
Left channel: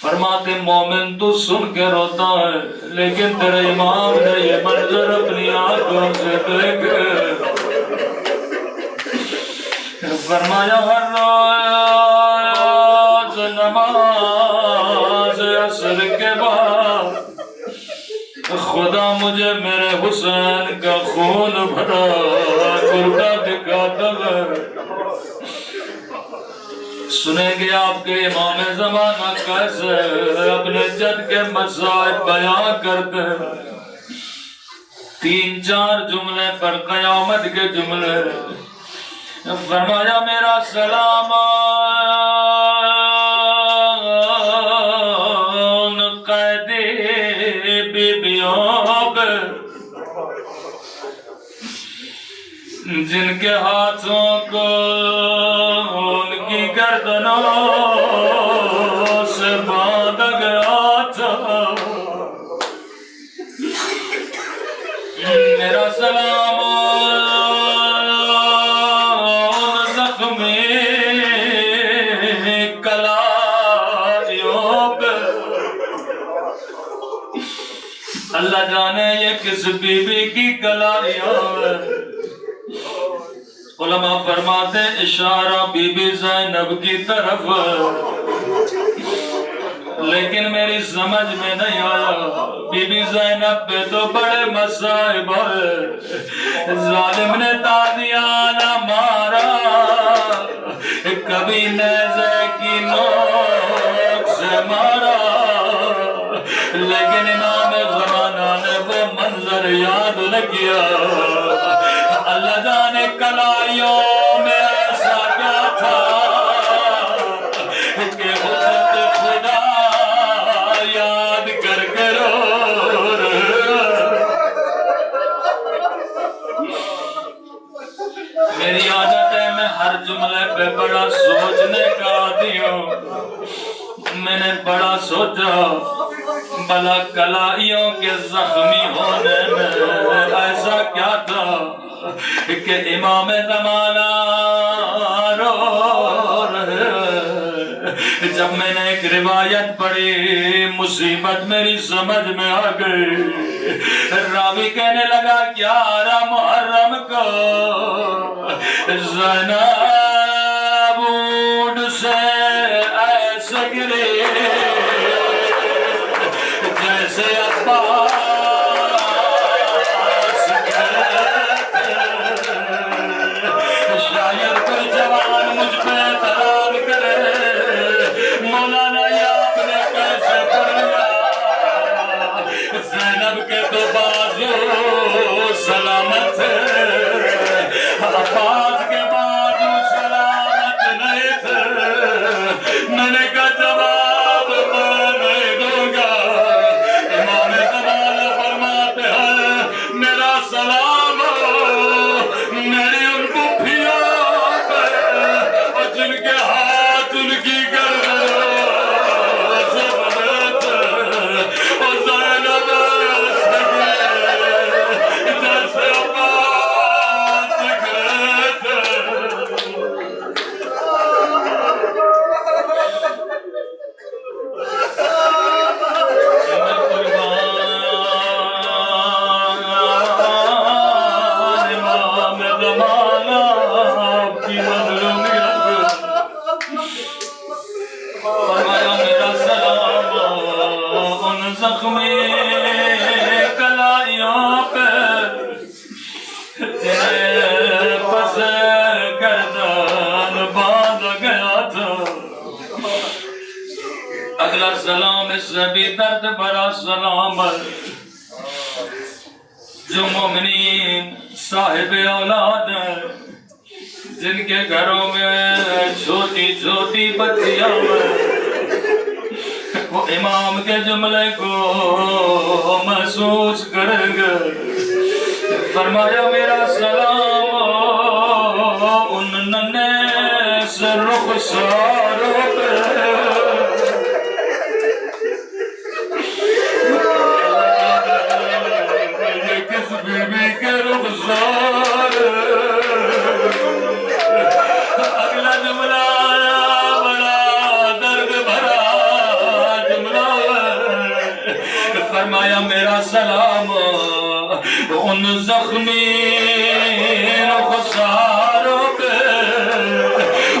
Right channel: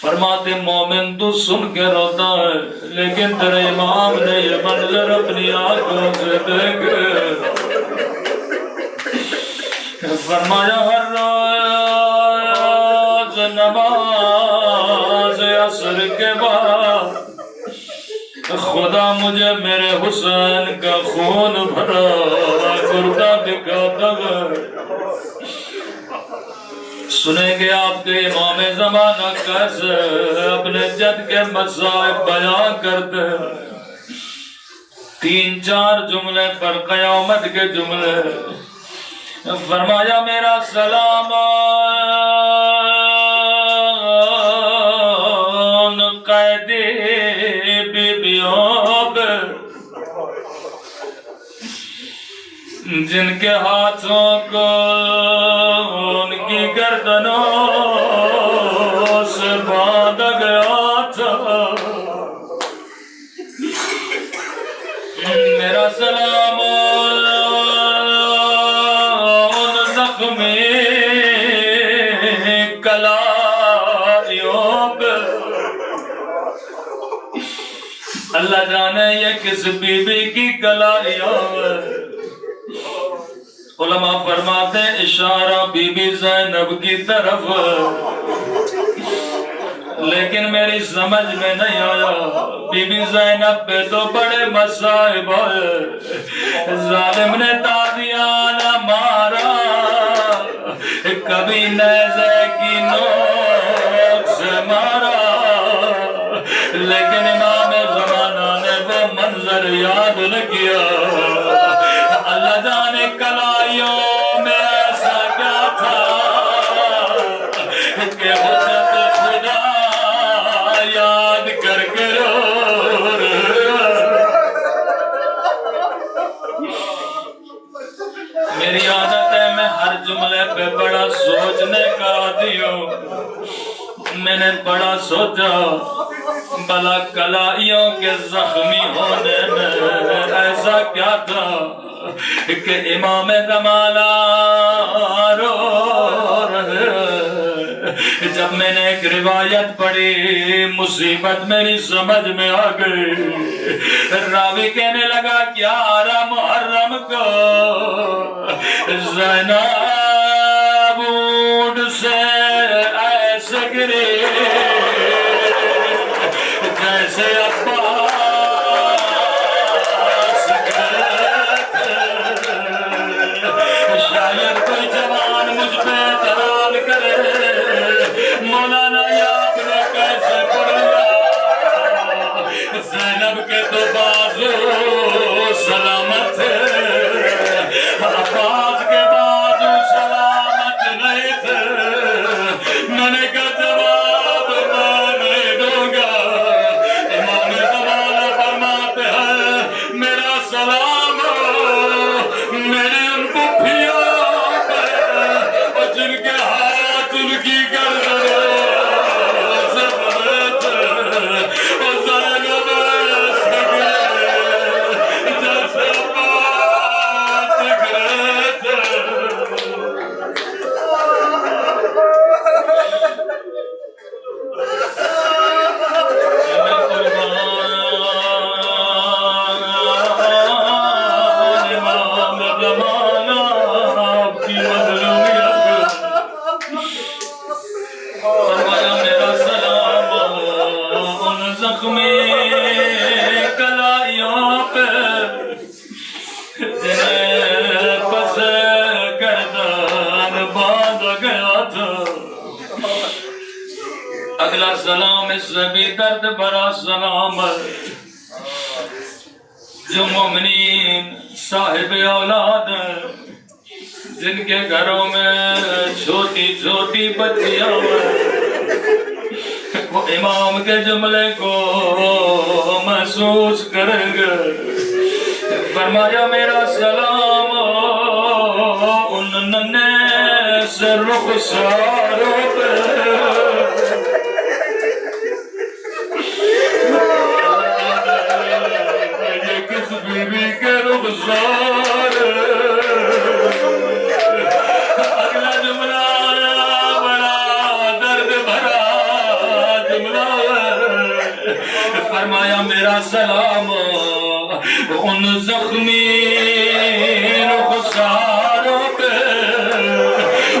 فرماتے مومن تو سن کے روتا ہے لیکن تیرے امام نے یہ منظر اپنی آنکھوں سے دیکھے۔ فرمایا ہر روز نماز عصر کے بعد خدا مجھے میرے حسین کا خون بھرا گردہ دکھاتا ہے۔ سنیں گے آپ کے امام زمانہ کیسے اپنے جد کے مذاہب بیان کرتے ہیں۔ 3-4 جملے پر قیامت کے جملے۔ فرمایا میرا سلام قیدی بیبیوں پہ جن کے ہاتھوں کو ان کی گردنوں سے باندھ گیا تھا۔ میرا سلام اللہ جانے یہ کس بی بی کی کلاریاں ہے۔ علماء فرماتے اشارہ بی بی زینب کی طرف، لیکن میری سمجھ میں نہیں آیا، بی بی زینب پہ تو بڑے مصائب ہے، ظالم نے تازیانہ مارا، کبھی نیزے کی نوک سے مارا، لیکن امام زمانہ نے وہ منظر یاد نہ کیا۔ اللہ جانے کلائیوں میں ایسا کیا تھا کہ حجت خدا یاد کر کے رو میری عادت ہے میں ہر جملے پہ بڑا سوچنے کا عادی ہوں۔ میں نے بڑا سوچا بلا کلائیوں کے زخمی ہونے میں ایسا کیا تھا کہ امام زمانہ رو رہے۔ جب میں نے ایک روایت پڑھی مصیبت میری سمجھ میں آ گئی۔ راوی کہنے لگا کیا محرم کو زینب اونٹ سے ایسے گری جیسے عباس شاید کوئی جوان مجھ پہ اعتراض کرے مولانا یہ آپ نے کیسے پڑھا؟ زینب کے تو بازو سلامت عباس کے بازو سلامت نہیں تھے۔ میں نے کہا جواب میں نہیں دوں گا۔ امام زمانہ فرماتے ہیں میرا سلام میری ان پھوپھیوں پہ اور جن کے ہاتھ ان کی گردن سے بھرے تھے اور زینب سے گرے جیسے عباس گرے تھے۔ اگلا سلام اس سے بھی درد بھرا سلام جو مومنین صاحب اولاد ہیں جن کے گھروں میں چھوٹی چھوٹی بچیاں ہیں، وہ امام کے جملے کو محسوس کریں گے۔ فرمایا میرا سلام ان ننھے سے رخساروں پہ بی بی کے رخسار۔ اگلا جملہ بڑا درد بھرا جملہ ہے۔ فرمایا میرا سلام ان زخمی رخساروں پہ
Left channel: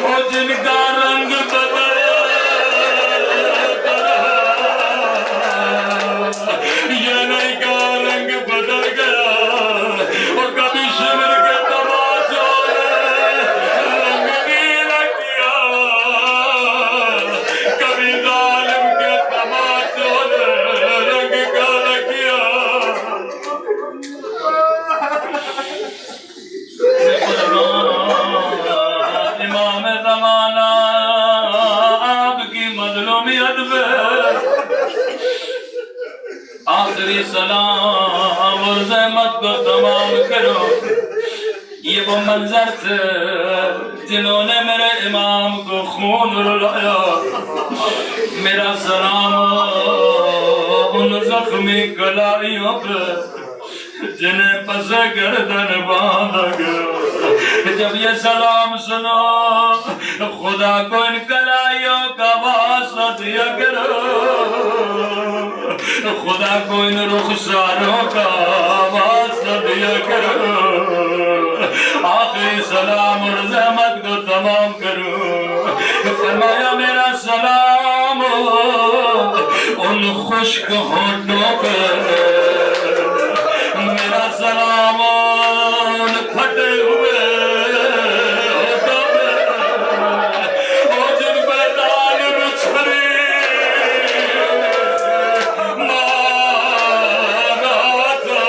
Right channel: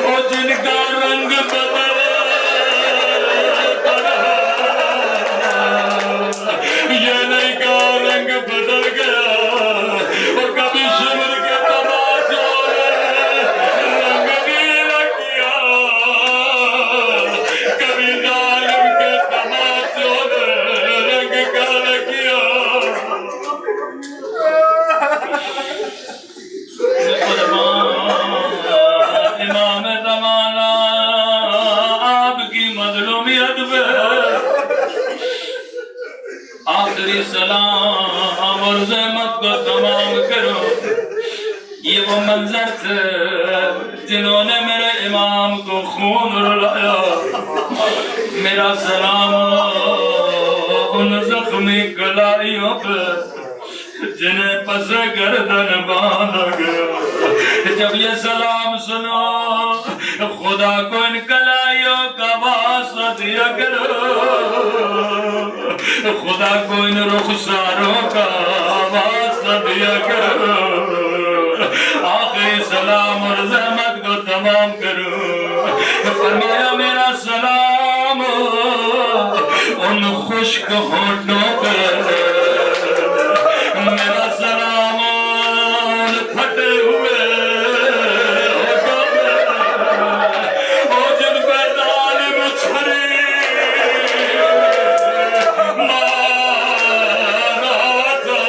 اور جن کا رنگ بدل یہ نہیں کا رنگ بدل گیا اور کبھی شمر کے تماشوں نے رنگ نیلا کیا، کبھی ظالم کے تماشوں نے رنگ کالا کیا۔ امام زمانہ آپ کی مظلومیت میں آخری سلام اور زحمت کو تمام کرو۔ یہ وہ منظر تھے جنہوں نے میرے امام کو خون رلایا۔ میرا سلام ان زخمی کلائیوں پہ جنہیں پس گردن باندھا گیا۔ جب یہ سلام سنو خدا کو ان کلائیوں کا واسطہ دیا کرو، خدا کو ان رخساروں کا واسطہ دیا کرو۔ آخری سلام فرمایا میرا سلام ان خشک ہونٹوں پہ، میرا سلام ان پھٹے ہوئے ہونٹوں پہ، وہ جن پہ ظالم چھری مارا تھا،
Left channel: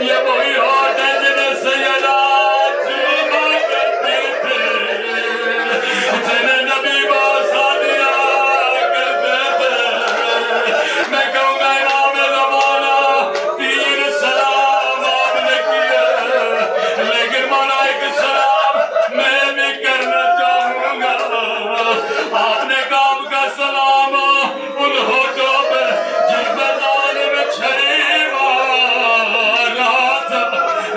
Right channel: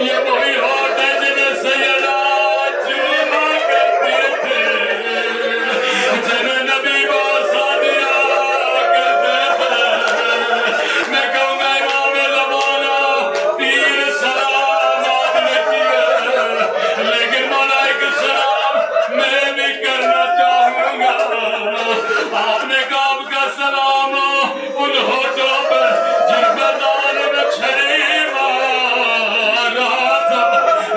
یہ وہی ہونٹ ہے جنہیں سیدہ چوما کرتے تھے، جنہیں نبی باسا دیا کرتے تھے۔ میں کہوں گا امام زمانہ تین سلام آپ نے کیے، لیکن ملائکہ سلام میں بھی کرنا چاہوں گا۔ آپ نے کہا آپ کا سلام ان ہونٹوں پہ جن پہ ظالم چھری مارا تھا،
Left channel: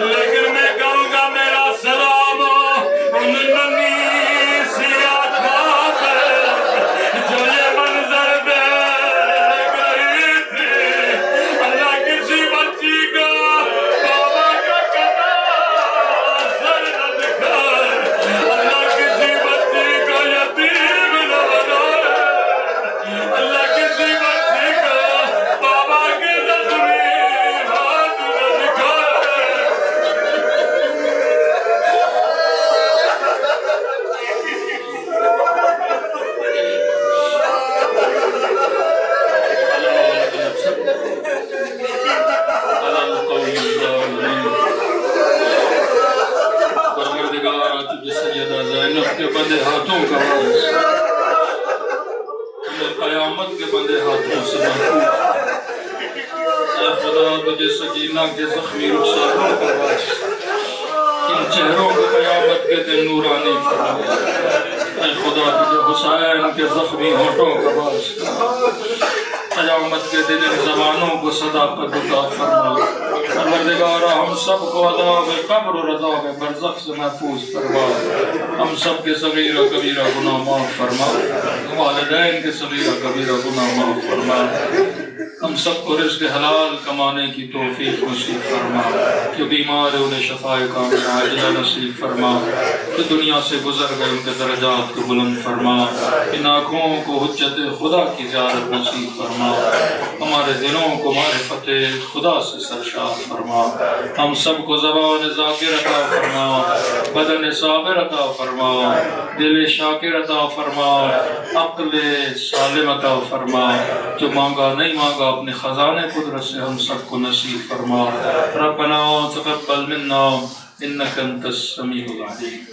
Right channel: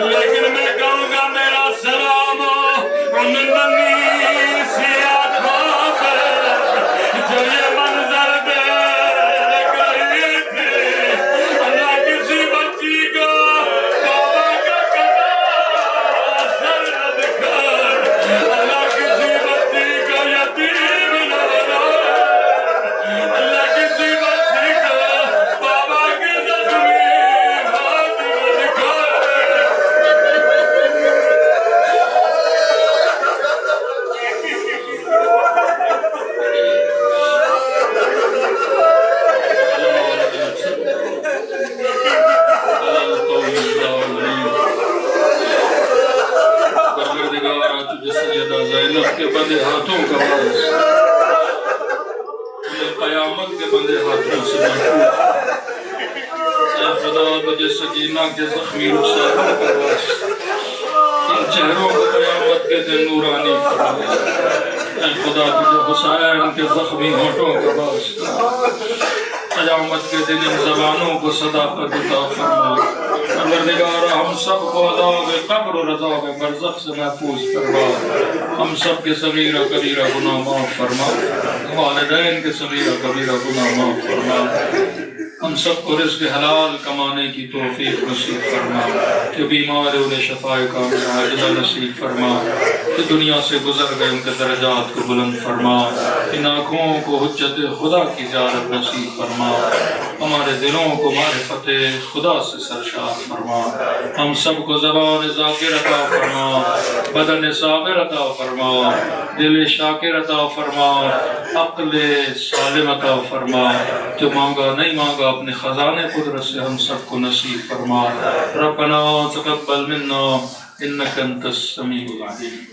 لیکن میں کہوں گا میرا سلام ان ننھی سی آنکھوں پہ جو یہ منظر دیکھ رہی تھی۔ اللہ کسی بچی کو بابا کا کتا سر نہ دکھائے، اللہ کسی بچی کو یتیم نہ بنائے، اللہ کسی بچی کو بابا کی زخمی ہاتھ نہ دکھائے۔ پروردگار تجھے سیدہ زینب کے بندے ہاتھوں کا حوض، ہمیں قیامت کے بندے ہاتھوں سے محفوظ، اے خدا تجھے سکینہ کے زخمی رخساروں کا باعث، ان چہروں کو قیامت کے دن نورانی فرما، اے خدا تجھے حسین کے زخمی ہونٹوں کا باعث، قیامت کے دن ان زبانوں کو صداقت عطا فرما۔ پروردگار ہم سب کو عذاب قبر اور عذاب برزخ سے محفوظ فرما، ہم سب کے صغیرہ کبیرہ گناہ معاف فرما، والدین کے صغیرہ کبیرہ گناہ معاف فرما، ہم سب کو رزق حلال کمانے کی توفیق نصیب فرما، جو بیمار ہے انہیں شفائے کاملہ عاجلہ نصیب فرما، جو دنیا سے گزر گئے ان کے درجات کو بلند فرما، ان آنکھوں کو حجت خدا کی زیارت نصیب فرما، ہمارے دلوں کو معرفت خدا سے سرشار فرما، ہم سب کو زبان ذاکر عطا فرما، بدن صابر عطا فرما، دل شاکر عطا فرما، عقل سالم عطا فرما، جو مانگا نہیں مانگا اپنے خزانے قدرت سے ہم سب کو نصیب فرما۔ ربنا تقبل منا انک انت السمیع العلیم۔